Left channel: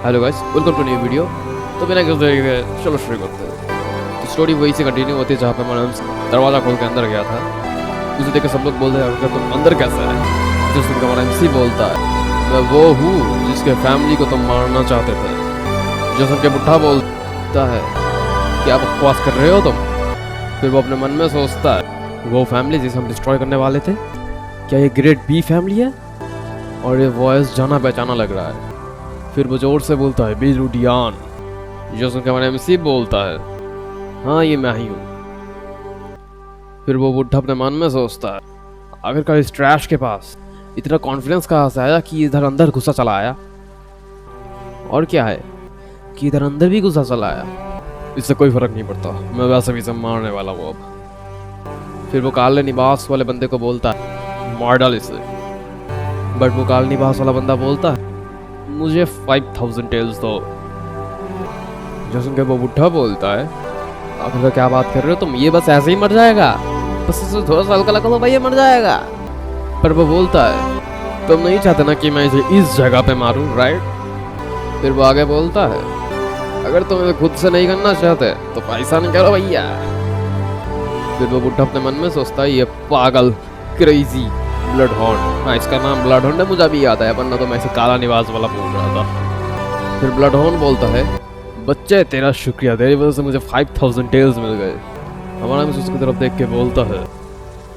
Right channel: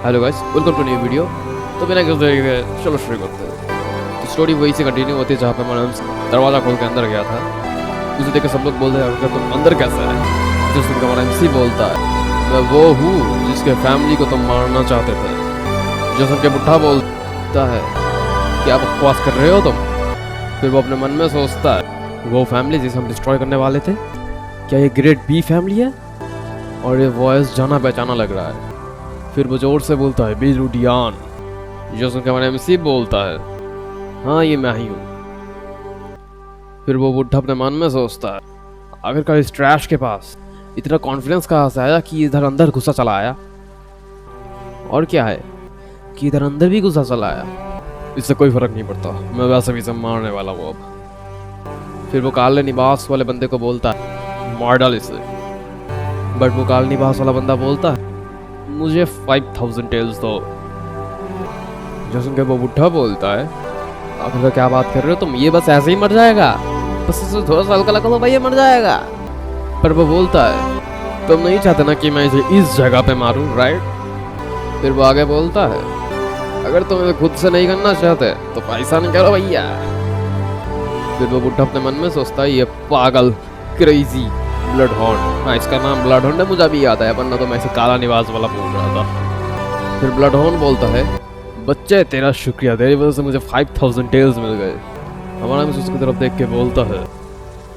Hello guys, welcome to new video. तो बिना किसी देरी के चलो शुरू करते हैं। तो स्टोरी वही से कंटिन्यू होती है जहाँ पे मैं दरवाज़ा खोल के अंदर गया था। उसे देख के सब लोग बोलते हैं अगर तुम अंदर कैसे है। जो सुनकर हमारा MC बोलता है मैं वो हूँ जिसके फैमिली को तुम मारना चाहते थे। जो सुन के बुढ़ा बोलता है क्या बकवास कर रहे हो तुम। फिर वो अपने मन में सोचता है वो फैमिली जिसे हम डिस्ट्रॉय करने वाले थे, क्या ये ग्रेड B फैमिली है। और ये वॉइस जाना पहचाना लग रहा है। फिर वो जोर से बोलता है बेलुडियान। जो सुनकर हमारा MC बोलता है हाँ ये मैं ही हूँ। फिर वो बुढ़ा अपने मन में सोचता है आखिरकार इस ट्रैश के पास इतना कॉन्फिडेंस कहाँ से आया कि इधर अंदर घुसा चला आया। और क्या है कि इधर अंदर भी घुसा चला आया। इससे कोई फर्क नहीं पड़ता, मैं वैसे भी सब मारने वाला हूँ अब। फिर वो काले निवास वाले बंदे को बोलता है मार डाल इसे। बट वो काले निवास वाला बंदा बोलता है मुझे 5000 टेल्स दो। जो सुन के वो बुढ़ा बोलता है आखिर क्या बात कर रहे हो तुम, ये बस ऐसे ही मर जाएगा, बस इसे थोड़ा सा हल्का लगा भाई ये मर जाएगा। पर वो बोलता है तुम नहीं चाहते ना कि मैं इसे इस जगह पे मारूं, राइट। फिर वो आगे बोलता है अगर तुम इसे खुद से नहीं करना चाहते तो पैसा नहीं करो भैया। फिर वो बुढ़ा अपने मन में सोचता है ये पागल क्रेजी ब्लड हॉर्न, हाँ इसका नाम ब्लड हॉर्न है, मुझे भी याद है वरना तो मैं इसे काला निवास वाला बोल रहा था। फिर ब्लड हॉर्न बोलता है बच्चे तेरा शुक्रिया, तेरी वजह से मुझे 5000 टेल्स मिल गए। हमारा मिस उसकी तरफ देख के बोलता है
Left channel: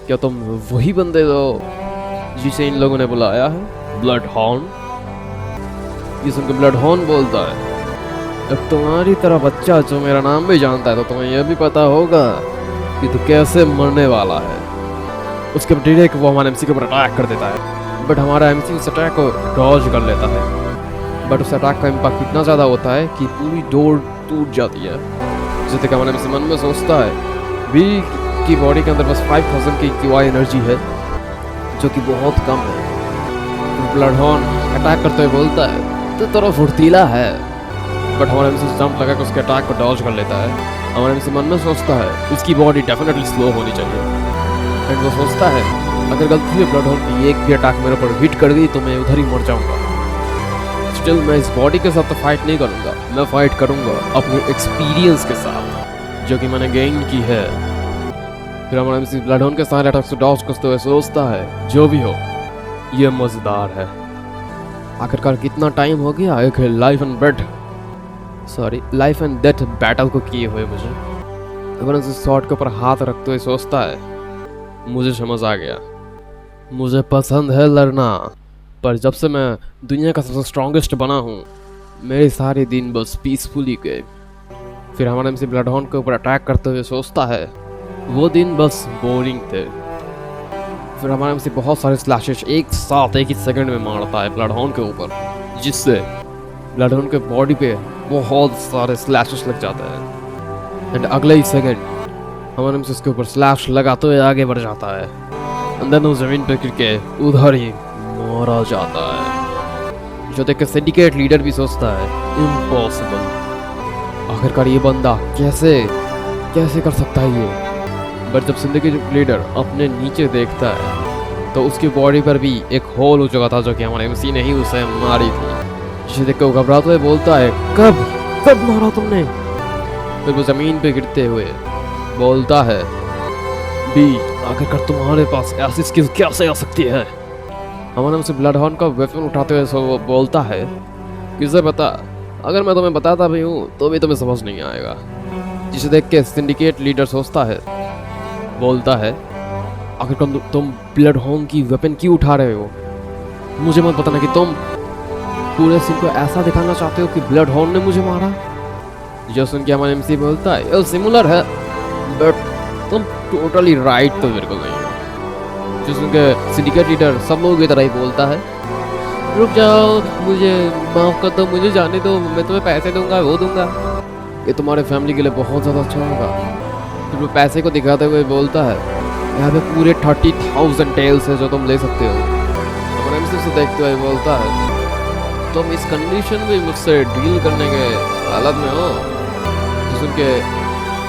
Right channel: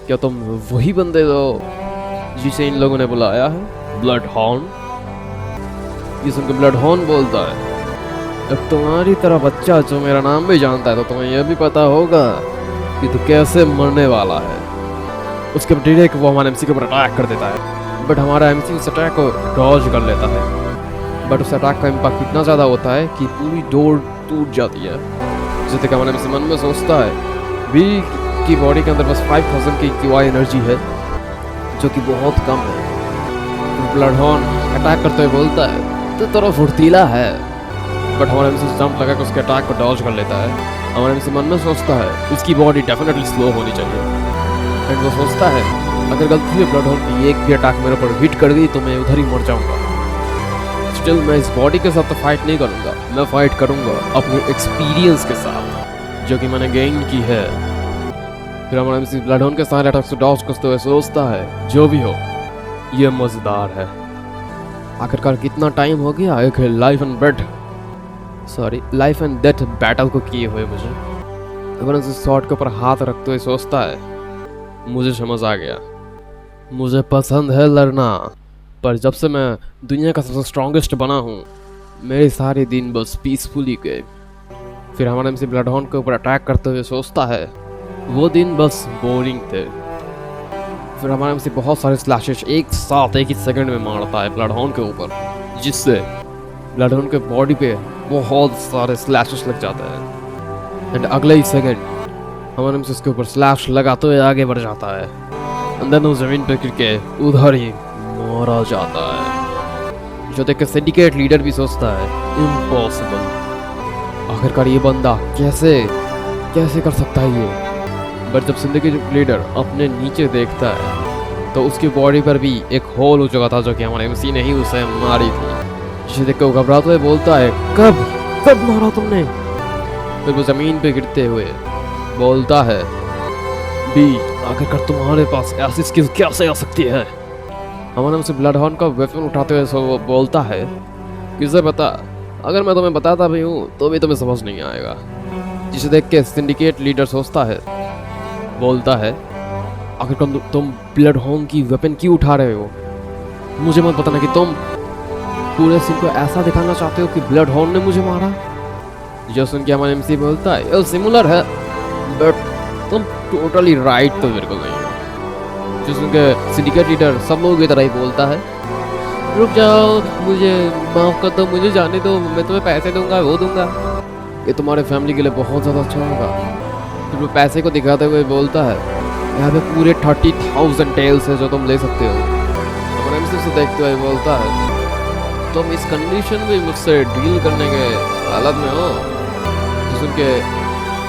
क्या तुम वही बंदे हो जिसे इन लोगों ने बुलाया है ब्लड हॉर्न। ये सुनकर ब्लड हॉर्न बोलता है अब तुम्हारी तरह बच्चा जो मेरा नाम भी जानता है तो तुम्हें यह भी पता होगा कि तू कैसे मरने वाला है। उसके डायरेक्ट वो हमारे MC के ऊपर अटैक कर देता है। बट हमारा MC उस अटैक को डॉज कर लेता है। बट उस अटैक का इम्पैक्ट इतना ज़्यादा होता है कि पूरी डोर टूट जाती है। जिससे कि हमारा MC मन में सोचता है बी की बॉडी के अंदर बस 5000 की QI एनर्जी है जो कि बहुत कम है। ब्लड हॉर्न अटैक करते हुए बोलता है तो थोड़ा फुर्तीला है। बट हमारा MC जंप लगा के उसके अटैक को डॉज कर लेता है। हमारा MC मन में सोचता है इसकी बॉडी डेफिनेटली स्लो होनी चाहिए। एंड वो सोचता है अगर गलती से ब्लड हॉर्न की एक भी अटैक मेरे ऊपर हिट कर दी तो मैं उधर ही मर जाऊंगा। स्टिल मैं इस बॉडी के साथ तो फाइट नहीं करूंगा, मैं फाइट करूंगा अपने एक्सपीरियंस के साथ जो कि मैंने गेन की है। फिर हमारा MC ब्लड हॉर्न के सारे अटैक्स को डॉज करते हुए सोचता है जो भी हो ये मजेदार है। आखिरकार कितना टाइम हो गया एक लाइफ एंड डेथ बैटल को किए हुए मुझे। हमारा शॉर्ट के ऊपर हाथ रखते हुए सोचता है मुझे समझ आ गया, मुझे पसंद है लड़ना, पर जब से मैं दुनिया का सबसे स्ट्रॉन्गेस्ट बना हूँ मेरे सारे दिन बस पीसफुली गए। फिर हमारे MC ब्लड हॉर्न के ऊपर अटैक करते हुए सोचता है वो दिन बस बोरिंग थे। फिर हमारे MC बहुत सारे स्लैशेस एक साथ एक ही सेकंड में मारता है ब्लड हॉर्न के ऊपर, जिससे ब्लड हॉर्न के बॉडी पे बहुत सारे स्लैशेस लग जाते हैं। एंड अगले ही सेकंड हमारे MC उसके ऊपर स्लैश लगाते हुए आगे बढ़ जाता है। अंदर तो जमीन पे गिर के उधर ही मारा जाता है। जो देख के सिंडिकेट लीडर भी सोचता है इम्पॉसिबल, आखिरकार ये बंदा कैसे कर सकता है ये। बट जब सिंडिकेट लीडर अपने नीचे देखता है तो उसकी बॉडी पर भी एक होल हो चुका था जो कि हमारे MC ने ही उसे मारी थी। जिसे देख के वो घबराते हुए बोलता है कब मारा तुमने। फिर वो जमीन पे गिरते हुए बोलता है बी आखिरकार तुम्हारे पास ऐसी स्किल कैसे आ सकती है। हमारे MC ब्लड हॉर्न का वेपन उठाते हुए वो बोलता है किसे पता, अगर मैं तुम्हें बताता भी हूँ तो भी तुम्हें समझ नहीं आएगा। जिसे देख के सिंडिकेट लीडर सोचता है, बोलता है आखिरकार तुम ब्लड हॉर्न की वेपन क्यों उठा रहे हो। मुझे मत बताना कि तुम पूरे सीन को ऐसा दिखाना चाहते हो कि ब्लड हॉर्न ने मुझे मारा। जो सुन के हमारे MC बोलता है ये सिमिलर है बट तुम टोटली राइट तो बिल्कुल नहीं हो। जो सुन के सिंडिकेट लीडर सब लोगों की तरह ही बोलता है रुक जाओ, मुझे माफ कर दो, मुझे जाने दो, मैं तुम्हें पैसे दूंगा वो दूंगा, ये तुम्हारे फैमिली के लिए बहुत ज़्यादा अच्छा होगा। फिर वो पैसे को दिखाते हुए बोलता है यहाँ पे पूरे 30,000 टेल्स है जो तुम ले सकते हो। हमारे MC से देखते हुए बोलता है तुम इस कंडीशन में मुझसे डील करने के हालत में हो। जो सुन के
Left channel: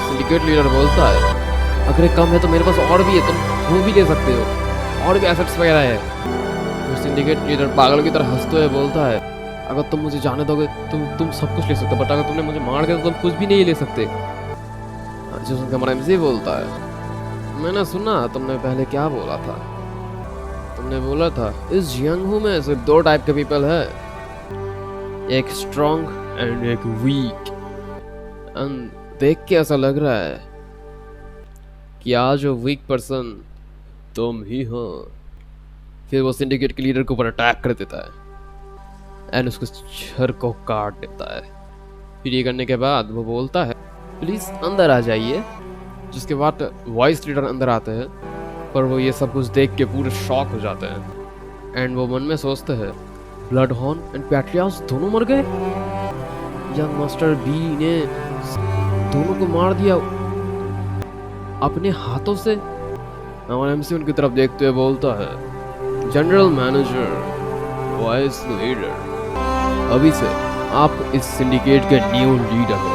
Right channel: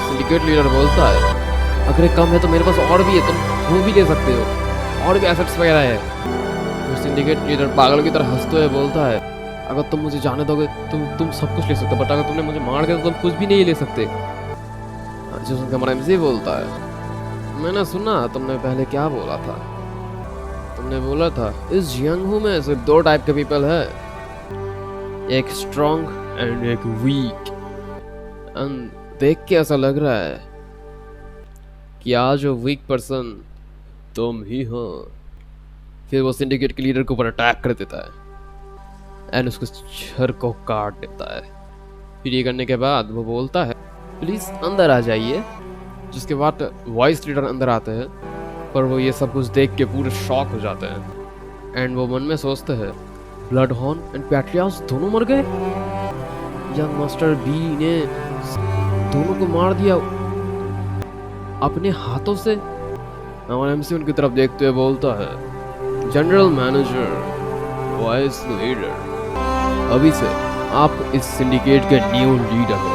सिंडिकेट लीडर बोलता है अगर कम है तो मेरे पास और भी है, तुम वो भी ले सकते हो, और भी एसेट्स वगैरह है। सिंडिकेट लीडर पागल की तरह हंसते हुए बोलता है अगर तुम मुझे जाने दोगे तुम सब कुछ ले सकते हो, बट अगर तुमने मुझे मार दिया तो तुम कुछ भी नहीं ले सकते। जो सुनकर हमारा एमसी बोलता है, मैंने सुना तुमने पहले क्या बोला था। तुमने बोला था इस यंगहू में सिर्फ दो टाइप के पीपल है, एक स्ट्रॉन्ग एंड एक वीक। एंड देख के ऐसा लग रहा है कि आज वो वीक पर्सन तुम ही हो। फिर वो सिंडिकेट के लीडर के ऊपर अटैक कर देता है एंड उसके सर को काट देता है। फिर ये करने के बाद वो बोलता है प्लीज अंदर आ जाइए। जिसके बाद वॉइस लीडर अंदर आते हैं, पर वो ये सब कुछ देख के पूरे शॉक हो जाते हैं एंड वो मन में सोचते हैं ब्लड हॉर्न एंड पैट्रियास दोनों मर गए। यंग मास्टर बी ने दोनों को मार दिया अपने हाथों से। हमारा एमसी उनकी तरफ देखते हुए बोलता है जनरल मैनेजर, वॉइस लीडर, अभी से आप इस सिंडिकेट के न्यू लीडर हो।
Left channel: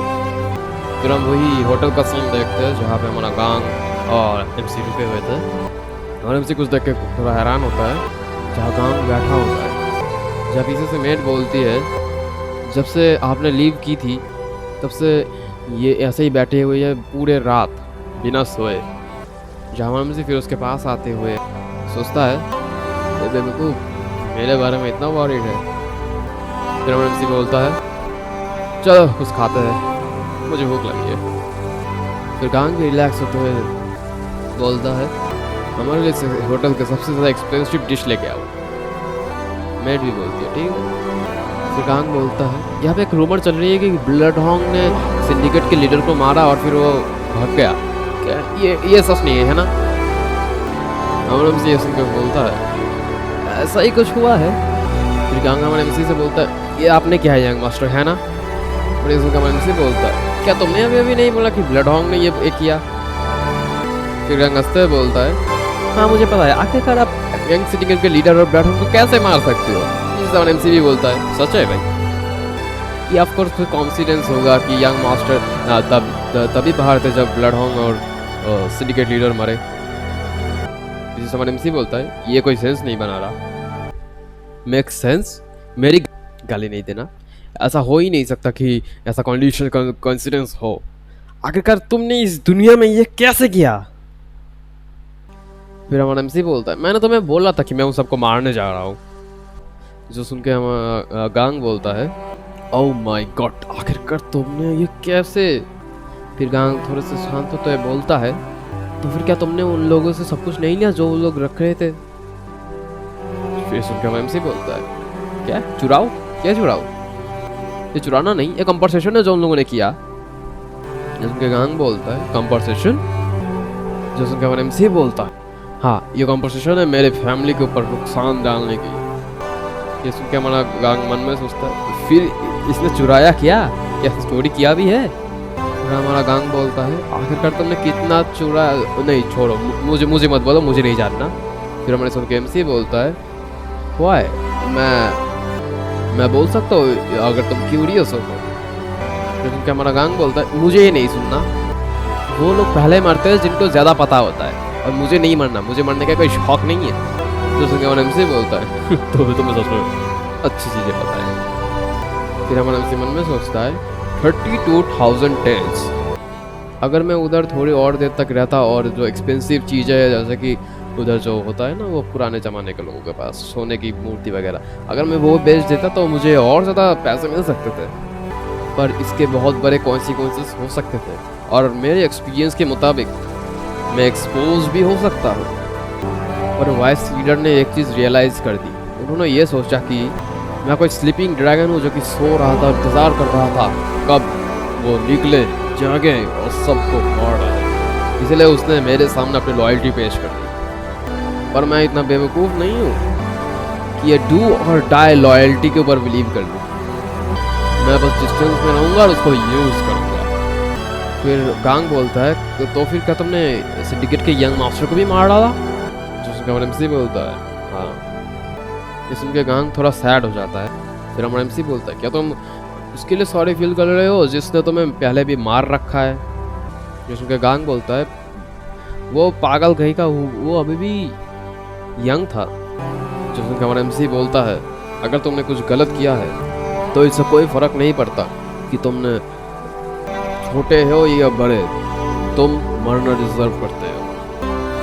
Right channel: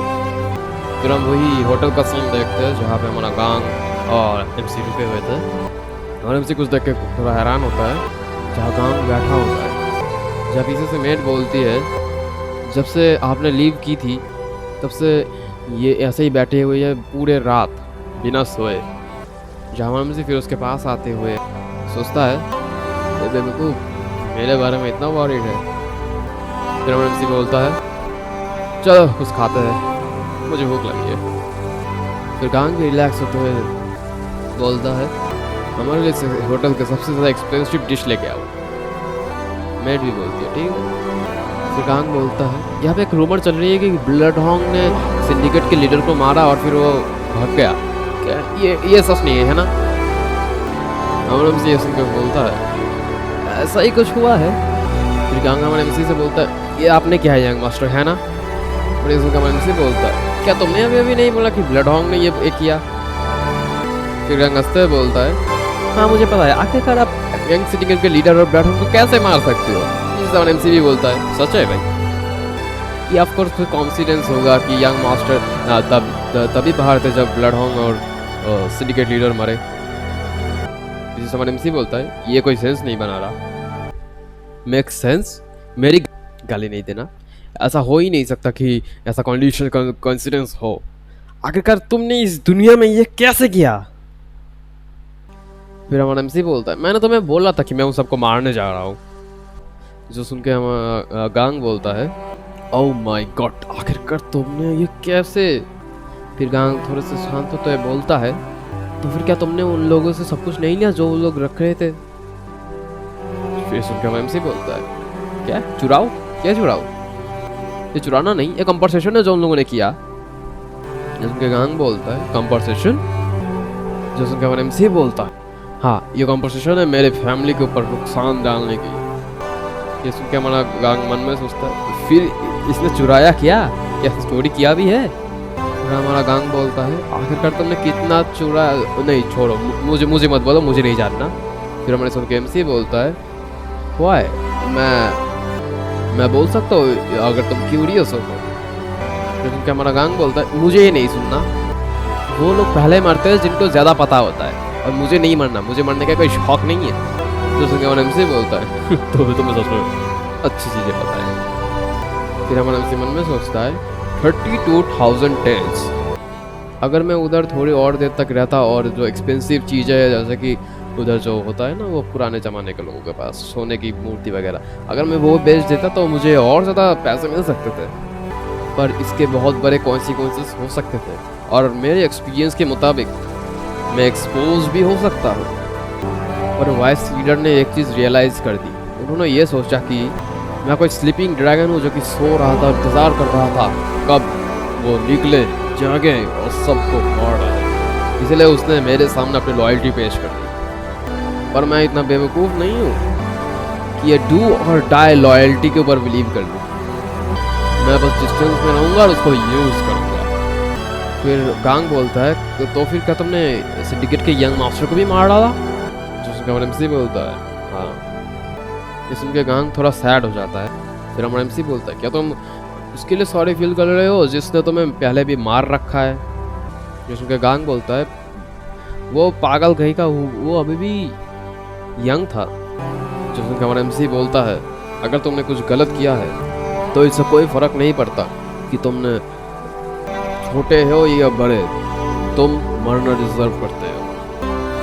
फिर हम वही होटल का सीन देखते हैं जहाँ पे हमारा गांग और एमसी रुके हुए थे और एमसी कुछ देख के थोड़ा हैरान होता है जहाँ गांग बैठा होता है। जब पीछे से मेट बोलती है जब से आपने लीव की थी तब से ये ऐसे ही बैठे हुए हैं पूरे रात बिना सोए। जहाँ एमसी फिर उसके पास आते हुए सोचता है बेवकूफ मेरे बारे में इतना वॉरिड है। फिर एमसी बोलता है चलो कुछ खाते हैं, मुझे भूख लगी है। फिर गांग भी रिलैक्स होते हुए बोलता है हमारे लिए होटल के सबसे ज़्यादा एक्सपेंसिव डिश लेके आओ। मेट भी बोलती है ठीक है। फिर गांग बोलता है यहाँ पे एक रूमर चल रही है कि ब्लड हॉन्ग ने सिंडिकेट के लीडर को मारा और फिर वो भाग गया। क्या ये सच नहीं है ना? हमारा एमसी ऐसे बोलता है ऐसा ही कुछ हुआ है। फिर गांग हमारे एमसी से बोलता है ये आपने क्या है यंग मास्टर है ना? और इसका एमसी बोलता है क्या तुमने अभी नहीं बोला कि ब्लड हॉन्ग ने ये किया? फिर गांग हंसते हुए बोलता है हाँ मुझे पता है, आखिरकार आप यंग सिंडिकेट के लीडर और ब्लड हॉन्ग को कैसे मार सकते हो? जिसका एमसी भी बोलता है सच है भाई। ये ऑफ कोर्स कोई कॉन्फिडेंस होगा कि यंग मास्टर तभी बाहर थे जब ब्लड हॉन्ग और सिंडिकेट लीडर मरे। जिसका एमसी बोलता है ये कोई सेंस नहीं बना रहा। Make sense? मेरी गाली नहीं देना, ऐसा हो ही नहीं सकता कि ऐसा कंडीशन कोइंसिडेंस हो। आखिरकार तुमने इस दुनिया में ये कैसे किया? फिर हमारा एमसी बोलता है मैंने तुम्हें बोला था कि मैं उन सबको मारने जा रहा हूँ। जो सुन के हम गांग बोलता है ओह माय गॉड आखिरकार तुमने ये कैसे? फिर गांग थोड़े से शांत होते हुए बोलता है तो फिर क्या तुमने उन लोगों से सब कुछ नहीं लिया जो वो लोग रख रहे थे? फिर सुन के एमसी बोलता है क्या चुराओ? क्या चुराओ? ये चुराना नहीं, ये कंपनसेशन है जो उन लोगों ने किया। जिसके गांग बोलता है कंपनसेशन? जो सुनकर एमसी बोलता है हाँ ये कंपनसेशन है मेरे फैमिली के ऊपर नुकसान डालने की। ये सुनकर हमारा गांग मन में सोचता है फिर इसने चुराया क्या स्टोरी किया भी है? फिर हमारा गांग बोलता है आखिरकार तुमने कितना चुरा? नहीं छोड़ो, मुझे मत बोलो, मुझे नहीं जानना। फिर हमारे सुन के एमसी बोलता है वाई मैं बोल सकता हूँ अगर तुम क्यूरियस हो तो। फिर हमारा गांग बोलता है मुझे ये नहीं सुनना, वो लोग पहले मरते हैं जिनको ज़्यादा पता होता है और मुझे नहीं मरना, मुझे मरने का कोई शौक नहीं है। तो सुन के हमारा एमसी बोलता है तो तुम्हें सच में अच्छी चीज़ें पता है। फिर हमारा एमसी मन में सोचता है 32,000 टेल्स। अगर मैं उधर थोड़ी और देर तक रहता और जो एक्सपेंसिव चीज़ें है जैसे कि उधर जो होता है ना वो पुराने ज़माने के लोगों के पास सोने की मूर्ति वगैरह, अगर मैं वो बेच देता तो मुझे और ज़्यादा पैसे मिल सकते थे। पर इसके बहुत बड़े कॉन्सिक्वेंसेस हो सकते थे और मेरे एक्सपीरियंस के मुताबिक मैं एक्सपोज भी हो सकता हूँ। पर वाइस लीडर ने एक चीज़ रियलाइज़ कर दी। उन्होंने ये सोचा कि मैं कोई स्लीपिंग ड्रैगन हूँ जो कि सो रहा था, इंतज़ार कर रहा था कब वो निकले, जागे और सबको मार डाले। इसलिए उसने मेरे सामने अपनी लॉयल्टी पेश कर दी। पर मैं इतना बेवकूफ़ नहीं हूँ कि ये डू और डाई लॉयल्टी के ऊपर बिलीव कर लूँ। मैं बस डिस्टेंस में रहूँगा और उसको यूज़ करूँगा। फिर गांग बोलता है तो फिर क्या तुमने सिंडिकेट के यंग मास्टर को भी मार डाला? जो उसका एमसी बोलता है हाँ। ये सुन के गांग थोड़ा सैड हो जाता है। फिर हमारा एमसी बोलता है क्या तुम उसके लिए सॉरी फील कर रहे हो जिसने तुम्हें पहले भी मार रखा है? जो सुन के गांग बोलता है वो पागल कहीं का वो अभी भी यंग था। जो सुन के हमारा एमसी बोलता है अगर तुमने कुछ गलत किया है तो इससे कोई फर्क नहीं पड़ता कि तुमने छोटे हो या बड़े, तुम मरना डिजर्व करते हो।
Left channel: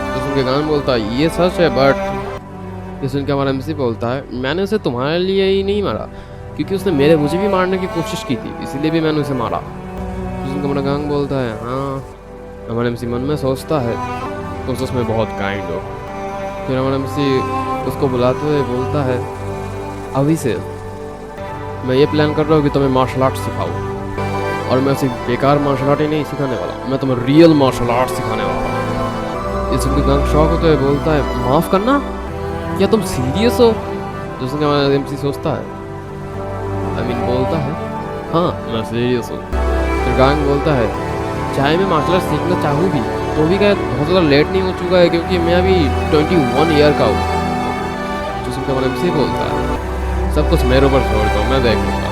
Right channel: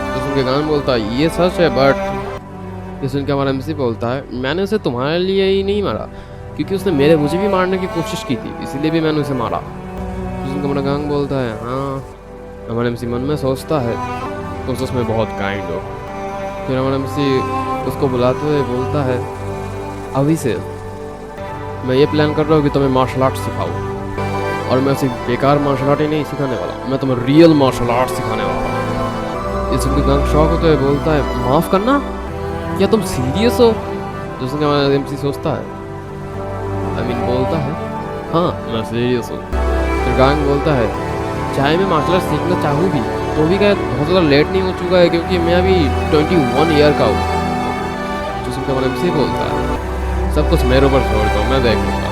तो सुन के गान बोलता है ये सच है, बट ये सुन के हमारा एमसी बोलता है मैंने उसे तुम्हारे लिए ही नहीं मारा, क्योंकि उसने मुझे भी मारने की कोशिश की थी, इसीलिए भी मैंने उसे मारा। तो सुन के हमारा गांग बोलता है हाँ। हमारा एमसी मन में सोचता है तुम सच में बहुत काइंड हो। फिर हमारा एमसी उसको बुलाते हुए बोलता है अभी से मैं ये प्लान कर रहा हूँ कि तुम्हें मार्शल आर्ट सिखाऊं, और मैं सिर्फ बेकार मार्शल आर्ट ही नहीं सिखाने वाला, मैं तुम्हें रियल मार्शल आर्ट सिखाने वाला हूँ। इस सुन के गांग शौक होते हुए बोलता है माफ़ करना, क्या तुम सीरियस हो? जो सुन के हमारा एमसी सोचता है बोलता है हाँ मैं सीरियस हूँ। फिर गांग बोलता है चाहे मैं मार्शल आर्ट सीखना चाहूँ भी तो भी क्या बहुत ज़्यादा लेट नहीं हो चुका है, क्योंकि मैं अभी 21 ईयर का हूँ। जो सुनकर हमारा एमसी बोलता है सब कुछ मेरे ऊपर छोड़ दो, मैं देख लूँगा।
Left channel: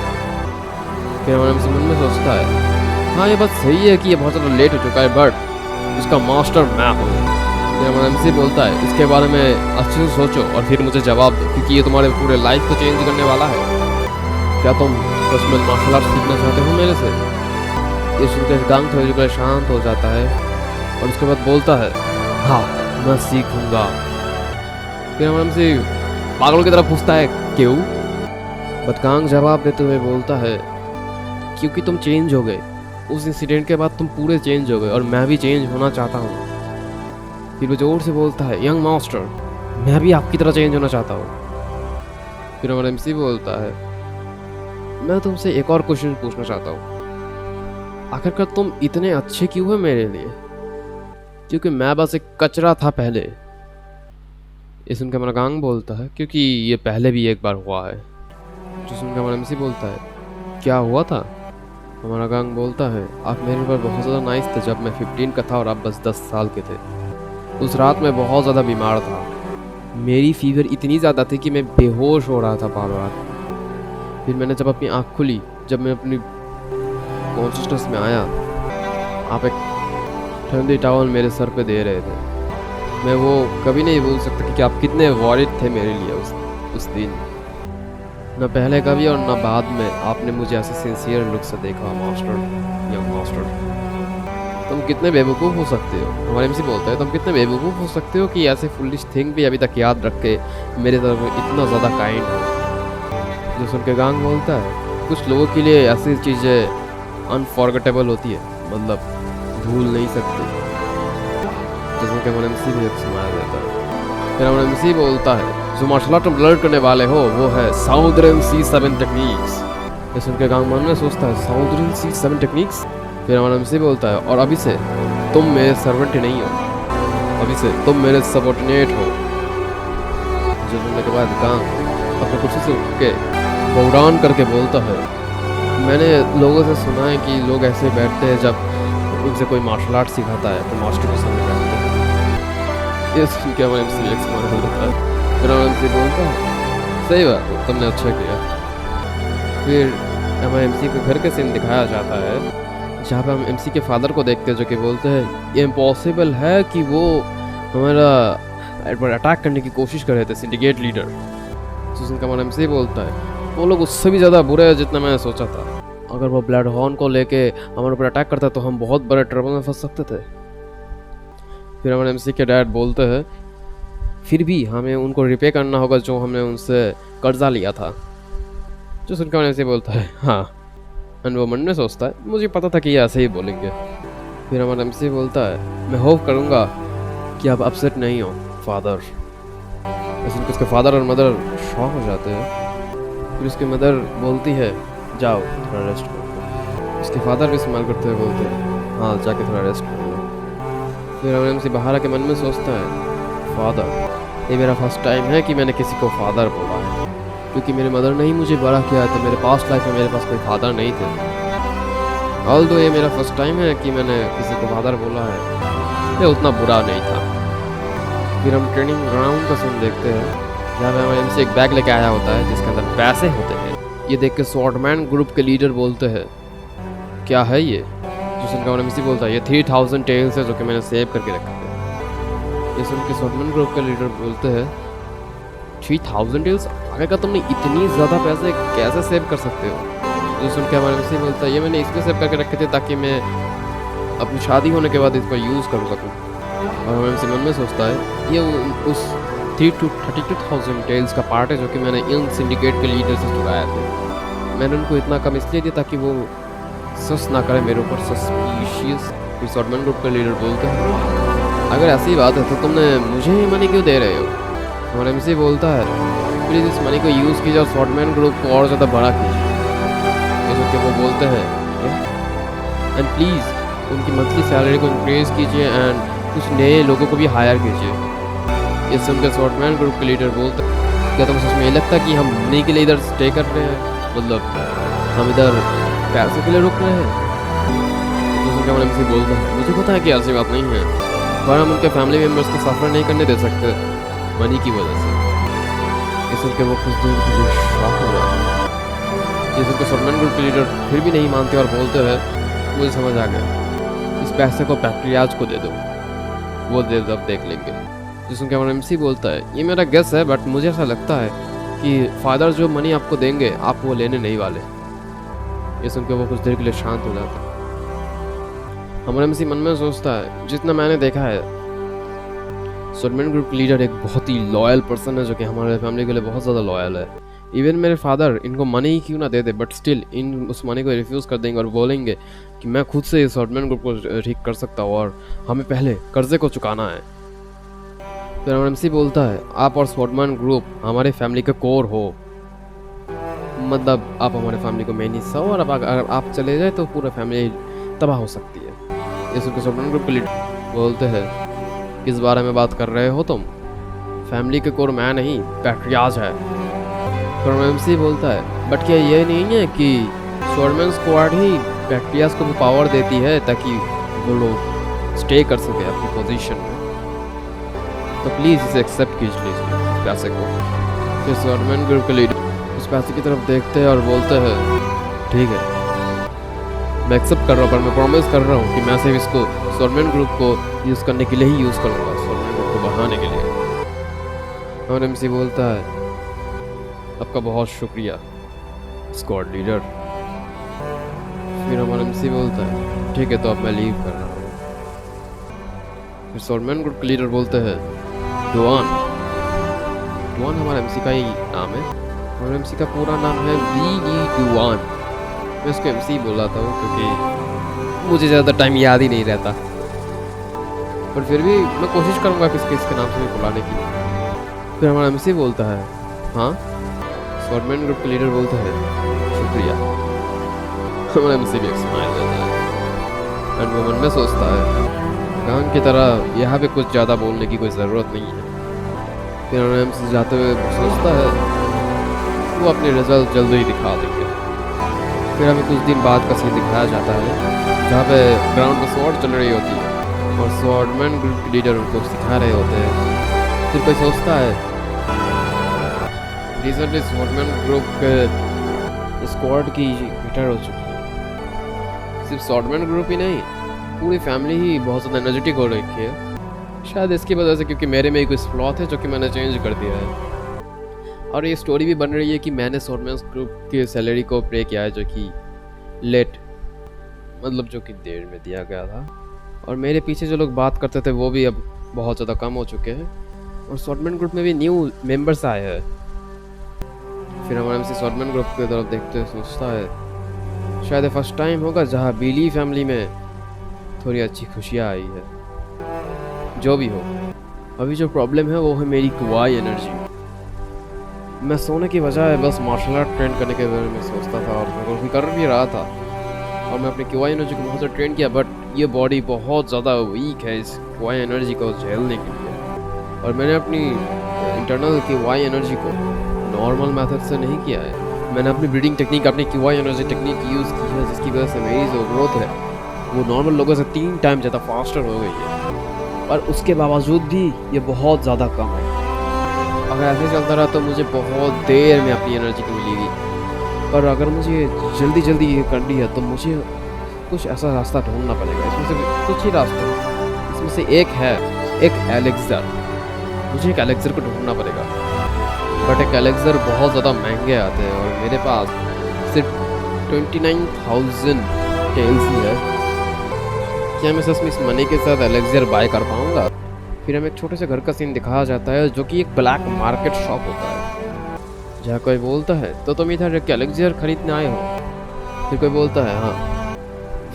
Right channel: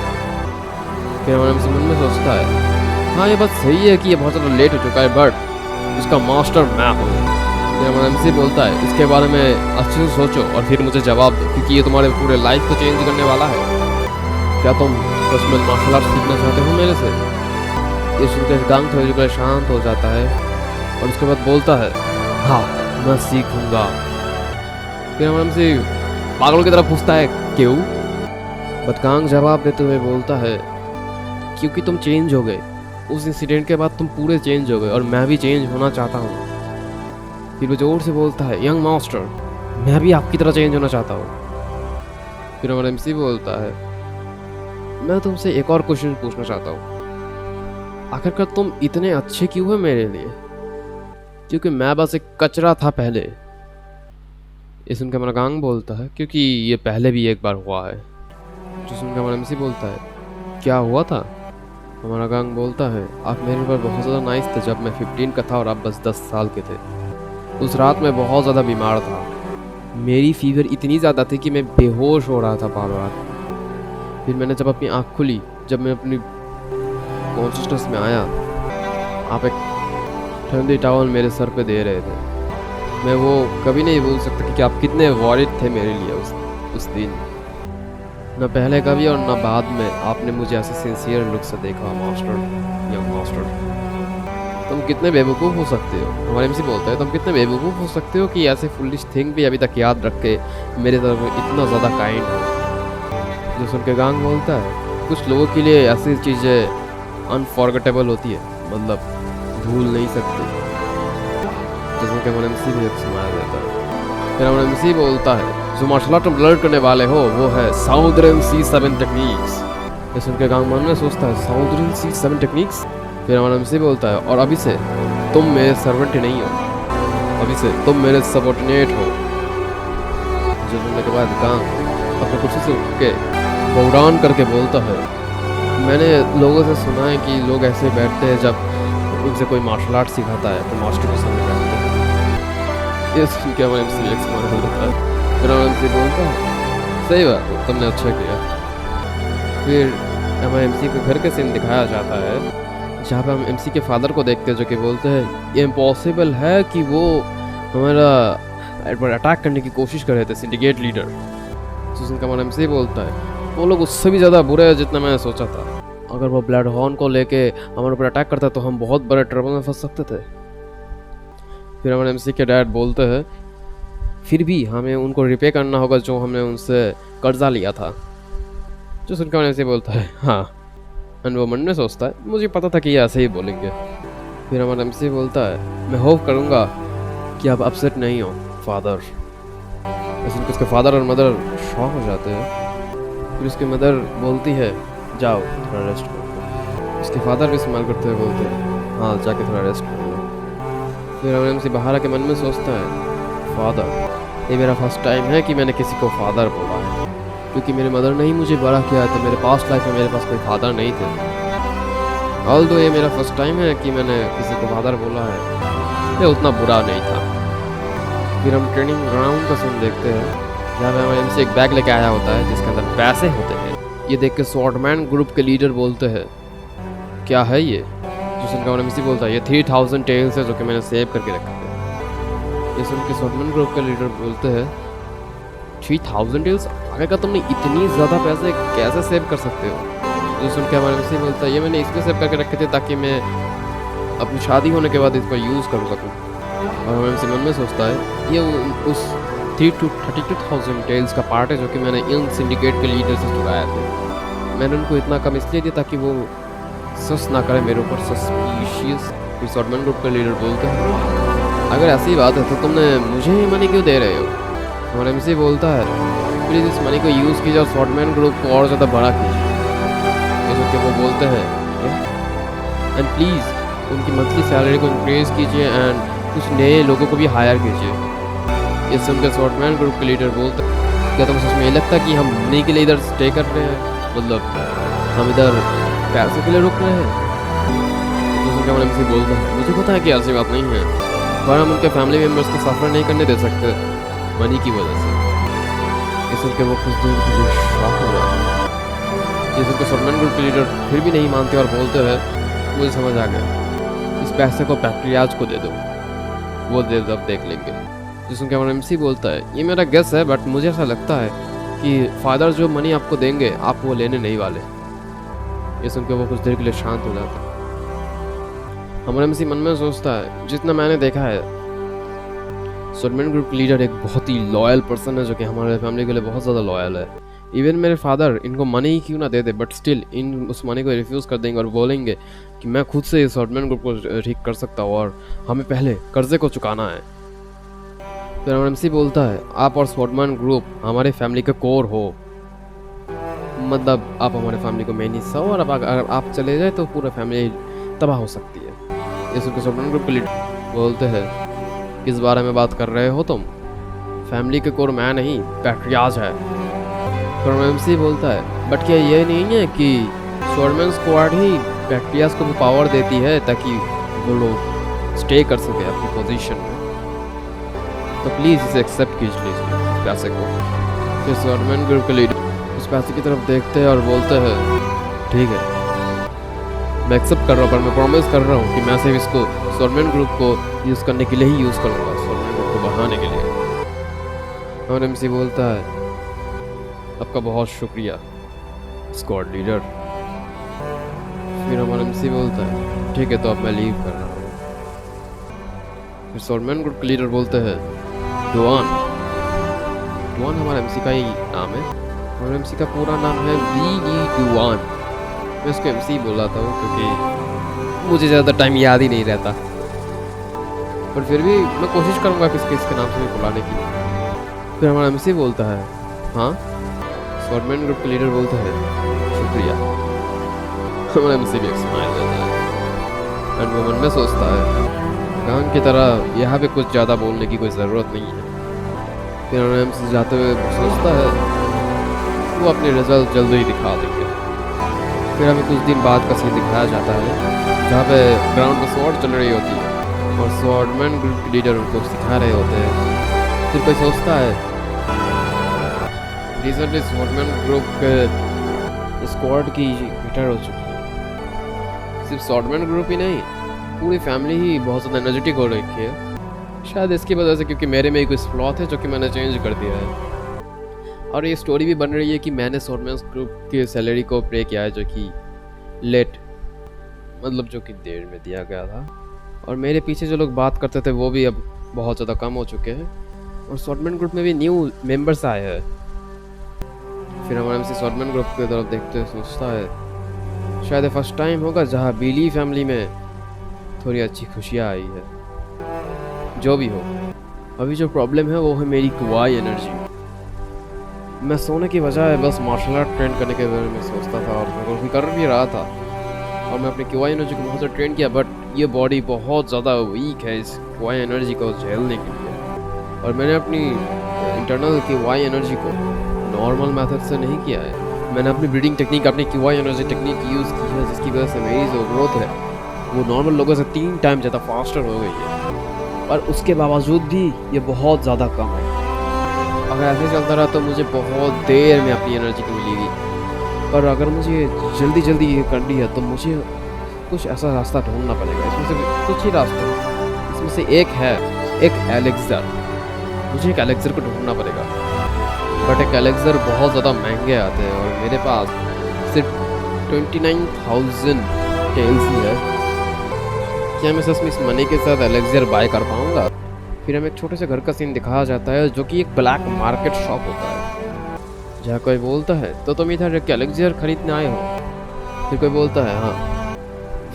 फिर हमारा एमसी मन में सोचता है हाँ ये बात सही है कि ये बहुत ज़्यादा लेट हो चुका है, बट इसका मास्टर मैं हूँ। फिर हमारा एमसी बोलता है इसके बारे में अच्छे से सोचो और फिर मुझे जवाब दो, क्योंकि ये तुम्हारे पूरे लाइफ को चेंज करने वाला है। क्या तुम सच में मार्शल आर्ट सीखना चाहते हो मेरे से? ये सुनकर गांग थोड़ी देर शांत हो जाता है और उसके बाद बोलता है हाँ मैं सीखूंगा। फिर हमारा एमसी पागल की तरफ पूछता है क्यों? बट गांग जवाब देते हुए बोलता है क्योंकि तुम चेंज हो गए, उस इंसिडेंट के बाद तुम पूरे चेंज हो गए और मैं भी चेंज होना चाहता हूँ। फिर वो जोर से बोलता है यंग मास्टर मैं भी आपकी तरह चेंज होना चाहता हूँ। फिर हमारा एमसी बोलता है मैं तुमसे एक और क्वेश्चन पूछना चाहता हूँ, आखिरकार तुम इतने अच्छे क्यों हो मेरे लिए? क्योंकि मैं बस एक कचरा था पहले। ये सुनकर हमारा गांग बोलता है क्योंकि ये पहले भी एक बार हुआ है। जो सुनकर हमारा एमसी बोलता है क्या हुआ था? हमारा गांग बोलता है आप मेरे ऊपर बहुत ज़्यादा नाइस थे जब मैं 15 का था और आप बस 10 साल के थे। उस रात मैं बहुत ज़्यादा बीमार था, मेरी फीवर इतनी ज़्यादा थी कि मैं बेहोश हो रहा था बार बार। फिर मैंने जब अपनी आँख खुली, जब मैं अपनी कॉन्शियसनेस में आया, आप एक ठंडी टॉवल मेरे सर पे दे रहे थे। मैं वो कभी नहीं भूल सकता कि आप कितने वॉरिड थे मेरे लिए उस दिन। न पहले कभी और न बाद में आपने मुझे ऐसे सिंसियर लुक से देखा मास्टर, यंग मास्टर। तुम कितने बेवकूफ़ हो सकते हो? हमारे एमसी बोलता है तुम कितने बेवकूफ़ हो सकते हो कि ऐसे फुलिश थिंग भी अभी तक याद रख के मेरे तरफ इतना ज़्यादा काइंड हो। जो सुन के गांग बोलता है कुछ लोगों के लिए ऐसी चीज़ें अनफॉरगेटेबल होती है, मतलब भूल नहीं सकते। जैसे कि हमारा एमसी भी एक स्माइल देता है। फिर हमारा एमसी बोलता है जो मार्शल आर्ट में लर्न करने वाले हो वो है साउदर्न C7 टेक्निक्स। ये सुन के गांग मन में सोचता है साउदर्न C7 टेक्निक्स। फिर हमारा एमसी बोलता है और अभी से तुम मेरे सर्वेंट ही नहीं हो, अभी से तुम मेरे सबऑर्डिनेट हो। जो सुनने के बाद गांग अपने कुर्सी से उठ के बौरान करके बोलता है मैंने लोगों से सुना है कि लोग ऐसे बैठते हैं जब उनसे कोई मार्शल आर्ट सिखाता है तो मास्टर के सामने बैठते हैं। ये सुन के हमारा एमसी बोलता है। फिर हमारा एमसी बोलता है सही बात तुमने अच्छा किया। फिर हमारे एमसी के घर के सीन दिखाया जाता है जहाँ पे हम एमसी के फादर को देखते हैं जो कि बोलते हैं ये इम्पॉसिबल है कि वो हमारा अटैक करने की कोशिश कर रहे थे सिंडिकेट लीडर। सुसन का हमारा एमसी बोलता है वो लोग उससे भी ज़्यादा बुरे हैं जितना मैंने सोचा था। अगर वो ब्लड हॉर्न को लेके हमारे ऊपर अटैक करता तो हम बहुत बड़े ट्रबल में फंस सकते थे। फिर हमारे एमसी के डैड बोलते हैं फिर भी हमें उनको रिपे करना होगा जो हमने उनसे कर्जा लिया था। जो सुनकर हमारे एमसी बोलता है हाँ। एंड वो मन में सोचता है मुझे पता था कि ये ऐसे ही बोलेंगे। फिर हमारा एमसी बोलता है मैं होप करूँगा कि आप अपसेट नहीं हो फादर। सुनकर उसके फादर और मदर शॉक हो जाते हैं। फिर उसकी मदर बोलती है जाओ थोड़ा रेस्ट करो। उसके फादर भी इस्तेमाल करते हुए बोलते हैं हाँ जाके थोड़ा रेस्ट कर लो। फिर हमारे एमसी बाहर आके मन में सोचता है फादर ये मेरा फर्स्ट टाइम है कि मैंने किसी को फादर बोला है, क्योंकि मेरी मदर ने ही मुझे बड़ा किया है तो मेरे पास्ट लाइफ में मेरे पास कोई फादर नहीं थे। ऑल्दो ये मेरा फर्स्ट टाइम है कि मैंने किसी को फादर बोला है, ये उतना बुरा नहीं था। फिर हम ट्रेनिंग ग्राउंड का सीन देखते हैं जहाँ पे हमारे एमसी एक बैग लेके आया होता है जिसके अंदर पैसे होते हैं। ये देख के स्वॉर्डमैन ग्रुप के लीडर बोलते हैं क्या है ये? जो सुनकर हमारा एमसी बोलता है ये 3000 टेल्स है जो कि मैंने सेव करके रखा है। ये सुन के स्वॉर्डमैन ग्रुप के लीडर बोलते हैं 3000 टेल्स आगे का तुमने इतनी ज़्यादा पैसे कैसे सेव कर सकते हो? जो सुन के हमारे MC बोलता है ये मैंने इसलिए सेव करके रखे थे ताकि मैं अपनी शादी होने के बाद इसका यूज़ कर सकूँ। और हमारे MC मन में सोचता है ये उस 32,000 टेल्स का पार्ट है जो कि मैंने इन सिंडिकेट के लीडर से चुराया थे। मैंने उनको इतना कम इसलिए दिया ताकि वो सस ना करे मेरे ऊपर सस्पिशियस। फिर शॉर्टमैन ग्रुप का लीडर बोलते हैं अगर ऐसी बात है तो तुमने मुझे ही मनी क्यों दे रहे हो? हमारे MC बोलता है प्लीज़ इस मनी को यूज़ कीजिए और शॉर्टमैन ग्रुप को और ज़्यादा बड़ा कीजिए। जैसे कि वो बोलते हैं एंड प्लीज़ उनकी मंथली सैलरी को इंक्रीज कीजिए एंड कुछ नए लोगों को भी हायर कीजिए। ये सुनकर शॉर्टमैन ग्रुप के लीडर बोलते हैं क्या तुम्हें सच में ये लगता है कि हम मनी के लिए इधर स्टे कर रहे हैं? मतलब हम इधर पैसे के लिए रुक रहे हैं? तो हमारे MC बोलता है मुझे पता है कि ऐसी बात नहीं है पर हम उनके फैमिली मेम्बर्स को सफ़र नहीं करने दे सकते मनी की वजह से। ये सुन के वो कुछ देर के लिए शॉक हो जाते हैं। ये सुन के शॉर्टमैन ग्रुप के लीडर फिर भी नहीं मानते और बोलते हैं मुझे समझ आ गया इस पैसे को बैक्टीरियाज को दे दो वो अब देख लेंगे। जिस सुन के हमारा MC बोलता है ये मेरा गेस है बट मुझे ऐसा लगता है कि फादर जो मनी आपको देंगे आप वो लेने नहीं वाले। ये सुन के वो कुछ देर के लिए शांत हो जाता है। हमारा MC मन में सोचता है जितना मैंने देखा है शॉर्टमैन ग्रुप लीडर एक बहुत ही लॉयल पर्सन है जो कि हमारे फैमिली के लिए बहुत ज़्यादा लॉयल है। इवन मेरे फादर इनको मनी ही क्यों ना दे दे बट स्टिल इन उस मनी को रिफ्यूज़ कर देंगे और बोलेंगे कि मैं खुद से इस शॉर्टमैन ग्रुप को ठीक कर सकता हूँ और हमें पहले कर्जे को चुकाना है। फिर हमारा MC बोलता है आप और शॉर्टमैन ग्रुप हमारे फैमिली का कोर हो, मतलब आप हमारे फैमिली को मेन हिस्सा हो और अब अगर आप चले जाए तो पूरा फैमिली तबाह हो सकती है। ये सुनकर शॉर्टमैन ग्रुप के लीडर बोलते हैं किस बारे में बात कर रहे हो तुम? फैमिली के कोर मैं नहीं पैट्रियाज है। तो MC बोलता है बट क्या ये नहीं है कि शॉर्टमैन स्क्वाड ही बैक्टीरियाज को भी पावर देती है ताकि वो लोग स्टे कर सके अपनी पोजीशन में? तो प्लीज़ इसे एक्सेप्ट कीजिए इस पैसे को। फिर शॉर्टमैन ग्रुप के लीडर उस पैसे की तरफ देखते हैं और बोलते हैं ठीक है मैं एक्सेप्ट कर रहा हूँ पर मैं प्रॉमिस कर रहा हूँ कि मैं सिर्फ इसको शॉर्टमैन ग्रुप को यूज़ करने के लिए ही यूज़ करूँगा, शॉर्टमैन ग्रुप को बढ़ाने के लिए। और MC बोलता है आपका बहुत शुक्रिया स्क्वाड लीडर। फिर हमारा MC बोलता है ठीक है तो अब मैं लीव कर रहा हूँ। फिर शॉर्टमैन ग्रुप के लीडर बोलते हैं डुआन हमारा MC का ही नाम है और MC का पूरा नाम है VD डुआन। मैं उसको MC बुलाता हूँ क्योंकि मुझे ज़्यादा टाइम याद ही नहीं रहता पर फिर भी मैं कोशिश करूँगा किसके नाम से भी बुलाने की। फिर हमारा MC बोलता है हाँ। शॉर्टमैन ग्रुप के लीडर बोलता है शुक्रिया। हमारा MC भी एक स्माइल देता है एंड वो मन में सोचता है गान की तरह यहाँ पे कुछ ज़्यादा बोलने की कोई ज़रूरत नहीं है। फिर हमारा MC जाते हुए सोचता है वो अपने रिजल्ट जल्दी ही दिखा देंगे। फिर हमें कुछ दिन बाद का सीन दिखाया जाता है जहाँ पे ग्राउंड में स्वॉर्ड चल रही होती है और शॉर्टमैन ग्रुप के लीडर उनको सिखा रहे होते हैं। फिर कोई सोचता है रिसेंटली शॉर्टमैन ग्रुप के स्क्वाड की रिटायर हो चुकी है। सिर्फ शॉर्टमैन ग्रुप ही नहीं पूरी फैमिली ही बहुत ज़्यादा एनर्जेटिक हो रखी है शायद इसकी वजह से क्योंकि मेरे में कुछ फ्लॉ थे जो कि मैंने चेंज कर दिया है। और ये स्टोरी भी बन रही है कि मैंने शॉर्टमैन ग्रुप की सैलरी को पे किया है जो कि लेट मतलब जो कि देर में दिया गया था और मेरे पीछे जो लोग बात करते थे वो भी अब बहुत ज़्यादा कम हो चुके हैं और शॉर्टमैन ग्रुप में भी न्यू मेंबर्स आए हैं। फिर हमारा MC शॉर्टमैन ग्रुप की तरफ देखते हुए सोचता है शायद फर्स्ट टाइम होगा जहाँ बिली फैमिली में थोड़ी अच्छी खुशियाँ आई है। जो भी हो अभी जो प्रॉब्लम है वो है मेरी क्वाई एनर्जी। मैं सोने की बजाय बस मार्शल आर्ट ट्रेन करने के बारे में सोचता था और मैं वो कर भी रहा था और मैं अपनी क्वाई एनर्जी को बहुत ज़्यादा ट्रेन किया बट ये बॉडी बहुत ज़्यादा वीक है इस क्वाई एनर्जी को झेलने के लिए और मैंने अपनी इंटरनल क्वाई एनर्जी को नॉर्मल मेथड से नहीं किया है। मैंने अपनी ब्रीडिंग टेक्निक अपनी क्वाई एनर्जी टेक्निक यूज़ की है जिसकी वजह से मेरी जो ग्रोथ है वो नॉर्मल लोगों से 3 टाइम ज़्यादा फास्टर हो गई है और उसके बावजूद भी ये बहुत ज़्यादा कम है। अगर ऐसे चलता रहा तो मुझे बहुत देर में अपनी एनर्जी को मिलेगी पर अगर मुझे जल्दी ये करनी है तो मुझे कुछ ऐसा रास्ता ढूंढना पड़ेगा। इसमें से कुछ ही रास्ते इसमें से एक है एक एलेक्सर। मुझे एक एलेक्सर को ढूंढना पड़ेगा बट एक एलेक्सर बहुत ज़्यादा महंगे आते हैं और मेरे पास सिर्फ 29,000 टेल्स ही है। क्या मैं सच में इस मनी के साथ एलेक्सर बाय कर पाऊंगा? फिर हमें एक छोटे से घर का सीन दिखाया जाता है जो कि एक ब्लैक मार्केट शॉप होता है, जहाँ कोई बोलता है तो तुम इधर एलेक्सर खरीदने आए हो? फिर कोई बोलता है हाँ।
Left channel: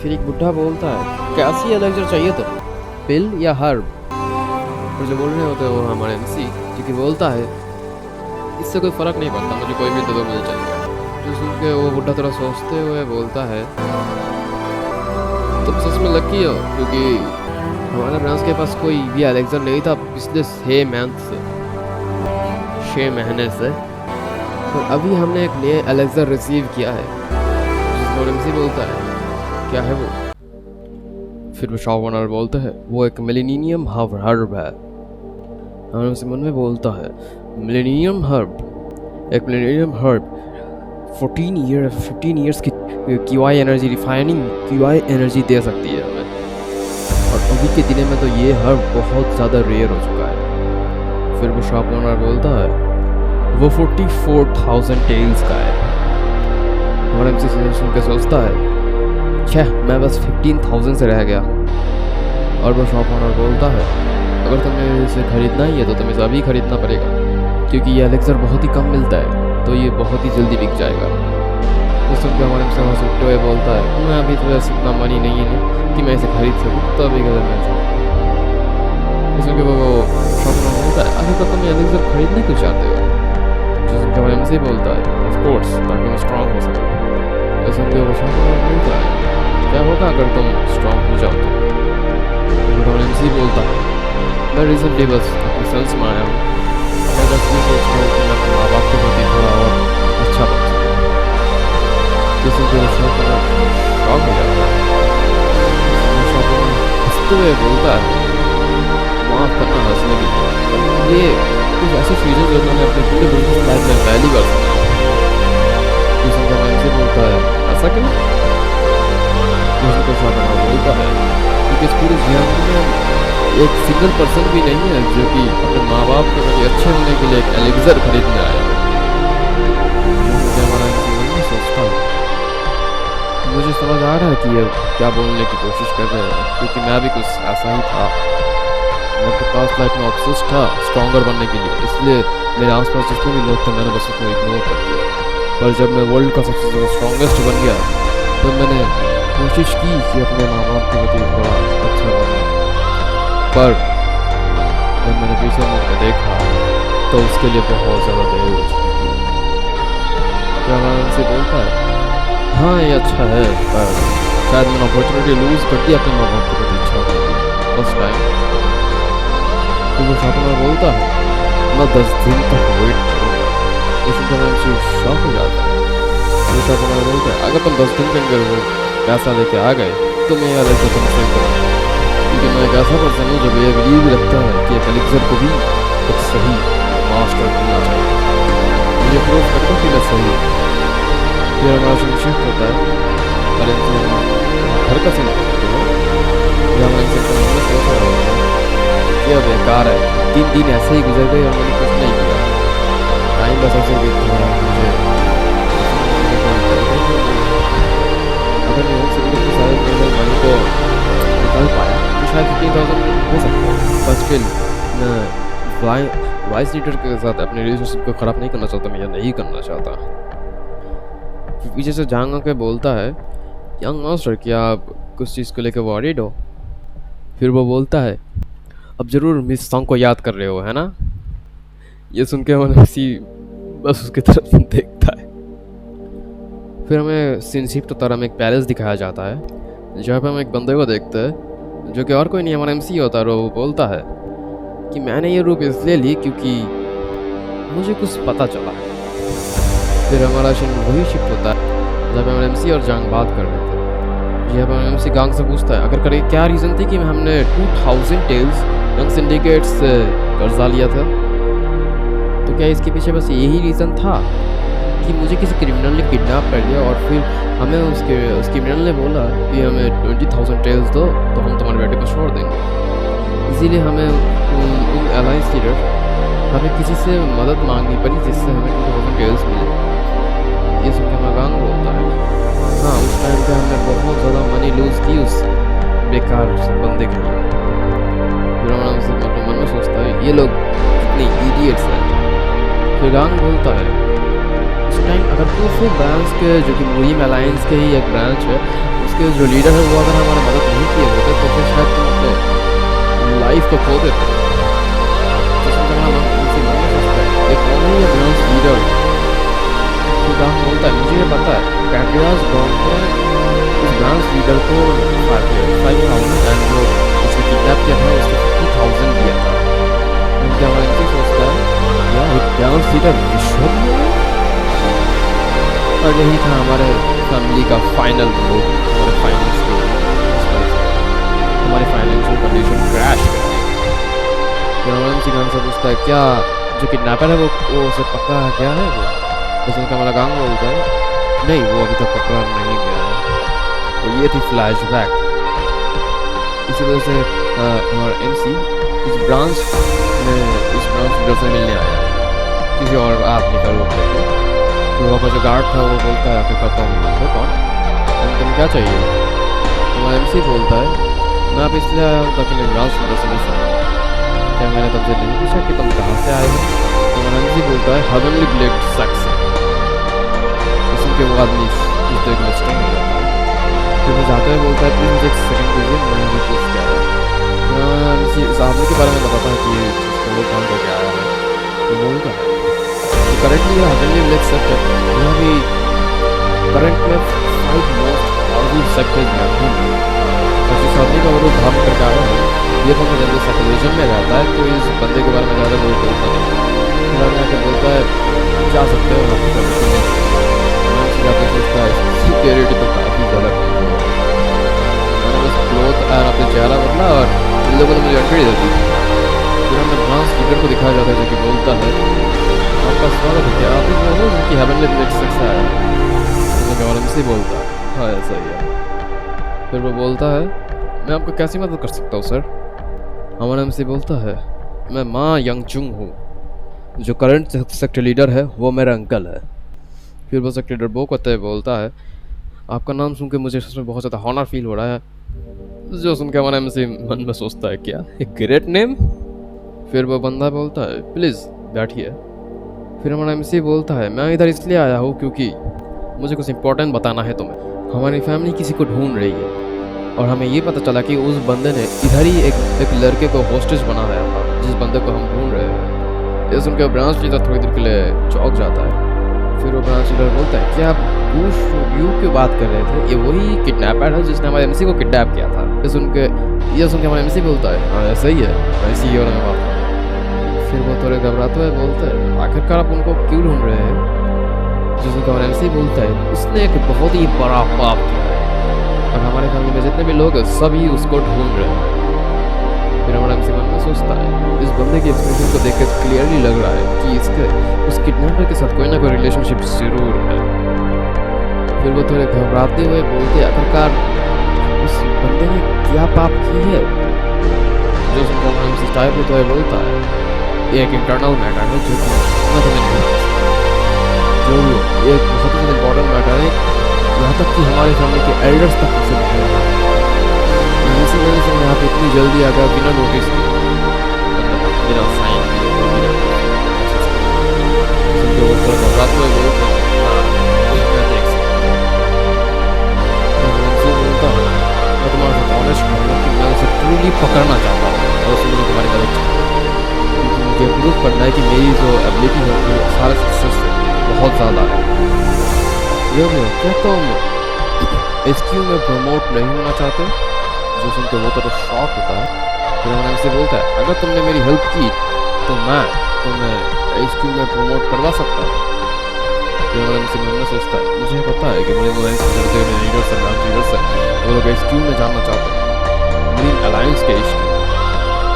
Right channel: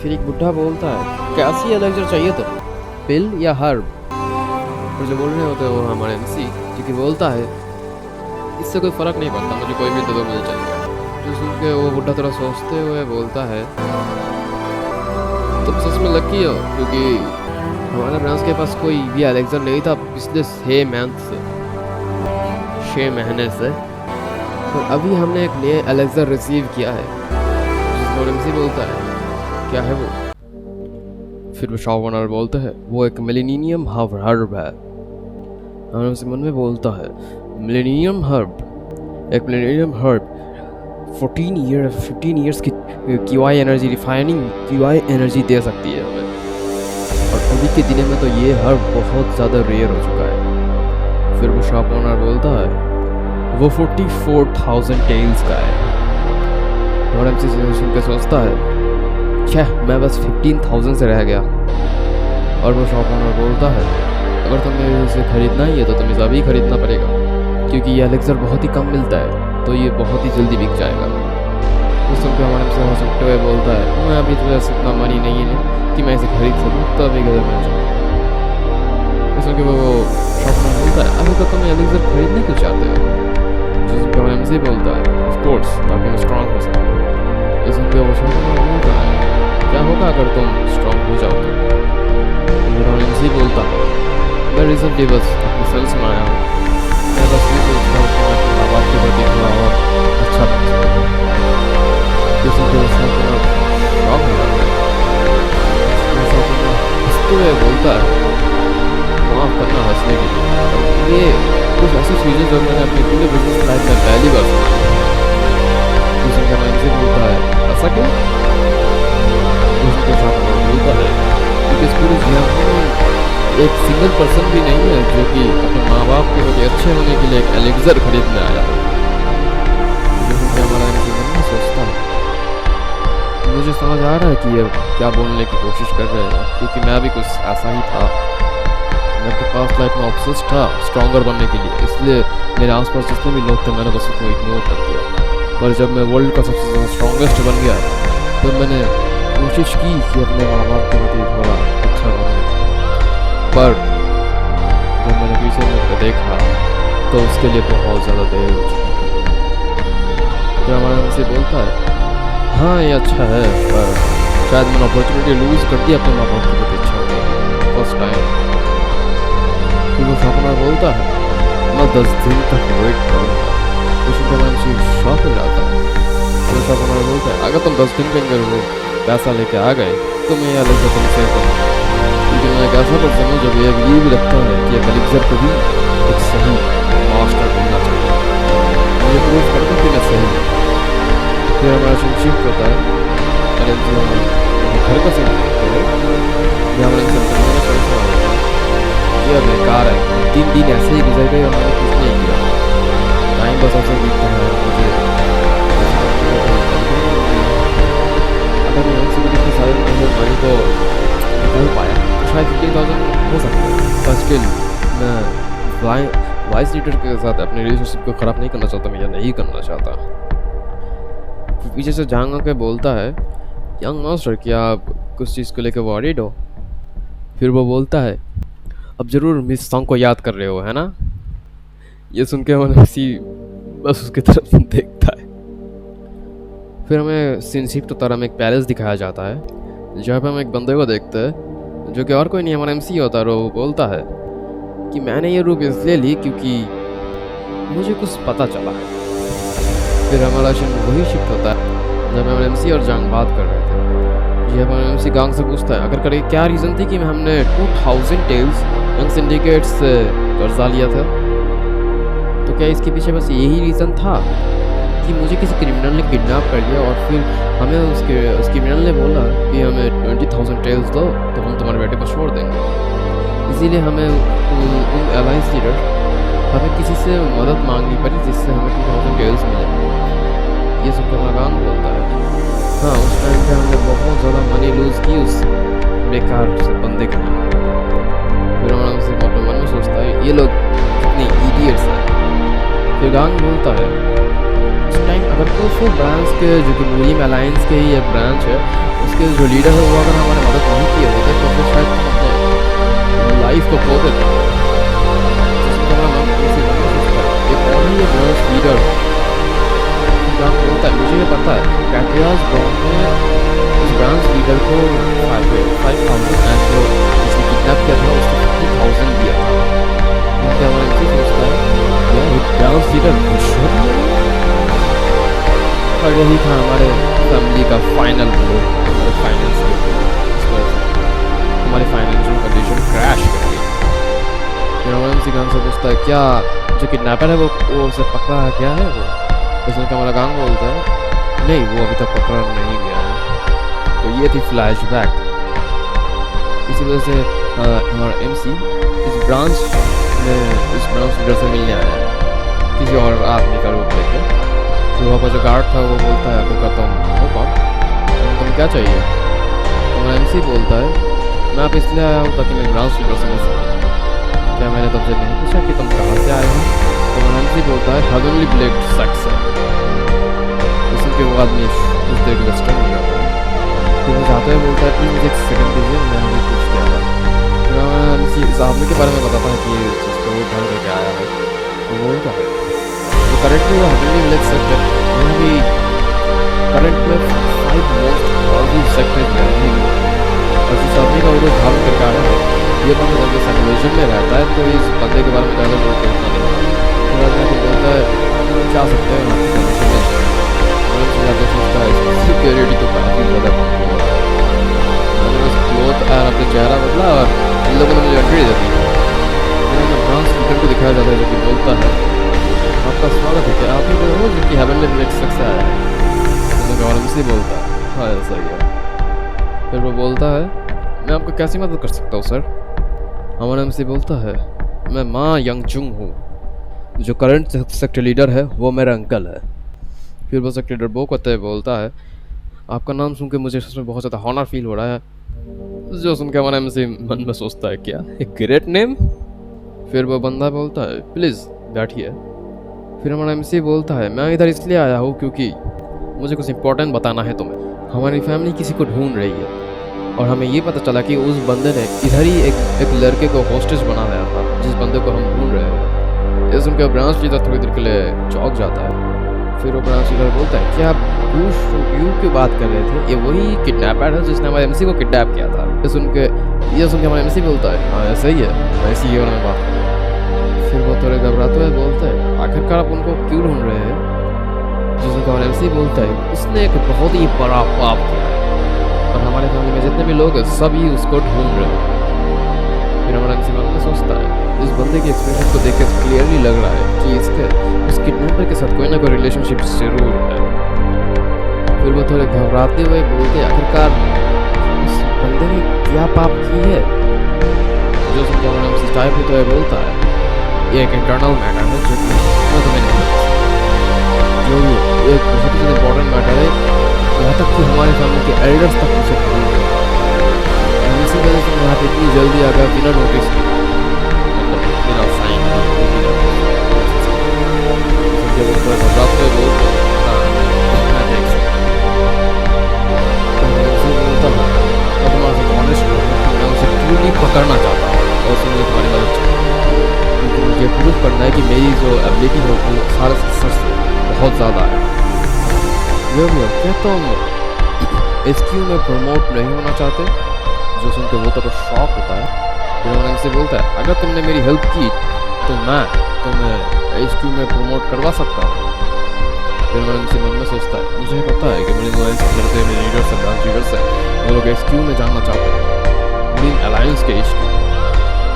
फिर एक बुढ़ा बोलता है कैसी एलेक्सर चाहिए तो, पिल या हर्ब? और जो बोल रहे होते हैं वो हमारे MC, जो कि बोलता है इससे कोई फ़र्क नहीं पड़ता, मुझे कोई भी दे दो मुझे चलेगा। जो सुन के वो बुढ़ा थोड़ा सोचते हुए बोलता है तुम सच में लकी हो, क्योंकि हमारे ब्रांच के पास कोई भी एलेक्सर नहीं था पिछले 6 महीने से। तो अभी हमने एक नया एलेक्सर रिसीव किया है। जिसमें MC बोलता है क्या है वो? फिर वो शॉप ओनर बोलते हैं वो एक मिलेनियम हर्ब है। और MC मन में बोलता है मिलेनियम हर्ब, एक मिलेनियम हर्ब 15 ईयर्स की QI energy, refining QI energy दे सकती है हमें। और अभी के दिनों में तो ये हर्ब बहुत ज़्यादा रेयर हो चुका है। फिर वो शॉप ओनर बोलता है वो 44,000 टेल्स का है। और MC सुन के सोचता है छह, मैं बस 15,000 से रह गया। और वो शॉप ओनर बोलता है अगर तुम्हें इसे खरीदना ही है तो तुम्हें अभी खरीदना पड़ेगा, क्योंकि ये एलेक्सर बहुत ही कम मिलता है, तो ये बहुत ही जल्दी बिक जाएगा। तो सुन के हमारे से हंसते हुए बोलता है मैं अभी तो वैसे इतना मनी नहीं है कि मैं इसे खरीद सकूँ, तो अभी कदर मैं जाऊँगा। तो सुन के वो शॉप ओनर बोलता है अगर तो तुम एलेक्सर खरीदना क्यों चाहते हो? जो सुन के हमारे से बोलता है ऑफ कोर्स ताकि मैं स्ट्रांग हो सकूँ। तो सुन के वो शॉप ओनर बोलता है क्या होगा अगर तुम स्ट्रांग हो जाओ तो? MC बोलता है मैं रिसेंटली बस अपने सेल्स में आया हूँ, मैं बस ये सोच रहा हूँ कि मैं अपने माँ बाप के प्रति थोड़ा और अच्छा बन सकूँ। जिससे जो शॉप ओनर शॉक हो जाता है। शॉप ओनर हंसते हुए बोलता है माफ़ करना हंसने के लिए, पर ये कुछ ऐसी चीज़ें जो मैंने अपनी पूरे बिजनेस लाइफ में पहली बार सुना है। जिससे क्या मैं इनसे बोलता है ऐसा क्यों? जिसके शॉप ओनर बोलता है क्योंकि इस पूरी जियापुर में एक सिंगल पर्सन भी नहीं है जो कि अपने माँ बाप के प्रति अच्छे होने के लिए एक एलेक्सर खरीदने आया हो। जो कि हमारा मन में सोचता है मुझे समझ आ रहा है कि ये क्या बोलने की कोशिश कर रहे हैं, क्योंकि मैं भी कुछ ऐसा ही था। मैं अपने पास लाइफ में ऑब्सेस्ड था स्ट्रॉन्गर बनने के लिए, इसलिए मेरे आसपास जितने भी लोग थे मैंने बस उसको इग्नोर कर दिया। पर जब मैं वर्ल्ड का सबसे ज़्यादा स्ट्रॉन्गेस्ट बन गया तब मैंने कोशिश की कि अपने माँ बाप के प्रति थोड़ा अच्छा बनने, पर जब मैंने पीछे मुड़ कर देखा तो उसके लिए बहुत ज़्यादा देर हो चुकी थी। फिर हमारा उनसे बोलता है हाँ ये अच्छा है, पर शायद मैंने अपॉर्चुनिटी लूज़ कर दी अपने माँ बाप के प्रति अच्छा होने की फर्स्ट टाइम। फिर वो शॉप ओनर बोलता है मैं 10 दिन तक वेट करूँगा। इस उनसे शॉक हो जाता है। तो शॉप ओनर बोलता है अगर तुम 10 दिन के अंदर वो पैसा लेके आ गए तो मैं यार ऐसा तुम सेव करो, क्योंकि मैं एक ऐसा पर्सन हूँ जो ये बिलीव रखता है कि एक एलेक्सर को भी एक सही मास्टर मिलना चाहिए। मुझे प्रूव कर दो कि मैं सही हूँ। फिर हमारा सीन शिफ्ट होता है और हम घर का सीन देखते हो जहाँ हमारे सिम्पल में सोच रहा होता है कि अब बेकार है, 3 दिन ऐसे ही गुजर गए और मैंने कुछ नहीं किया, टाइम बस ऐसे बीतता है और मुझे कोई तरीका ही नहीं मिला। अगर मैं एक सिटी के सारे मेरे मनी को निकाल पाया तो शायद 15,000 हो सकता है, पर स्टिल मैं वाइस लीडर के साथ अपने रिलेशनशिप को ख़राब नहीं करना चाहता, मैं यह नहीं करना चाहता। फिर पीछे से जांग के बोलता है यंग मास्टर क्या आप कुछ चीज़ को लेकर वॉरिड हो? फिर वो बोलता है अब ज़रूर मिस सॉन्ग को याद कर रहे हो है ना? ये सुन के मैंने बस उसकी तरफ देखता है। फिर हमें सीन शिफ्ट होता है, हमें एक पैलेस दिखाया जाता है जहाँ पे हम एक बंदे को देखते हैं जो कि और कोई नहीं हमारा MC होता है। वो बोलता है कि मैंने ये रूप इसलिए ली क्योंकि मुझे कुछ पता चला है। फिर हमारा सीन वही शिफ्ट होता है जहाँ पे हमारे MC और जांग बात कर रहे थे। जहाँ पे हमारा MC गांग से पूछता है अगर करे क्या रीज़न थी कि हमने 2000 टेल्स यंग सिंडिकेट से कर्जा लिया था? तो क्या इसके पीछे बस यही रीज़न था कि मुझे किसी क्रिमिनल ने किडनैप कर लिया और फिर हमें उस क्रिमिनल ने बोला कि हमें 20,000 टेल्स दो तो हम तुम्हारे बेटे को छोड़ देंगे, इसीलिए हमें उन अलायंस लीडर हमें किसी से मदद मांगनी पड़ी जिससे हमें 2000 टेल्स मिले। ये सुन के हमारा गांग बोलता है हाँ उस टाइम पे हमने बहुत ज़्यादा मनी लूज की उस बेकार से बंदे के लिए। फिर हमारा उनसे अपने मन में सोचता है ये लोग कितने इडियट्स हैं। फिर गांग बोलता है उस टाइम अगर कुफू ब्रांच के जो कि मूरी में अलायंस के ही एक ब्रांच है उसके जो लीडर है वो अगर हमारे मदद नहीं किए होते तो फिर शायद तुम अपने लाइफ को खो देते। जिसमें तुम्हारा मन इसी मन में सोचता है ये कौन है ये ब्रांच लीडर। फिर गांग बोलता है मुझे ये पता है पैट्रियाज बॉम ने उस ब्रांच लीडर को 5,000 एंड जो जिसने किडनैप किया था उसको 50,000 दिया था। उनके हमारा इनसे सोचता है यार एक ब्रांच लीडर रिश्वत ले रहा है। और यही था हमारे फैमिली का फाइनल ब्लो हमारे फाइनेंस के ऊपर। इस वजह से हमारी फाइनेंशियल कंडीशन क्रैश कर गई। फिर हमारे इनसे गांग से पूछता है क्या जो किडनैपर है वो उसे पकड़ा है क्या है वो। बस उनका हमारा गांग बोलता है नहीं वो अभी तक पकड़ा नहीं गया है। तो ये थी फ्लैशबैक। इसी वजह से हमारा एमसी इस ब्रांच लीडर से मिलने आया है किसी और आदमी का रूप लेके। फिर वहाँ पर जो गार्ड था वो बोलता है आखिरकार तुम हो कौन तुम क्या चाहिए। तुम्हारा एमसी बोलता है मैं आप इसलिए आया हूँ ताकि मैं ब्रांच लीडर से मिल सकूँ। क्या मैंने तुमसे नहीं पूछा कि तुम कहाँ से आए हो। तुम्हारा एमसी बोलता है हेवनली ब्लेड सेक्स है। सुन के वो आदमी कुछ देर के लिए स्टन हो जाता है। फिर वो जाते हुए बोलता है प्लीज़ मुझे एक सेकंड दीजिए मैं अभी पूछ के आया। फिर हमारा एमसी इस आदमी के बारे में बताता है कि जिसका वो भाग करके आया है। तो बोलता है जो करेंटली हेवनली ब्लेड सेक्ट है वो अभी करंट में 5 मोस्ट पावरफुल सेक्ट है और जिस आदमी का वो धारण करके आया है ये बंदा जल्दी साइकोलॉजी में रहता है तो इस बंदे के बारे में ज़्यादा लोगों को उतना नहीं है। फिर आदमी आके बोलता है जा सकते हो आपकी परमिशन मिल चुकी है। मैं से जाके सोचता है सिक्योरिटी तो काफ़ी ज़्यादा कमज़ोर है। मैंने बस क्लोथ और अपने चेहरा बदला और इन लोगों ने मुझे एंट्री दे दी। फिर हमें ब्रांच लीडर को दिखाया जाता है जो कि बोलता है आपका स्वागत है क्या आप ही वो हो जो कि हेवनली ब्लेड सेक्ट से आया है। उसने गौरव से बोलता है हाँ ऐसा ही है। फिर वो बोलता है मैं आपको कैसी मदद कर सकता हूँ सर। हमारा एमसी बोलता है मैं माँ यंगजुंग हूँ जो करंट सेक्टर लीडर है वो मेरा अंकल है। फिर वो सेक्टर लीडर बो करते बोलता है आपका नाम सुन के मुझे उसमें बहुत ज़्यादा हॉनर फील हो रहा है। जो सुन के हमारा एमसी मन में सोचता है क्या एक ग्रेट नेम। फिर वो बंदा बोलता है प्लीज़ बैठिए। फिर हमारा एमसी बोलता है मैं इधर इसलिए आया हूँ क्योंकि मुझे कुछ इंपॉर्टेंट बताना है तुम्हें। हमारी फैमिली किसी को ढूंढ रही है और हमें ये पता चला कि उस बंदे ने इधर ही एक लड़के को होस्टेज बनाया था जिस बंदे को हम ढूंढ रहे हैं। ये सुनकर ब्रांच लीडर थोड़ी देर के लिए चौंक जाता है। फिर वो ब्रांच लीडर बोलता है क्या आप बुश यू क्यों बात कर रहे थे। ये वही किडनैपर है जिसने हमारे एमसी को किडनैप किया था। ये सुन के हमारा एमसी बोलता है हाँ ऐसा ही है मैं इसी के बारे में बात कर रहा हूँ। फिर वो थोड़े घबराते हुए बोलते हैं आखिरकार आप उनको क्यों ढूंढ रहे हैं। जिसने हमारा एमसी बोलता है उसने एक बहुत ही बड़ा पाप किया है और हमारे फैमिली में जितने भी लोग हैं सभी उसको ढूंढ रहे हैं। फिर हमारा एमसी मन में सोचता है इस बंदे के एक्सप्रेशन को देख के क्लियरली लग रहा है कि इसके उस किडनैपर के साथ कोई ना कोई रिलेशनशिप जरूर है। फिर वो थोड़े घबराते हुए बोलते आखिरकार उस बंदे ने क्या पाप की है। जो सुनकर हमारा एमसी चाय पीते हुए बोलता है ये एक इंटरनल मैटर है जो कि मैं तुम्हें नहीं बता सकता। जो भी हो ये एक बहुत ही ज़्यादा इंपॉर्टेंट मैटर है यहाँ तक कि हमारे फैमिली के एल्डर्स तक उसे ढूंढ रहे हैं। इसी वजह से मैं यहाँ पे इतनी जल्दी आ गया बिना नोटिस किए मतलब बिना साइन किए और बिना सुन के वो थोड़ा घबराते हुए बोलते हाँ मैं देख सकता हूँ। तो मैं उनसे बोलता हूँ मैं तुम्हारे साथ ऑनेस्ट रहूँगा कि मैं उसे ट्रूली पकड़ना चाहता हूँ और उससे मुझे तुम्हारी मदद चाहिए क्योंकि मुझे प्रूव करना है कि मेरी जो एबिलिटी है वो सारे सिस्टर से बहुत ज़्यादा है। जो भी हो क्या तुम एसक्यू में प्रमोट नहीं होना चाहते। जो सुन के वो तो शॉक होता है। फिर हमारा एमसी बोलता है अगर तुमने मेरी हेल्प की तो मैं तुम्हें एसक्यू में प्रमोट करवा सकता हूँ। फिर हमारा एमसी मन में सोचता है मुझे पता है कि मुझे मेरे लीडर से ब्रांच लीडर से वो लोग एसक्यू में जानना चाहते हैं मुरीन अलायंस के एसक्यू।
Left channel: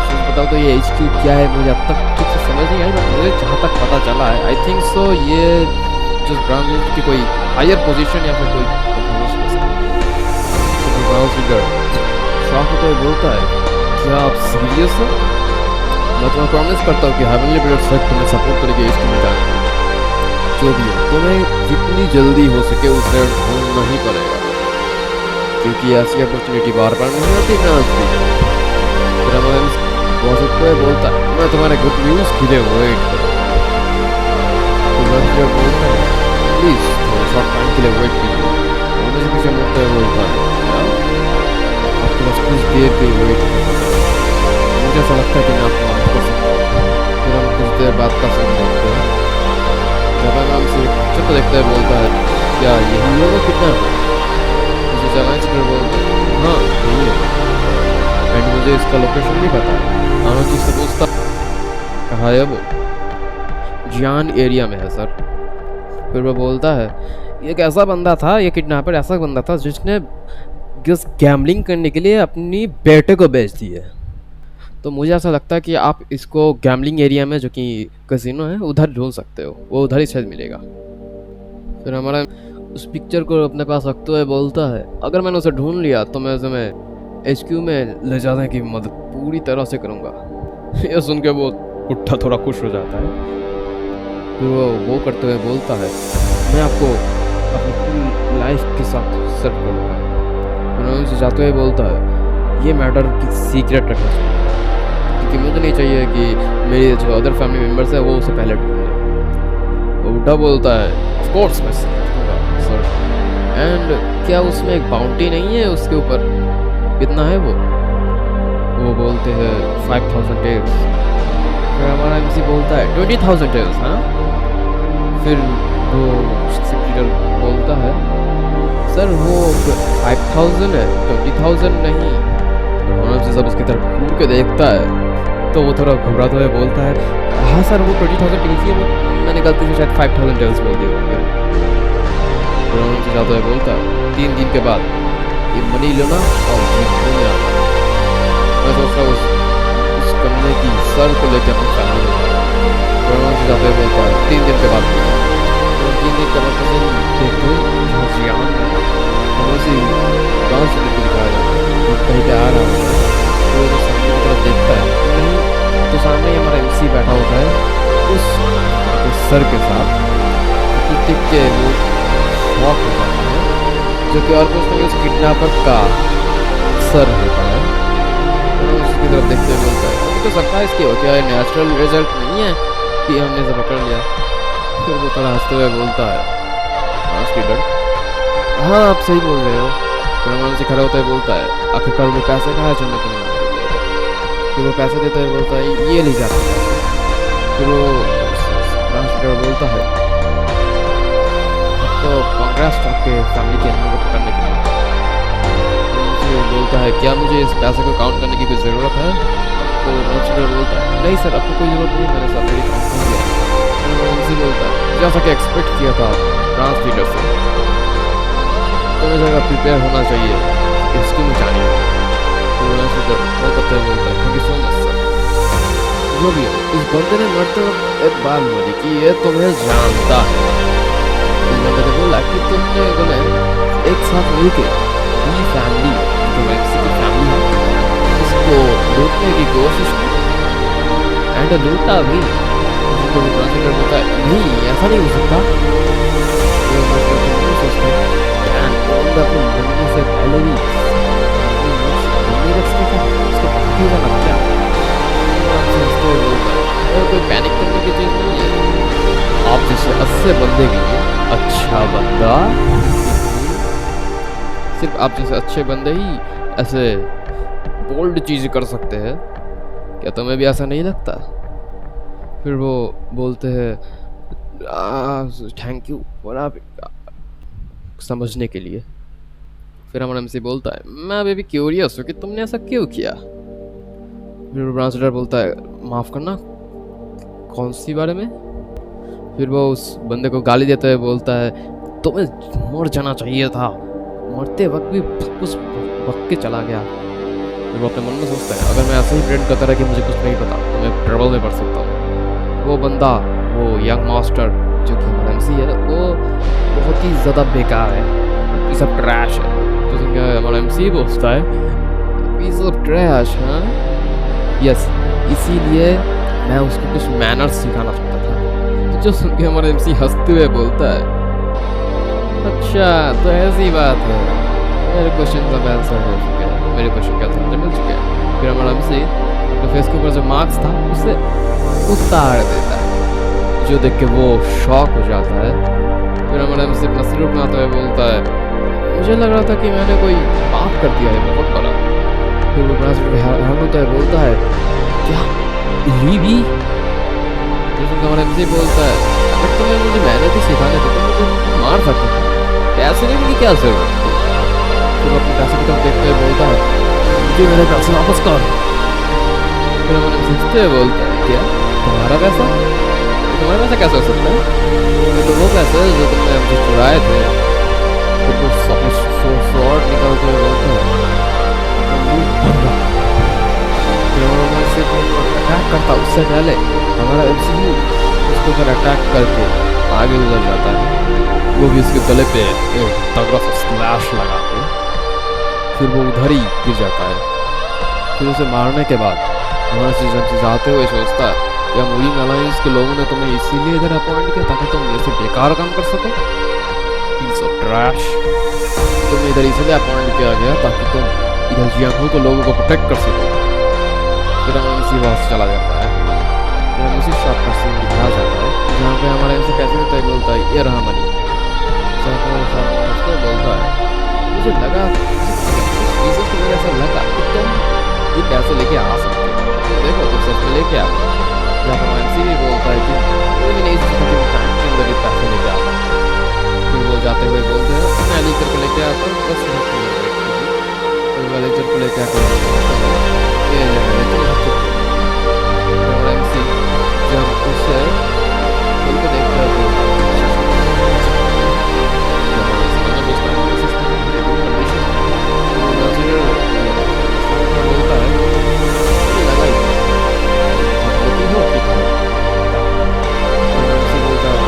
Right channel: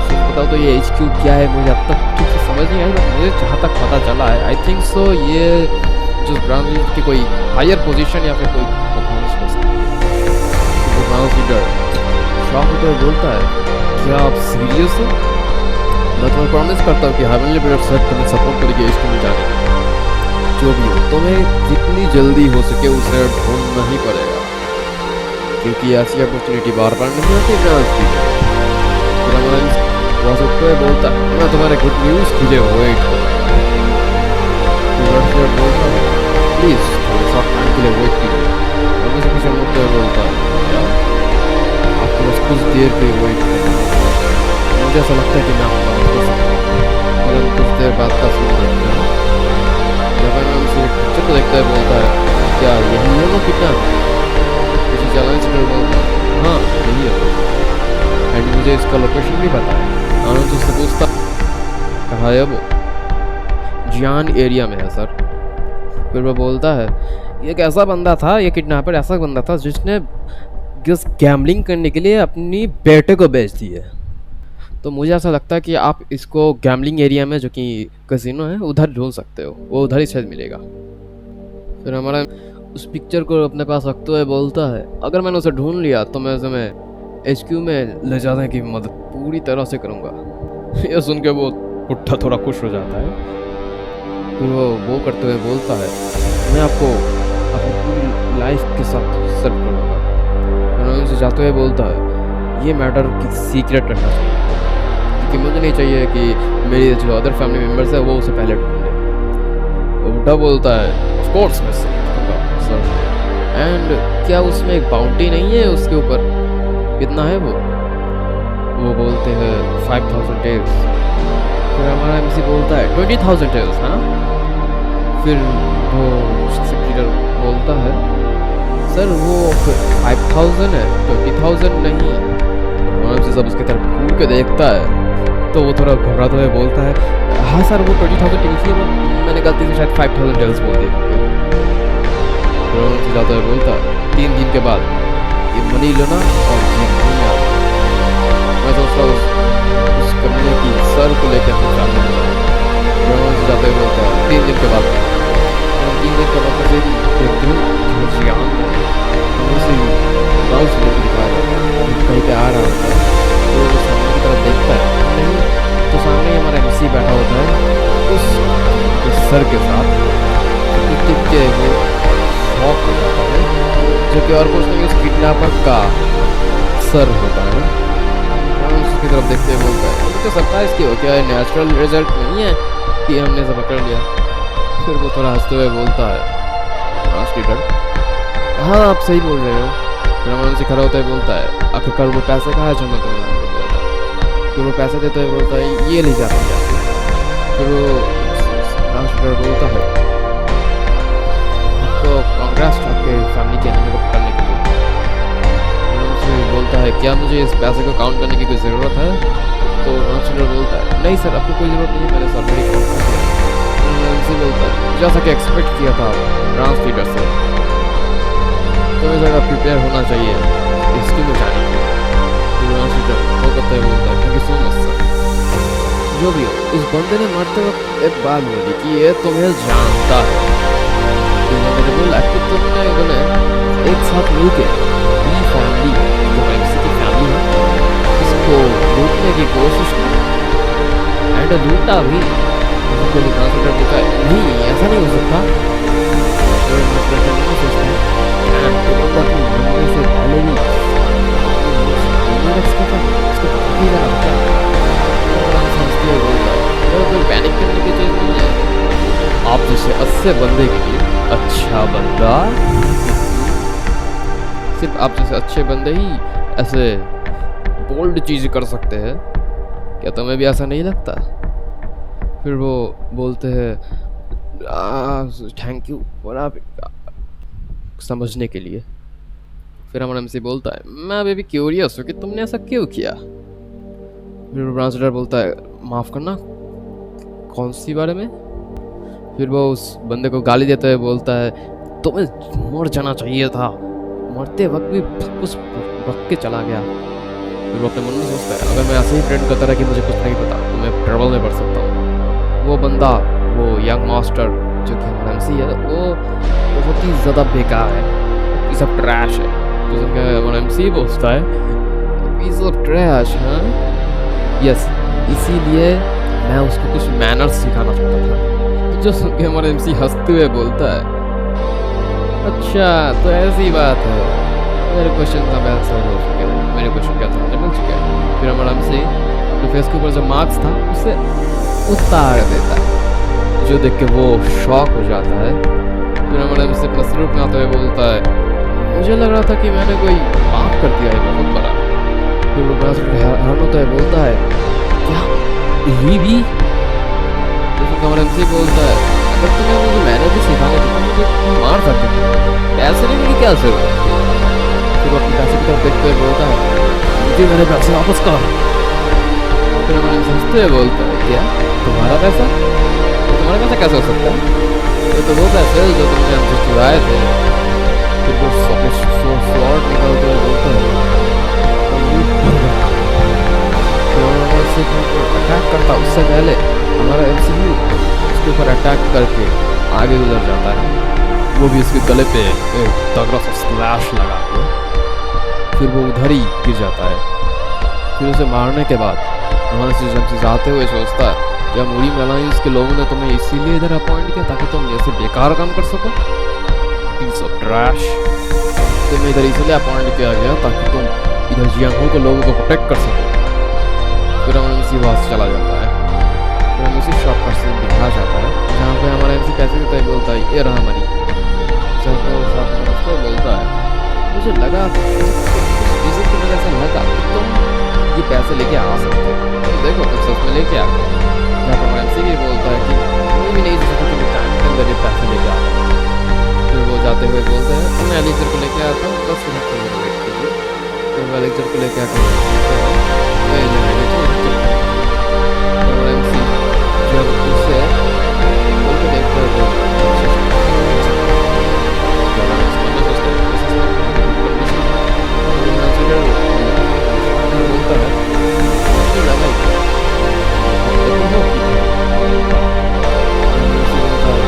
तो बताओ तो ये एचक्यू क्या है मुझे अब तक ठीक से समझ नहीं आई बट मुझे जहाँ तक पता चला है आई थिंक सो ये जो ब्रांच की कोई हायर पोजीशन या फिर कोई परफॉर्मेंस हो सकती है। तो ब्रांच लीडर शॉक होते हुए बोलता है क्या आप सीरियस हो। मैं तुम्हें प्रॉमिस करता हूँ कि हेवनली ब्रदर सर तुम्हें सपोर्ट करेगी इस में जाने के लिए। जो भी हो, तुम्हें जितनी जल्दी हो सके उसे ढूंढना ही पड़ेगा, क्योंकि ऐसी अपॉर्चुनिटी बार बार नहीं आती ब्रांच भी। फिर हमारा बॉस उठते हुए बोलता है, मैं तुम्हारे गुड न्यूज़ के लिए वेट करूँगा। फिर बोलता है, प्लीज़ थोड़े शॉर्ट टाइम के लिए वेट कीजिए। और मुझे पीछे मुड़ते हुए बोलता है, क्या आपको बस कुछ देर के लिए वेट करना होगा, मुझे ऐसा लगता है कि मैं आपकी मदद कर सकता हूँ। फिर हम कुछ देर बाद का सीन देखते हैं, जब मैं हमसे एक पिक्चर को देखता है बोलता है, क्या यही है वो किडनैपर? मुझे चैलेंज कर बोलता है, हाँ यही है वो, एंड मुझे इसका लोकेशन भी पता है। आनंद उससे पूछता, कहाँ है वो? जियान एरिया में है सर। फिर वो बोलता है, ये एक ऐसा बंदा था, ये किडनैपर ऐसा बंदा था जिसने जिस गैम्बलिंग करने के लिए अपनी बेटे को बेच दी है। तो मुझे ऐसा लगता है कि आप इसको गैम्बलिंग एरिया में जो कि कैसीनो है उधर ढूंढ सकते हो, वो उधर ही शायद मिलेगा। फिर हमारा उस पिक्चर को अपने पास रखते हुए बोलता है, अगर मैंने उसे ढूंढ लिया तो मैं उसे HQ में ले जाने की मदद पूरी तरह से करूँगा। यह सुन के वो पुट्ठा थोड़ा खुश हो जाता है। फिर वो करते हुए बोलता है, मैं आपको अपनी पूरी लाइफ के साथ सर्व करूँगा। फिर उनसे जाते हुए बोलता है, ये मैटर की सीक्रेट रखना चाहिए, क्योंकि मुझे नहीं चाहिए कि मेरे जो अदर फैमिली मेम्बर्स है वो उसे पहले ढूंढ ले। वो बुढ़ा बोलता है, ऑफ कोर्स मैं रखूँगा सर। एंड क्या उसमें एक बाउंटी नहीं है उसके ऊपर? कितना है वो बोलते हैं 5000 टेल्स। फिर हमारा MC बोलता है 20,000 टेल्स, हाँ? फिर वो सेक्रेटरी बोलता है, सर वो 5000 है, 20,000 नहीं। और MC जब उसकी तरफ घूर के देखता है तो वो थोड़ा घबराते हुए बोलता है, हाँ सर वो 20,000 टेल्स ही है, वो मैंने गलती से शायद 5000 टेल्स बोल दिए होंगे। फिर MC जाता है बोलता है, 3 दिन के बाद ये मनी लेना और ये में आना। मैं सोच रहा हूँ उस कमरे की सर को लेके अपनी फैमिली में जाऊँगा। फिर से जाते हुए बोलता है 3 दिन के बाद। फिर 3 दिन के बाद कैसे देखते हुए जहाँ जियान में हमें उसे डांस को दिखाया जाता है, कहीं पे आ रहा होता है। फिर वो सामने की तरफ देखता है, नहीं तो सामने ही हमारा MC बैठा होता है उस सर के साथ। कुछ देख के वो शॉक हो जाता है, जो कि और कुछ नहीं उस किडनैपर का सर होता है। और उसकी तरफ देखते हुए बोलता है, मुझे तो सरप्राइज क्यों, क्या नेचुरल रिजल्ट नहीं है कि हमने सब पकड़ लिया? फिर वो थोड़ा हंसते हुए बोलता है, हाँ आप सही बोल रहे हो। फिर हमारा उनसे खड़ा होता है बोलता है, आखिरकार वो पैसे कहाँ है जो मैं तुम्हें लाने को बोलता है? फिर वो पैसे देते हुए बोलता है, ये ले जाते हैं पैसे। फिर वो ट्रांसलेटर बोलता है, आपको कांग्रेस आपके फैमिली के एनिमी को पकड़ने के लिए। उनसे बोलता है, क्या मुझे इस पैसे को काउंट करने की कोई ज़रूरत है? तो ट्रांसलेटर बोलता है, नहीं सर आपको कोई ज़रूरत नहीं है, मैंने ऑलरेडी काउंट कर दिया है। उनसे बोलता है, जैसा कि एक्सपेक्ट किया था ट्रांसलेटर से, तुम्हें जगह प्रिपेयर होना चाहिए इसकी में जाने के लिए। तो ट्रांसलेटर वो करते हुए बोलता है, thank you so much sir. जो भी हो, इस बंदे ने मरते वक्त एक बात बोली कि ये तुम्हें जानता है। इस बंदे ने बोला कि तुमने एक साथ मिलकर बी फैमिली जो MC की फैमिली है इसको लूटने की कोशिश की एंड लूटा भी। उसको भी ट्रांसलेटर बोलता है, नहीं ऐसा नहीं हो सकता। तो ट्रांसलेटर नहीं सोचता है, तो बंदा अपने मरने से पहले भी अपनी मुख से बोलने रख सकता था, उसको पता ही जाना क्या। तो हंसते हुए बोलता है, कोई पैनिक करने की चीज़ नहीं है, आप जैसे अच्छे बंदे के लिए अच्छा बंदा, सिर्फ आप जैसे अच्छे बंदे ही ऐसे बोल्ड चीज़ कर सकते हैं, क्या तुम्हें भी ऐसा नहीं लगता? फिर वो बोलते हैं, थैंक यू फॉर आप समझने के लिए। फिर हमारा MC बोलता है, मैं अभी भी क्यूरियस हूँ कि तुमने ऐसा क्यों किया। फिर ट्रांसलेटर बोलता है, माफ़ करना, कौन सी बारे में? फिर वो उस बंदे को गाली देते हुए बोलता है, तुम्हें मर जाना चाहिए था, मरते वक्त भी कुछ वक्त के चला गया। फिर वो अपने मन में सोचता है, अगर मैं ऐसे ही प्रेड करता रहा कि मुझे कुछ नहीं पता तो मैं ट्रबल में पड़ सकता हूँ। वो बंदा, वो यंग मास्टर जो कि हमारा MC है, वो बहुत ही ज़्यादा बेकार है, पीस ऑफ ट्रैश है। तो सुन के हमारा MC बोलता है, पीस ऑफ ट्रैश, हाँ यस, इसीलिए मैं उसको कुछ मैनर्स सिखाना चाहता था। जो सुन के हमारा एमसी हंसते हुए बोलता है, अच्छा तो ऐसी बात है, मेरे क्वेश्चन का आंसर हो चुके हैं, मेरे क्वेश्चन का आंसर मिल चुके हैं। फिर हमारा एमसी अपने फेस के ऊपर जो मार्क्स था उसे उतार देता है, जो देख के वो शॉक हो जाता है। फिर हमारा एमसी अपना सिर उठाते हुए बोलता है, मुझे लग रहा था कि मैंने कोई पाप कर दिया है बहुत बड़ा। फिर वो बड़ा हैरान होता है, बोलता है, क्या लीवी? जो सुनकर हमारा एमसी बोलता है, अगर तुम्हें मुझे मेहनत ही सिखाने थे तो मुझे मार सकते थे, पैसे लेने की क्या जरूरत थी? फिर वो अपने पैसे की तरफ देखते हुए बोलता है, मुझे मेरे पैसे वापस कर। फिर हमारे एमसी हंसते हुए बोलता है, क्या तुम्हारा पैसा? तो तुम्हारा पैसा कैसे हो सकता है? ये तो वो पैसे है जो तुमने हमसे चुराए थे। फिर वो अपने स्वॉर्ड निकालते हुए बोलता है, मुंह बंद रख। फिर हमारा सिर्फ अटैक करता उससे पहले हमारा एमसीयू उसके ऊपर अटैक करके आगे गुजर जाता है। वो भी उसके गले पे एक तगड़ा सा स्लैश लगा के फिर वो उधर ही गिर जाता है। फिर उसे मारने के बाद हमारा एमसी जाते हुए सोचता है, क्या मुरीम अलायंस के लोगों ने तुम्हें इसीलिए इधर अपॉइंट किया ताकि तुम ऐसे बेकार काम कर सको? Piece of trash. तुम्हें इधर इसलिए अपॉइंट किया गया ताकि तुम इधर जियांगहो को लोगों को प्रोटेक्ट कर सको। फिर हमारा एमसी वहाँ से चला जाता है। फिर हमें उसी शॉप का सीन दिखाया जाता है जहाँ पे हमारा एमसी पैसे देता है, बोलता है, ये रहा मनी। जहाँ पर शॉप बोलता है, मुझे लगा कुछ रीजन की वजह से लगा कि तुम ये पैसे लेके आ सकते हो, तुम देखो तुम सच में लेके आ गए। जहाँ पर हमारा एमसी भी बोलता है कि मुझे भी नहीं सोचा था कि मैं टाइम के अंदर ये पैसे लेके आता हूँ। फिर वो जाते हुए बोलते हैं, मैं एलेक्जर को लेके आता हूँ, 10 मिनट के लिए वेट कीजिए। फिर वो एलेक्जर को लेके आकर बोलते हैं, फिर हमारा एमसी जब उसे खोल के देखता है तो सोचता है बोलता है कि लगा ही था बोलता है,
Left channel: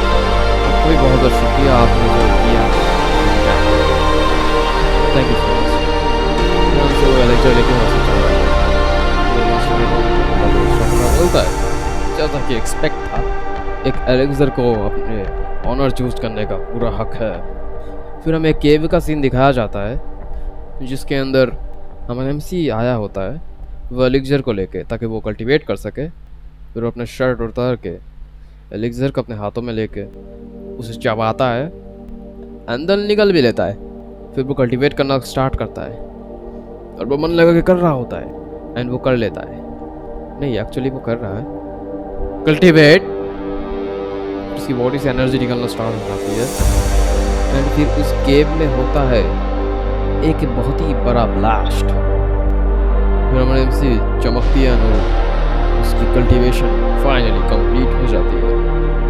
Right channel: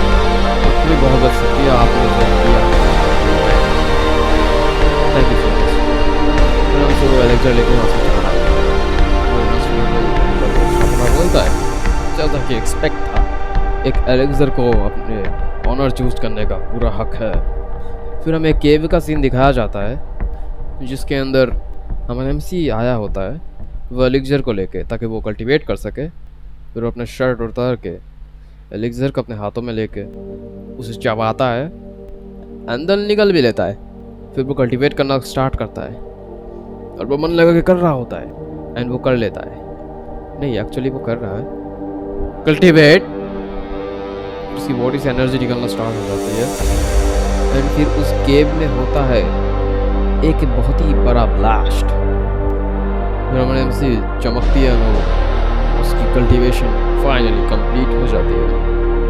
आपको भी बहुत बहुत शुक्रिया, आपने जो किया थैंक यू सो मच। फिर हमसे वो एलेक्जर लेके वहाँ से चल रहा है। वो बोलता है, जैसा कि एक्सपेक्ट था, एक एलेक्जर को अपने ऑनर चूज करने का पूरा हक है। फिर हमें एक केव का सीन दिखाया जाता है जिसके अंदर हमारा एमसी आया होता है वो एलेक्जर को लेके ताकि वो कल्टीवेट कर सके। फिर वो अपने शर्ट उतार के एलेक्जर को अपने हाथों में लेके उसे चबाता है, अंदर निकल भी लेता है। फिर वो कल्टीवेट करना स्टार्ट करता है और वो मन लगा के कर रहा होता है एंड वो कर लेता है। नहीं, एक्चुअली वो कर रहा है कल्टीवेट। उसकी बॉडी से एनर्जी निकलना स्टार्ट हो जाती है एंड फिर उस केव में होता है एक बहुत ही बड़ा ब्लास्ट। फिर हमारे एमसी चमकती है और उसकी कल्टीवेशन फाइनली कंप्लीट हो जाती है।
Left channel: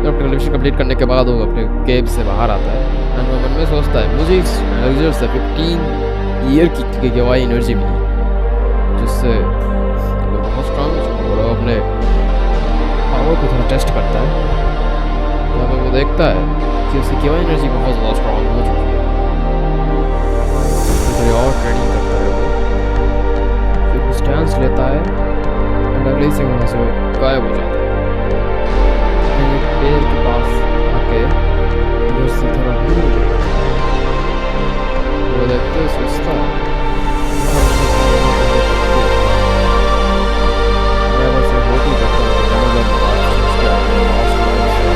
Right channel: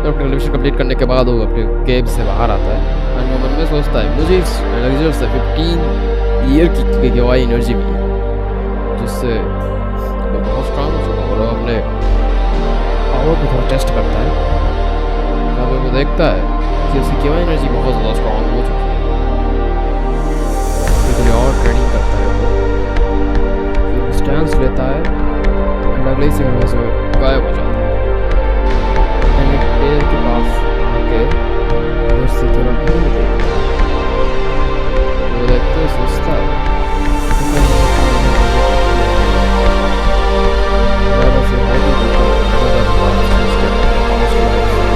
तो अपनी कल्टीवेशन कंप्लीट करने के बाद वो अपने केव से बाहर आता है एंड वो मन में सोचता है, मुझे इस एलेक्जर से 15 ईयर की गवाई एनर्जी मिली, जिससे मैं बहुत स्ट्रांग हो चुका हूँ। और अपने पावर को थोड़ा टेस्ट करता है, जहाँ पे वो देखता है कि उसकी केवाई एनर्जी बहुत ज़्यादा स्ट्रांग हो चुकी है। फिर थोड़ी और ट्रेनिंग करता है वो, फिर वो स्टैंस लेता है एंड अगले ही सेकंड वहाँ से गायब हो जाता है। एक पेड़ के पास आके उधर से थोड़ा भूल देखता है, वो देखते हुए सोचता है, मैं बस ये होती करता हूँ, मैंने जब बात चूज किया है पास्ट लाइफ से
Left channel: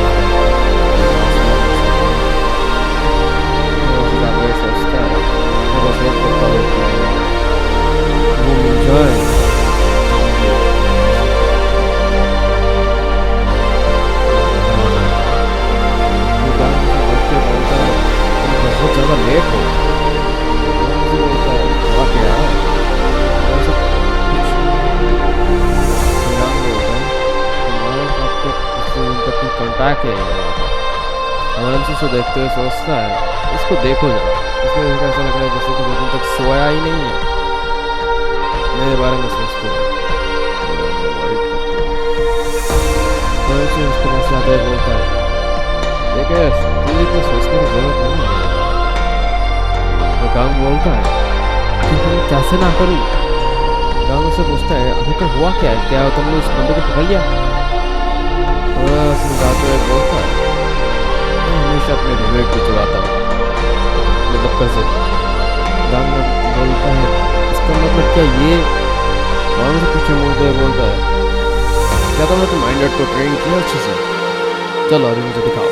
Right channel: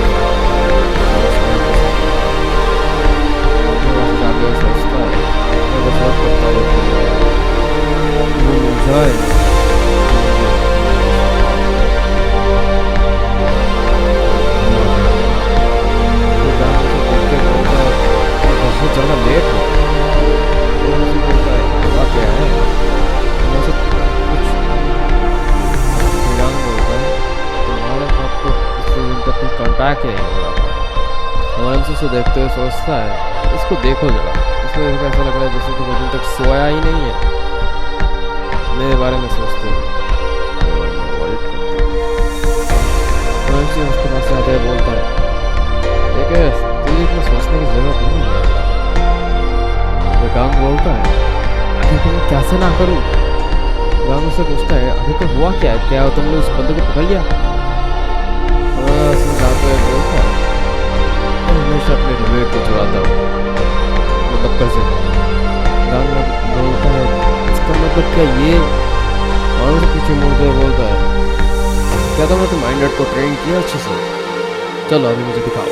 जाते हुए सोचता है, मैं बस होप करता हूँ कि वो मिल जाए देख के बोलता है, तुम बहुत ज़्यादा लेट हो। वो मुझे बोलता है, हुआ क्या है? कुछ बोलता है, तुम्हारे साथ तो उससे दिन तक कोई कॉन्टैक्ट ही नहीं हो रहा था। हमारे एमसी से देखते हुए सोचता है, इसको देखो जरा, इसको देख ऐसा लग रहा है जैसे तो 2 दिन तक सोया ही नहीं है। मेरे बारे में सोचते हो, मेरे बारे में वॉरिड करते हो। तो एमसी उसके पास से आता है, बोलता है, देखिए तुझे इतना सोचने की जरूरत नहीं है। वो काम बोलता है, आखिर मैं कैसे ना करूँ? गांव से पूछता है, आखिर हुआ क्या है, क्या तुमने उस बंदे को पकड़ लिया? जाते हुए बोलता है, मैं हमेशा अपने रिवेट को चुराता हूँ, मतलब कर्जे। गांग बोलता है, इसका मतलब क्या ये? और मुझे पीछे मुड़ते हुए बोलता है, क्या तुमने तो माइंडेड को ट्रेन किया अच्छे से? चलो अभी मुझे दिखाओ।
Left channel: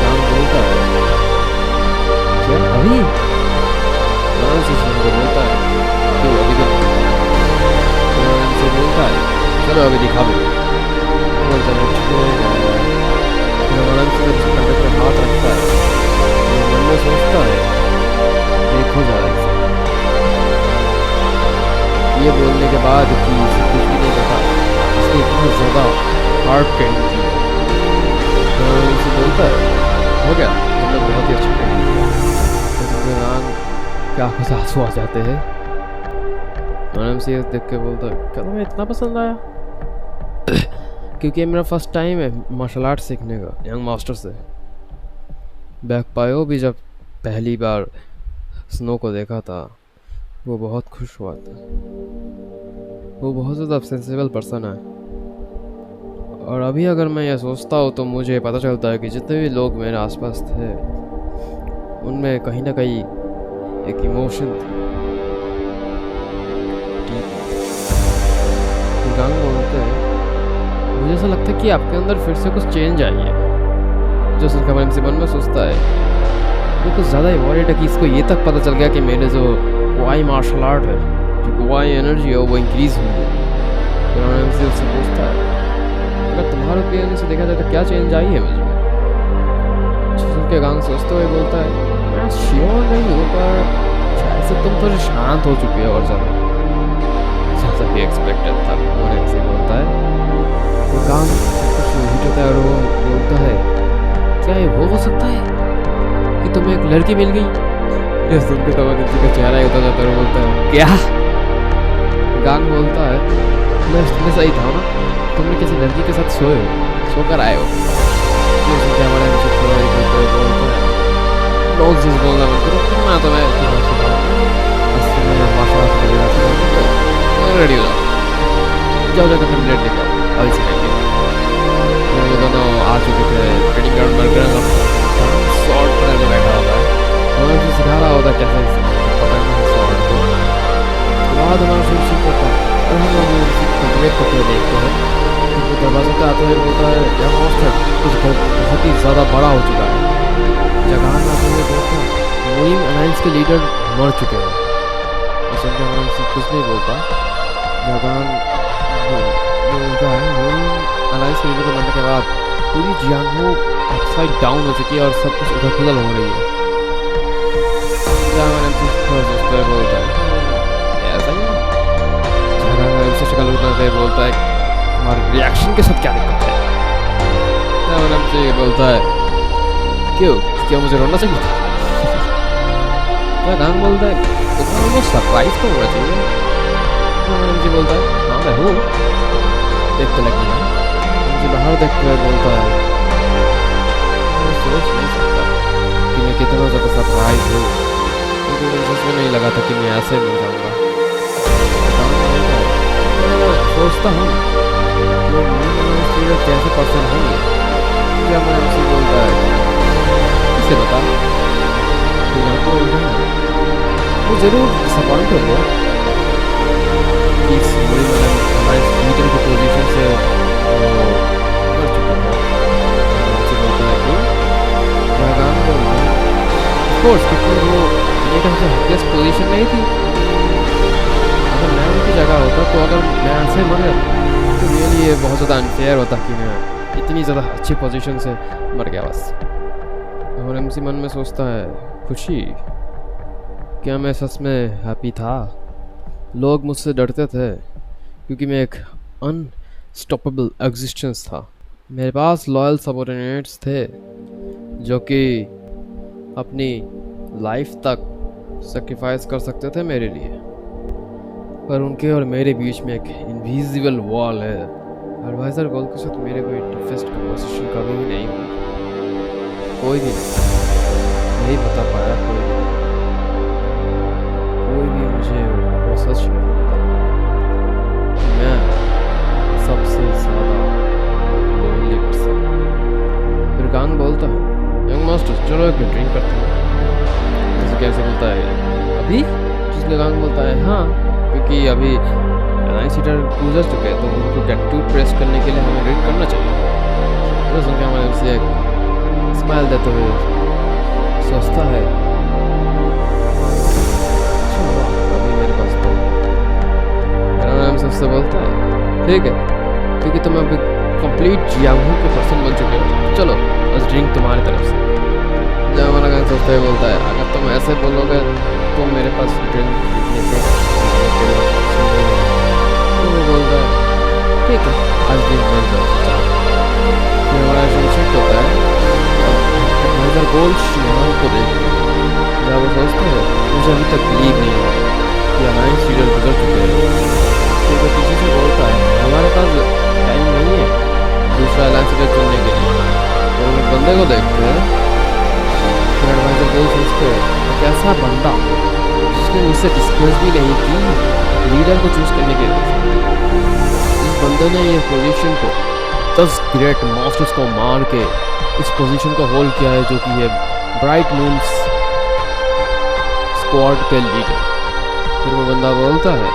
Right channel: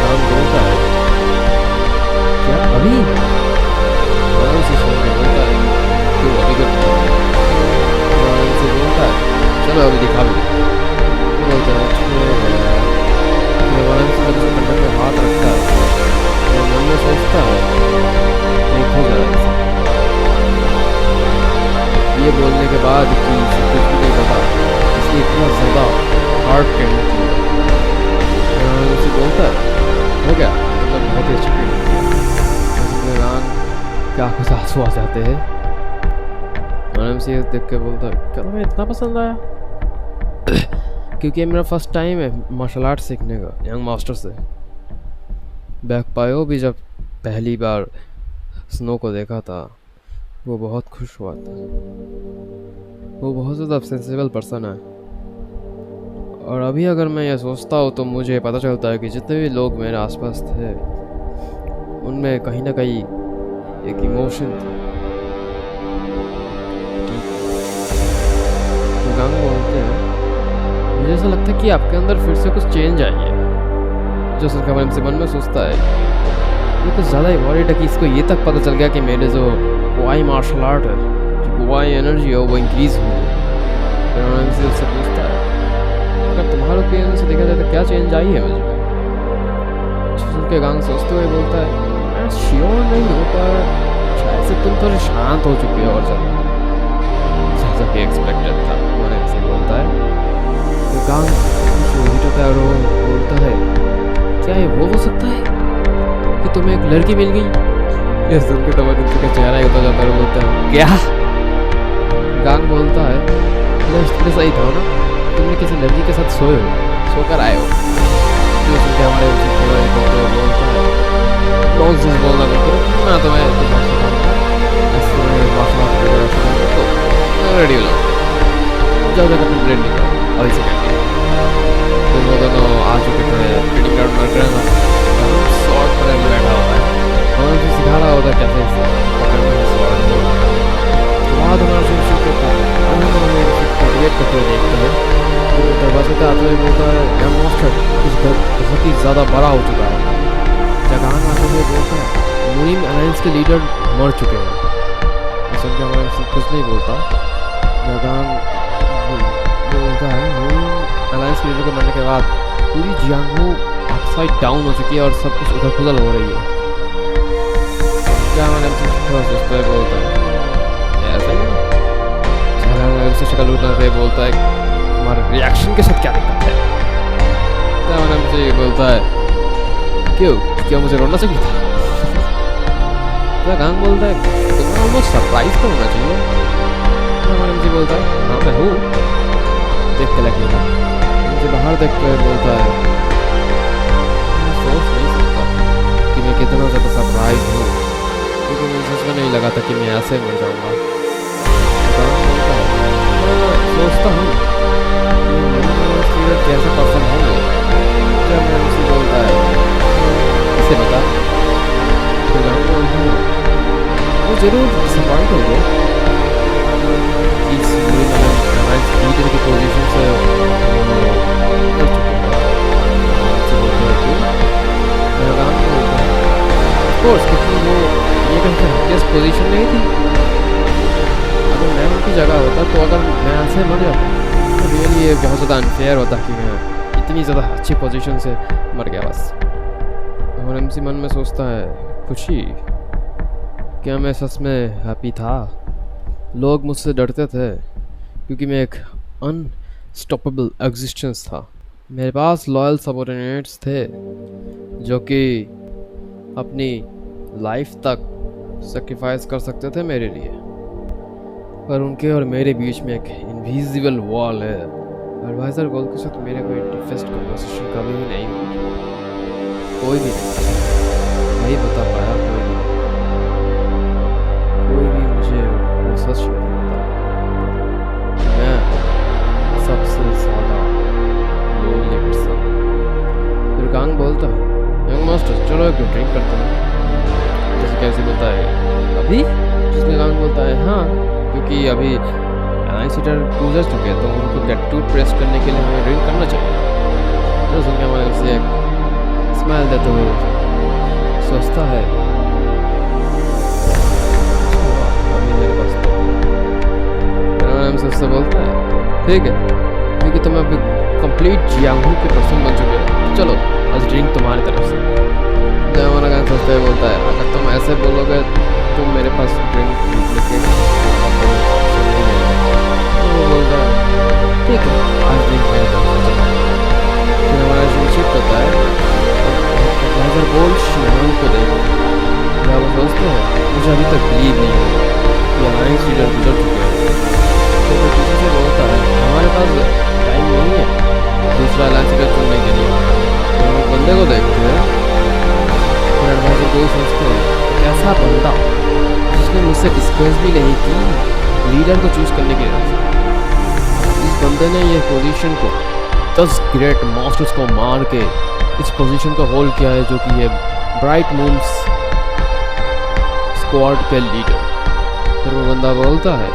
गांग बोलता है, क्या अभी? मानव से सुन के बोलता है, क्यों अभी क्यों नहीं? मानव से बोलता है, चलो अभी दिखा भी दो। वो बोलता है, ठीक है। फिर मानव से जब उसके कंधे पे हाथ रखता है तो मन में सोचता है, देखो जरा इसे। ये बोलने के बाद कि इसे कुछ भी नहीं पता, इसने इतना ज़्यादा हार्ड ट्रेनिंग की है। उनसे बोलता है, हो गया, तुमने बहुत ही अच्छा ट्रेनिंग किया। तो गांग क्या कुछ आंसू आ जाते हैं। मैंने से देख के बोलता है, क्या तुम्हें इतना पसंद आया? क्योंकि ये मेरा फर्स्ट टाइम है मार्शल आर्ट सीखने का यंग मास्टर से। बैक पायो भी जब पहली बार स्नो को देखा था वो बहुत खुश हुआ था। वो बहुत ज़्यादा सेंसिबल पर्सन है, और अभी अगर मैं ये सोचता हूँ तो मुझे पता चलता है कि जितने भी लोग मेरे आसपास थे उनमें कहीं ना कहीं एक इमोशन थी, डीप इमोशन। गांग बोलते हैं, मुझे ऐसा लगता है कि आपके अंदर फिर से कुछ चेंज आई है। जो सुनकर मन से मन में सोचता है, ये कुछ ज़्यादा ही वॉरिड है कि इसको ये तक पता चल गया कि मेरे जो क्वाई मार्शल आर्ट है, जो क्वाई एनर्जी है वो इंक्रीज़ हुई है। फिर उन्होंने से उससे पूछता है, अगर तुम्हारे ओपिनियन से देखा जाए तो क्या चेंज आई है मुझ में? सुन के गांग सोचते हुए बोलता है, मैं श्योर नहीं हूँ, पर शायद से तुम थोड़े शांत हो चुके हो और ज़्यादा, जैसा कि एक्सपेक्टेड था। उन्होंने से बोलता है। तो गांग कुछ हिट होता है और वो बोलता है, क्या ये वो हो सकता है कि तुम्हें एक लड़की मिल गई? ये सुन के तबदील का चेहरा ही होता जाता है और बोलता है, क्या? गांग बोलता है, मैं सही था ना, तुमने किसी लड़की के साथ सोकर आए हो। जो सुन के हमारे थोड़ा ही करते हुए बोलता है, नॉनसेंस बोलना बंद करो, मैं तुम्हें तुम्हारा सिखाऊंगा, आज तुम्हें मार्शल आर्ट वगैरह सिखाऊंगा, तो रेडी हो जाओ, जाओ जाकर अपने ब्लेड लेके आओ, अभी सिखाएंगे। फिर वो दोनों आ चुके थे ट्रेनिंग ग्राउंड में। गांग शॉर्ट पकड़ के बैठा होता है और उसे सिखा रहा होता है कैसे पकड़ना है शॉर्ट को। उसके बाद हमारा शुरू शुरू करता है और हम हमें उसे कल्टिवेट करते हुए देखते हैं। फिर वो दरवाजे पर आते हुए बोलता है, यंग मास्टर कुछ बहुत ही ज़्यादा बड़ा हो चुका है। जगान आते हुए बोलता है, मुरीम अलायंस के लीडर मर चुके हैं। सुन के हमारा कुछ नहीं बोलता। जगान बोलता है, मुरीम अलायंस के लीडर को मरने के बाद पूरी जियांगहो अपसाइड डाउन हो चुकी है और सब कुछ उधर पुदल हो रही है। जगान थोड़ा सोचते हुए बोलता है, ऐसा ही ना? जगान से शक्ल उठाते हुए बोलता है, तुम्हारे रिएक्शन के साथ क्या दिक्कत है? जगान से बोलता है, क्यों क्या मुझे रोना चाहिए था? जगान बोलता है, तुम्हें ऑलमोस्ट सरप्राइज तो होना चाहिए। जगान से बोलता है, हाँ मैं हूँ, देख के लगेगा। मुझे बाहर देखते हुए बोलता है, मैं सोच नहीं सकता कि मैं कितना ज़्यादा सरप्राइज हूँ, क्योंकि मुझे सच में नहीं लगा था कि मैं ऐसे मर जाऊँगा। जगान बोलता है, मैं सोचता हूँ कि मेरे कैसे पर्सन होंगे। जब मैं MC बोलता है, किसे बता? फिर गांग बोलता है, वो ज़रूर डिसअपॉइंट होंगे कि इस मुरी हमारे लीडर की पोजीशन से वो मर चुके हैं। MC बोलता है, क्यों? गांग बोलता है, ऑफ कोर्स, क्योंकि वो ये कहते हैं हैप्पीएस्ट पोजीशन नहीं थी। अगर मैं उनकी जगह होता तो अगर मैं ऐसे मर जाता तो रियली ये बहुत ज़्यादा अनफेयर होता कि मैं इतनी ज़्यादा अच्छी पोजीशन से मर गया बस। और MC मन में सोचता है, खुशी? क्या मैं सच में हैप्पी था? लोग मुझसे डरते थे क्योंकि मैं एक अनस्टॉपेबल एग्जिस्टेंस था। मेरे पास लॉयल सबऑर्डिनेट्स थे जो कि अपनी लाइफ तक सेक्रीफाइस कर सकते थे मेरे लिए, पर उनके और मेरे बीच में एक इनविजिबल वॉल है। एडवाइज़र गोल के साथ मेरे कोई डीपेस्ट कन्वर्सेशन कभी भी नहीं हुई, कोई भी नहीं बता पाया, कोई भी मुझे वो सच नहीं बता। मैं सबसे ज़्यादा लोनली पर्सन। फिर गांग बोलता है यंग मास्टर चलो एक ड्रिंक करते हैं। जैसे कैसे बोलता है अभी, जिसमें गांग बोलता है हाँ, क्योंकि अभी नाइन सीटर गुजर चुके हैं तो उनको ग्रेटिट्यूड प्रेस करने के लिए हमें ड्रिंक करना चाहिए। जो सुन के हमारे उसे एक स्माइल देते हुए सोचता है अच्छा हुआ अभी मेरे पास तो। फिर हमारे हमसे उससे बोलता है ठीक है, क्योंकि तुम अभी कंप्लीट जियांगू के पर्सन बन चुके हो तो चलो आज ड्रिंक तुम्हारी तरफ से। जब हमारा गांग सोचते हुए बोलता है अगर तुम ऐसे बोलोगे तो मेरे पास ड्रिंक खरीदने के बहुत बड़े ऑप्शन नहीं रहेगा। तो वो बोलता है ठीक है आज ड्रिंक मेरी तरफ से चलो। फिर हमारा ड्रिंक शिफ्ट होता है और एडवाइजर गोल्ड शियान को देखते हैं। जब वो सोचते हैं मुझे अभी तक बिलीव नहीं हो कि अलायंस लीडर गुजर चुके हैं। तो वो किसी से बोलता है हमारे पास टाइम नहीं है दूसरा अलायंस लीडर चुनने के लिए। फिर हम एक बंदे को देखते हैं। फिर एडवाइजर गोल्ड सोचते हैं कैसा बंदा जिसने मुझसे डिस्कस भी नहीं की लीडर को चूज करने की वजह से। इस बंदे ने ये पोजीशन को 10 ग्रेट मास्टर्स को मार के इस पोजीशन को होल्ड किया है, जो कि है ब्राइट मून्स स्क्वाड के लीडर। फिर वो बंदा बोलता है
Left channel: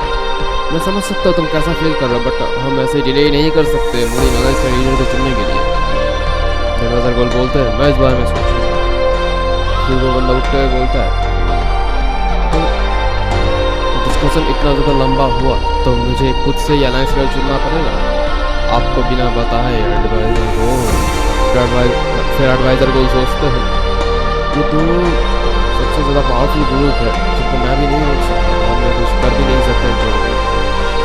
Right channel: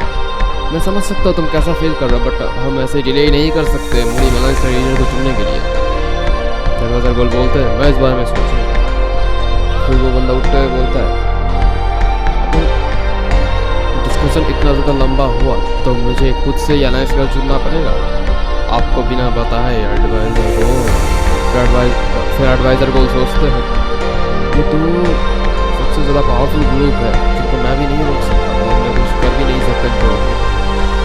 मैं समझ सकता हूँ तुम कैसा फील कर रहे हो, बट हम ऐसे डिले नहीं कर सकते मुड़ी मलाइस के लीडर को चुनने के लिए। एडवाइजर गोल्ड बोलते हैं मैं इस बारे में सोचूंगा। फिर वो बंदा उठते हुए बोलता है डिस्कशन इतना ज़्यादा लंबा हुआ तो मुझे खुद से ही अलायंस लीडर चुनना पड़ेगा आपको बिना बताए एडवाइजर गोल्ड। फिर एडवाइजर गोल्ड सोचते हैं ये तो सबसे ज़्यादा पावरफुल ग्रुप है जिनको मैं भी नहीं रोक सकता और मैं कुछ कर भी नहीं सकता इनको रोकने।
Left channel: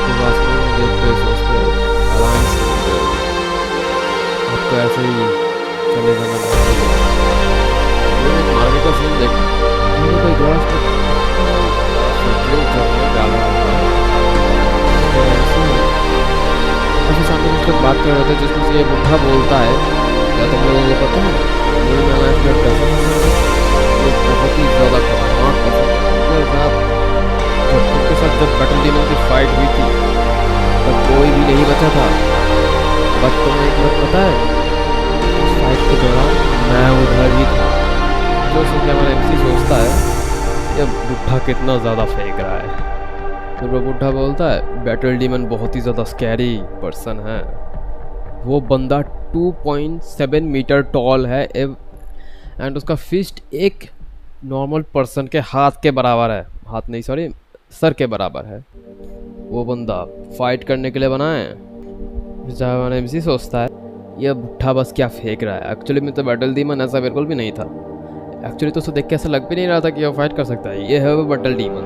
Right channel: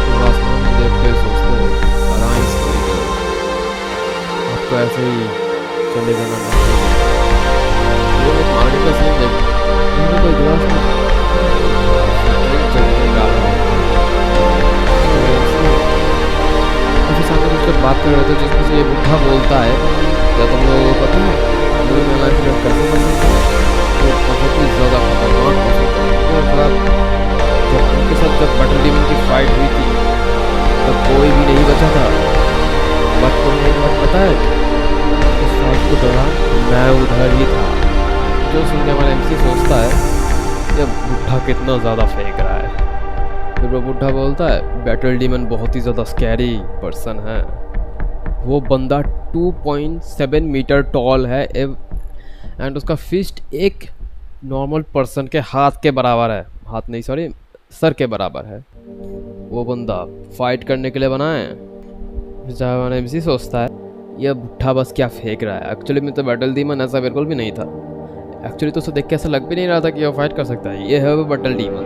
फिर आसमान में देखते हुए सोचते हैं अलायंस लीडर आपको ऐसे ही चले जाना नहीं चाहिए। एक मार्केट का सीन देख कोई ग्लास में ड्रिंक जब डाल रहा होता है और फिर सामने कुछ लोग बात कर रहे थे जिसमें से ये बुढ़ा बोलता है क्या तुम लोगों को पता है मुड़ी में अलायंस लीडर कैसा पसंद है? वो बहुत ही ज़्यादा खतरनाक पसंद है। उनके साथ जब बैटल डीमन की फाइट हुई थी तब कोई भी नहीं बचा था, बट तुम्हें एक बात पता है उस फाइट के दौरान मैं उधर ही था। जो सुन के हमारा एमसी सोचता है ये बुढ़ा कितना ज़्यादा फेंक रहा है। फिर वो बुढ़ा बोलता है बैटल डीमन बहुत ही ज़्यादा स्कैरी पर्सन है। वो बंदा 2.7 मीटर टॉल है एंड उसका फिस्ट एक नॉर्मल पर्सन के हाथ के बराबर है, हाथ नहीं सॉरी सर के बराबर है। वो बंदा फाइट करने के लिए बना है। जब हमारा एमसी सोचता है ये बुढ़ा बस क्या फेंक रहा है। एक्चुअली में तो बैटल डीमन ऐसा बिल्कुल भी नहीं था। एक्चुअली तो उसे देख के ऐसा लग भी नहीं रहा था कि वो फाइट कर सकता है। ये है वो बैटल डीमन,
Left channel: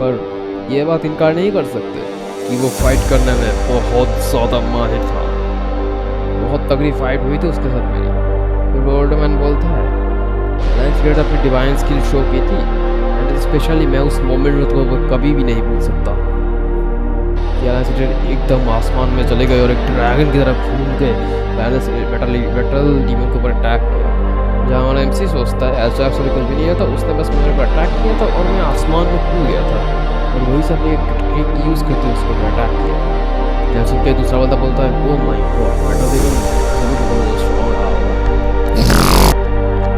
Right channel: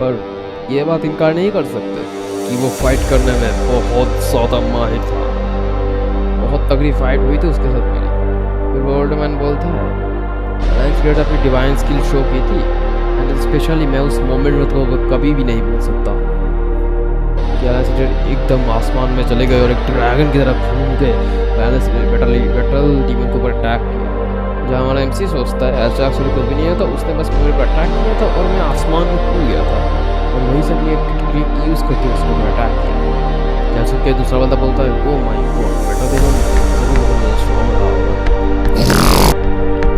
पर ये बात इनकार नहीं कर सकते कि वो फाइट करने में बहुत ज़्यादा माहिर था। बहुत तगड़ी फाइट हुई थी उसके साथ मेरी। फिर वो ओल्ड मैन बोलता है अलायंस लीडर अपनी डिवाइन स्किल शो की थी एंड स्पेशली मैं उस मोमेंट को कभी भी नहीं भूल सकता कि अलायंस लीडर एकदम आसमान में चले गए और एक ड्रैगन की तरफ घूम के बैटल डीमन के ऊपर अटैक किया। जहाँ हमारा एमसी सोचता है ऐसा एक्चुअली कुछ भी नहीं होता, उसने बस मेरे को अटैक किया था और मैं आसमान में कूद गया था और वहीं से अपनी एक ट्रिक यूज़ करके उसको मैं अटैक किया। जहाँ सुन के दूसरा बंदा बोलता है oh my God battle demon जरूर बहुत ज़्यादा स्ट्रॉन्ग रहा होगा।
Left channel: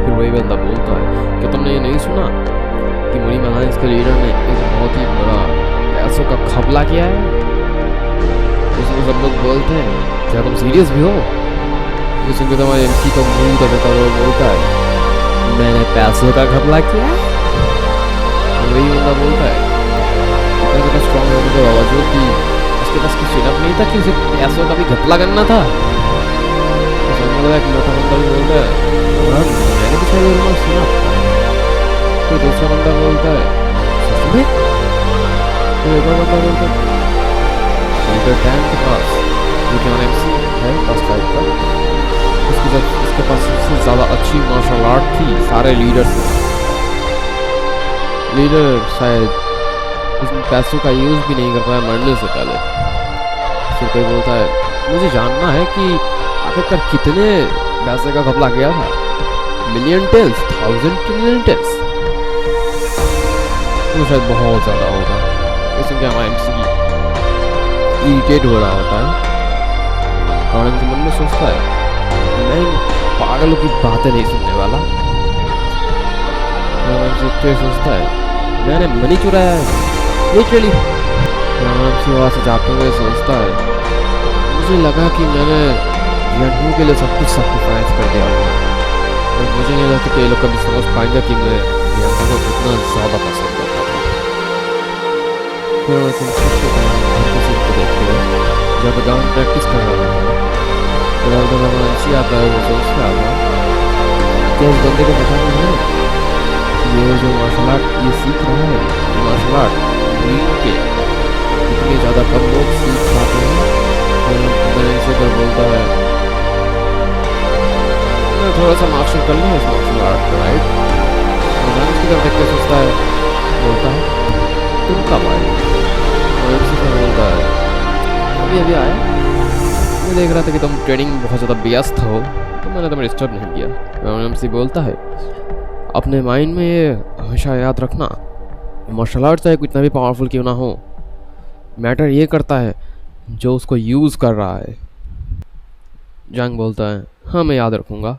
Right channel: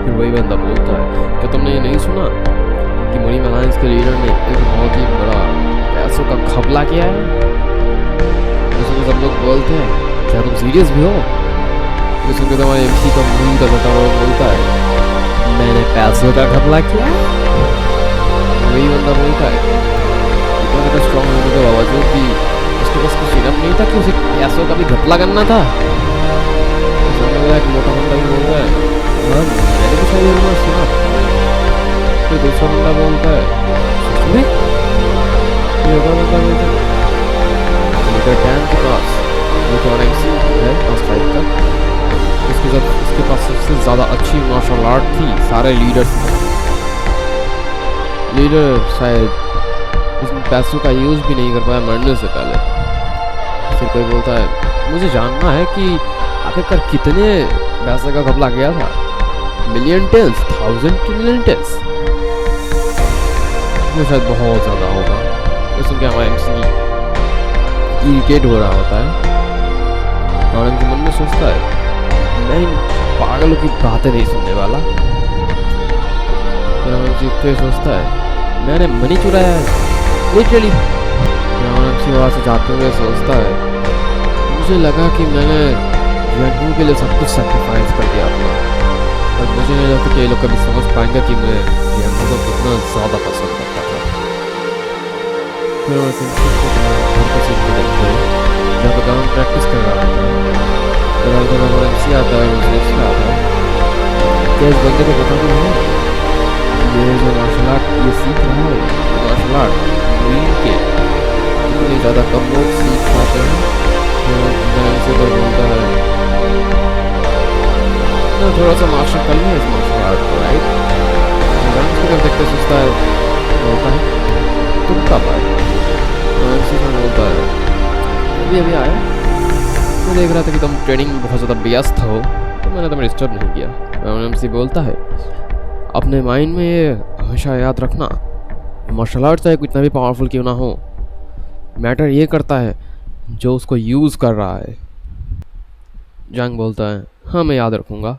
फिर वही बंदा बोलता है क्या तुमने ये नहीं सुना कि मुड़ी अलायंस के लीडर ने एक बहुत ही बड़ा पैसों का घपला किया है? उसमें सब लोग बोलते हैं क्या तुम सीरियस भी हो? ये सुनकर तो हमारे एमसी का मुंह का जाता और बोलता है मैंने पैसों का घपला किया? वही बंदा बोलता है इतना ज़्यादा स्ट्रॉन्ग होने के बावजूद भी उसके पास कुछ इनफ नहीं था कि उसे पैसों का भी घपला करना था। तो सामने वाला एक मोटा बंदा भी बोलता है हाँ मैंने भी शायद ये रूमर सुना था। फिर दूसरा बंदा बोलता है सच में? फिर एक और बंदा बोलता है लीडर टैन के पास जो कि हमारा एमसी है पास 5 का उसके पास सबसे ज़्यादा अच्छी मार्शल आर्ट थी सारे लीडर्स में। लीडर शायद उसमें पैसों का यूज़ भी नहीं कर पाया मरने से पहले। फिर कोई बोलता है मुझे जानना है कि आखिरकार कितने पैसे का घपला किया था। Million tales, 1000 trillion tales? वो शायद बहुत ज़्यादा होगा। ये सुन के हमारा एमसी इरिटेट हो रहा होता है और एमसी मन में सोचता है मैं इन पागलों की बातें नहीं सुनने वाला। तो सोचता है मैंने मनी चुराया है लिटरली। सी वहाँ से जाते हुए सोचता है मुझे लगा कि मैंने जियानहू के लिए सब कुछ सेक्रीफाइस कर दिया अपना, और मुझे नहीं लगता कि ये लोग कभी समझ पाएंगे कि मैं जियानहू को कितना ज़्यादा पसंद करता था। फिर वो घर के सीन को देखते हैं जहाँ पर गाँव प्रैक्टिस कर रहा होता है। फिर हमारा MC आता है, वो सोच रहा था क्या इस बंदे को पता भी है ये जो मार्शल आर्ट ये सीख रहा है, ये मार्शल आर्ट ड्रीम के इतने ज़्यादा कम लोग सीख पाते हैं। फिर MC पर बोलता है मैं थोड़ा सा मास्टर कर लिया इस मार्शल आर्ट को, राइट। की तरफ देखते सोचता है, बोलता है तुम कब आए। MC से बोलता है अभी अभी आया, मैं देख रहा था कि तुम ट्रेनिंग में बहुत ज़्यादा व्यस्त हो तो मैंने तुम्हें डिस्टर्ब नहीं किया। MC बोलता है अपने माइंड में ये हमेशा याद रखना, मार्शल आर्ट चाहे कितना भी पावरफुल क्यों ना हो, मैटर ये करता है जो उसको यूज़ कर रहा है। जंग बोलता है हाँ मैं याद रखूँगा।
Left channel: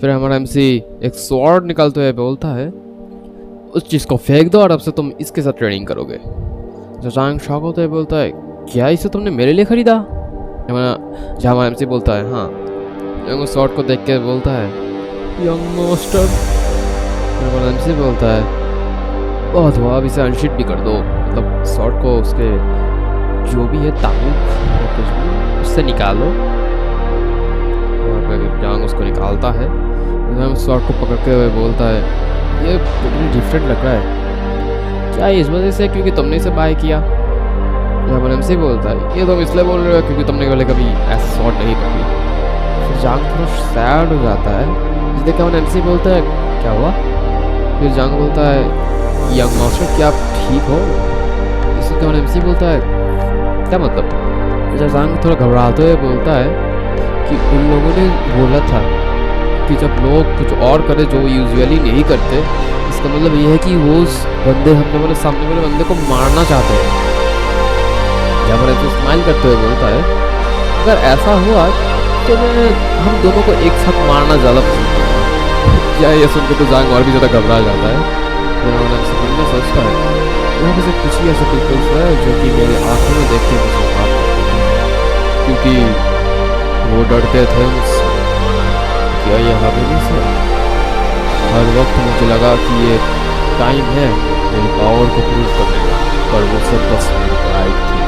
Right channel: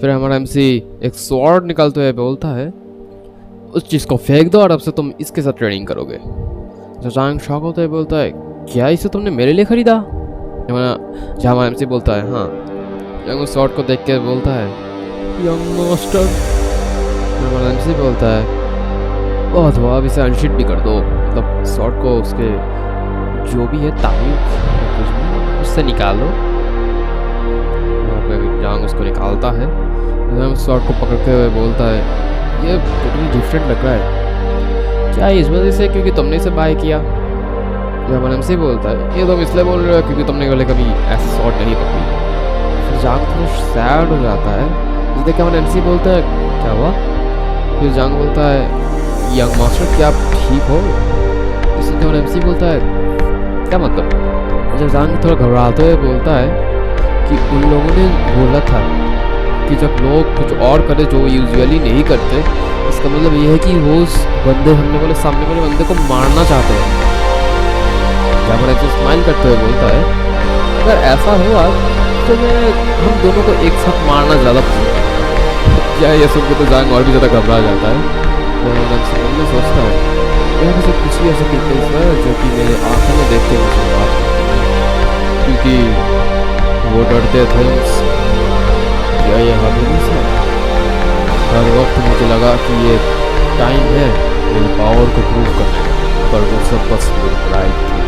फिर हमारा MC एक स्वॉर्ड निकालते हुए बोलता है उस चीज़ को फेंक दो और अब से तुम इसके साथ ट्रेनिंग करोगे। तो जंग शॉक होते हुए बोलता है क्या इसे तुमने मेरे लिए खरीदा। जहाँ हमारा MC बोलता है हाँ। जंग उस स्वॉर्ड को देख के बोलता है यंग मास्टर। हमारा MC बोलता है बहुत हुआ, अब इसे अनशीट भी कर दो, मतलब स्वॉर्ड को उसके जो भी है ताबूक या कुछ भी उससे निकालो। जांग उसको निकालता है, स्वॉर्ड को पकड़ते हुए बोलता है ये टोटली डिफरेंट लग रहा है, क्या इस वजह से क्योंकि तुमने इसे बाय किया। हमारा MC बोलता है ये तुम इसलिए बोल रहे हो क्योंकि तुमने पहले कभी ऐसे स्वॉर्ड नहीं पकड़ी। फिर जांग थोड़ा सैड हो जाता है, जिस देख के हमारा MC बोलता है क्या हुआ। फिर जांग बोलता है यंग मास्टर क्या आप ठीक हो। इससे हमारा MC बोलता है क्या मतलब। जब जांग थोड़ा घबराते हुए बोलता है कि उन लोगों ने बोला था कि जब लोग कुछ और करे जो यूजुअली नहीं करते, इसका मतलब ये है कि वो उस बंदे सामने वाले बंदे को मारना चाहते हैं। जब ऐसे स्माइल करते हुए बोलता है अगर ऐसा हुआ तो मैं हम दोनों को एक साथ मारना ज़्यादा पसंद करूँगा। क्या ये सुन के तो जांग और भी ज़्यादा घबरा जाता है। मन में सोचता है यहाँ पे से कुछ ही ऐसे पीपल्स हैं जो कि मेरे आंखों में देख के मुझे बात करते हैं, क्योंकि वो डरते थे मुझसे। क्या ये हमें से हर वक्त मुझे लगा कि ये टाइम है मेरी पावर को प्रूव करने का, पर वो सब बस मेरी प्राइड थी।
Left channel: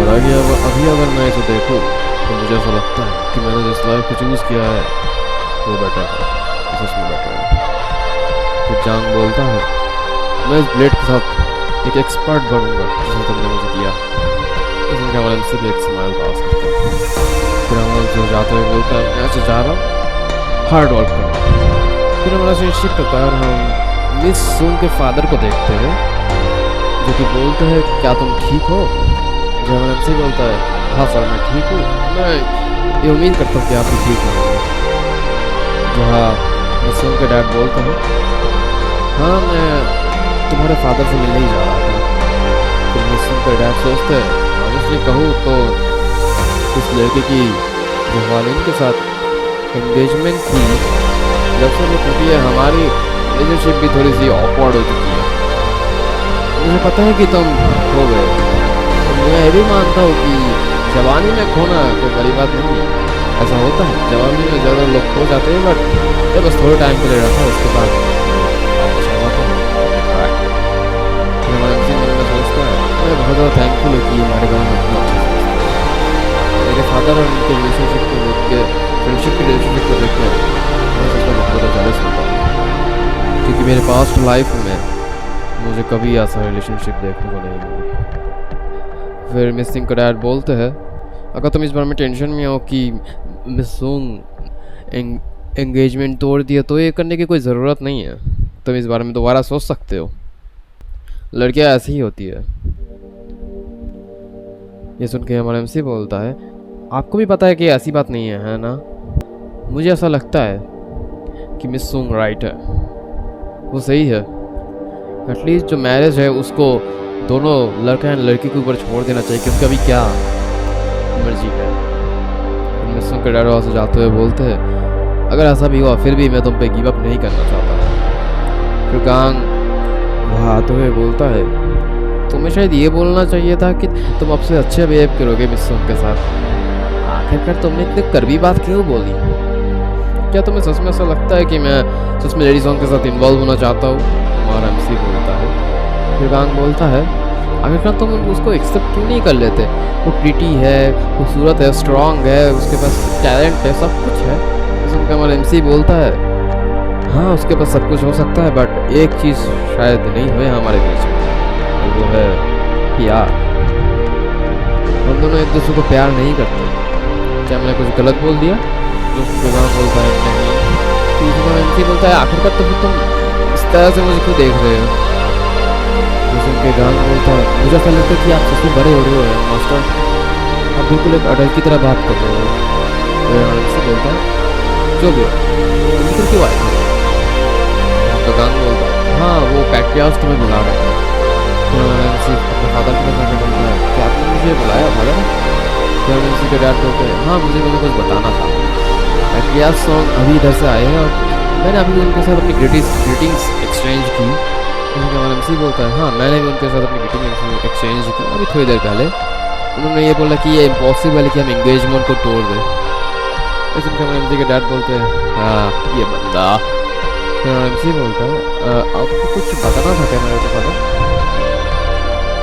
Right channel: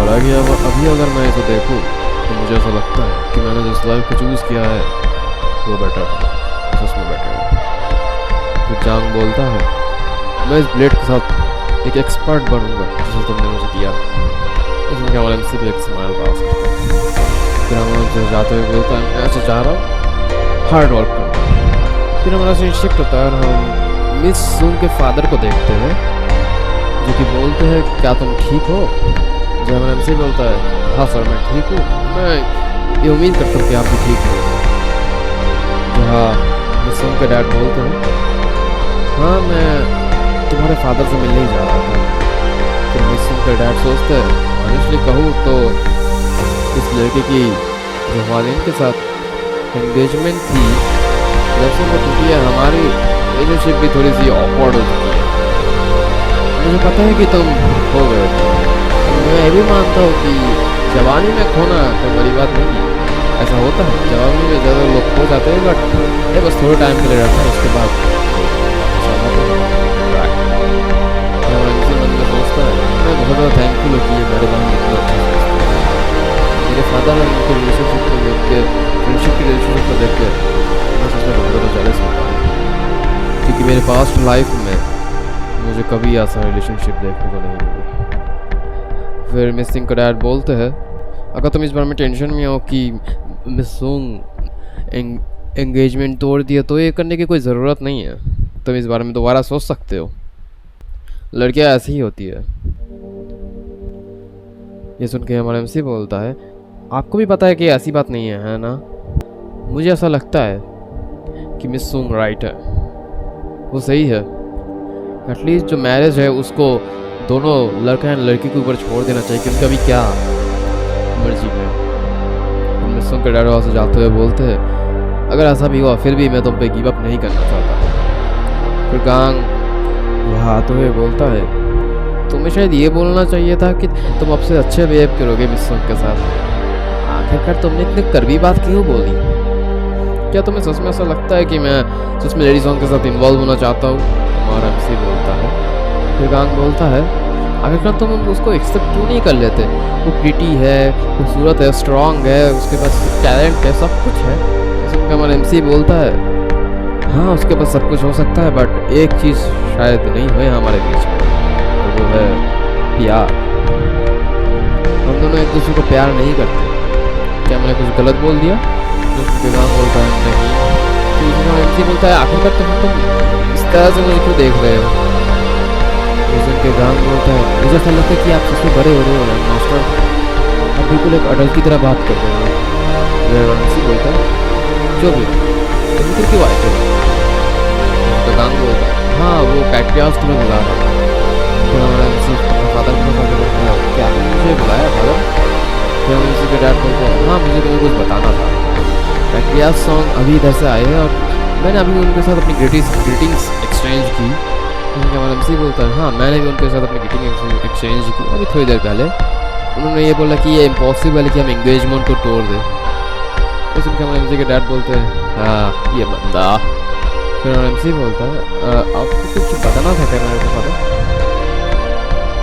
और अभी अगर मैं इसे देखूं तो मुझे ऐसा लगता है कि मैंने जिस लाइफ को चूज़ किया है वो बेटर है, सच में बेटर है। फिर जांग बोलता है मैं इस ब्लेड के साथ एक एक्सपर्ट बनूंगा जिसे तुमने मुझे दिया। उसने हमारे MC भी एक स्माइल पास करता है। फिर हमारे जाते हुए बोलता है मैं ऐसे जा रहा हूँ हार्ड वर्क करना। फिर हमारा सीन शिफ्ट होता है और हम मिस सूंग के फादर को देखते हैं जो कि बोलते हैं क्या तुम ठीक हो। जब हमारा MC बोलता है हाँ सर मैं ठीक हूँ, मैं ये उम्मीद करता हूँ कि आप भी ठीक होंगे। जहाँ मिस सूंग के डैड बोलते हैं हाँ मैं तुम्हारे फादर से मिलने ही जा रहा था। फिर मिस सूंग के डैड सोचते हैं ऑनेस्टली कहूँ तो इस लड़के की जो वालिन के साथ एंगेजमेंट थी जब से वो टूटी है, हमारी रिलेशनशिप भी थोड़ी सी ऑकवर्ड हो चुकी है। मुझे पता है कि तुम खो गए, तो मैं ये भी मानता हूँ कि जवानी में खोना कोई बड़ी बात नहीं है। ऐसा होता है जवानी में ज़्यादा लोग खो जाते हैं, बट ये बस थोड़े टाइम के लिए रहता है, उसके बाद वापस आ जाते हैं अपने ट्रैक पर। हमारा MC मन में सोचता है मैं बहुत ज़्यादा थैंकफुल हूँ कि ये हमारे बारे में इतना अच्छा सोचते हैं। मेरे फादर और उनके रिलेशनशिप को देख के, फ्रेंडशिप की रिलेशनशिप को देख के मैं सच में बहुत ज़्यादा जेलस होता हूँ, क्योंकि मेरे पास्ट लाइफ में मुझे कभी ऐसा रिलेशनशिप देखने को नहीं मिली। फिर मिस सिंह का डैड बोलते हैं अगर तुम इस बारे में टेंशन में हो कि मिस सूंग एंगेजमेंट तोड़ दिया तो ये करने की कोई ज़रूरत नहीं है, तुम इस बारे में दोबारा सोच सकते हो, लड़कियां ऐसी ही होती है। ये सुन के हमारा MC बोलता है आपको भी पता है कि ऐसी बात नहीं है ना। मुझे ऐसा लगता है कि मिस सूंग राइट है, वो सही है। एटलीस्ट जो मैरिज है उसको दोनों लड़का एंड लड़की के ऊपर छोड़ देना चाहिए कि उनका भी क्या मर्जी है। उनमें मिस्सोंग के डैड वहाँ से जाते हुए बोलते हैं अगर ऐसा भी हुआ फिर भी मैं तुम पे गिव अप नहीं करना चाहता। फिर गांग वहाँ आते हुए बोलता है तुम्हें शायद ये बोलना चाहिए था कि तुम अब से अच्छे बिहेव करोगे मिस्सोंग के साथ। आखिरकार तुमने इतने कड़वी बात क्यों बोली? क्या तुम्हें सच में ऐसा लगता है कि मैं सच में लेडी सॉन्ग के साथ इन्वॉल्व होना चाहता हूँ? हमारा एमसी बोलता है। फिर गांग बोलता है आखिरकार तुम उसको एक्सेप्ट क्यों नहीं कर लेते? वो प्रीटी है, खूबसूरत है, स्ट्रांग है, उसके पास टैलेंट है, सब कुछ है। सुनकर हमारा एमसी बोलता है हाँ उसके पास सब कुछ हो सकता है बट एक चीज़ शायद नहीं हुए हमारे बीच में और वो है प्यार। हम दोनों एक दूसरे को प्यार नहीं करते। क्या मैंने कुछ गलत बोल दिया? जो गांग बोलता है नहीं। तो इसी का एमसी बोलता है आखिरकार तो फिर तुम इस तरह से मुझे क्यों देख रहे हो? के गांग बोलता है मुझे ऐसा लगता है कि आप सबसे बड़े हो रहे हो मास्टर, आप बिल्कुल एक अडल्ट की तरह बात कर रहे हो। एमसी बोलता है जो भी हो तुम इधर क्यों आए थे? तो गांग बोलता है हाँ वो पैट्रियार्च तुम्हें बुला रहे हैं। फिर हमारा एमसी अपने फादर के पास आके बोलता है क्या आपने मुझे बुलाया फादर? फिर हम एमसी के डैड बोलते हैं हाँ मुझे तुम्हें कुछ बताना था। पैट्रियार्च सॉन्ग अभी इधर से आए हैं और मैंने अभी उनके साथ अपनी ग्रीटिंग्स एक्सचेंज की। उनके हमारा एमसी बोलता है हाँ मैंने भी उनके साथ अपनी ग्रीटिंग एक्सचेंज की अभी थोड़ी देर पहले। उन्होंने ये बोला कि ये इम्पॉसिबल है कि हम एंगेजमेंट को तोड़ दें। इस उनके हमारे एमसी के डैड बोलते हैं हाँ ये बंदा। फिर हमारा एमसी बोलता है आपको कुछ बताना था क्या मेरे को फादर?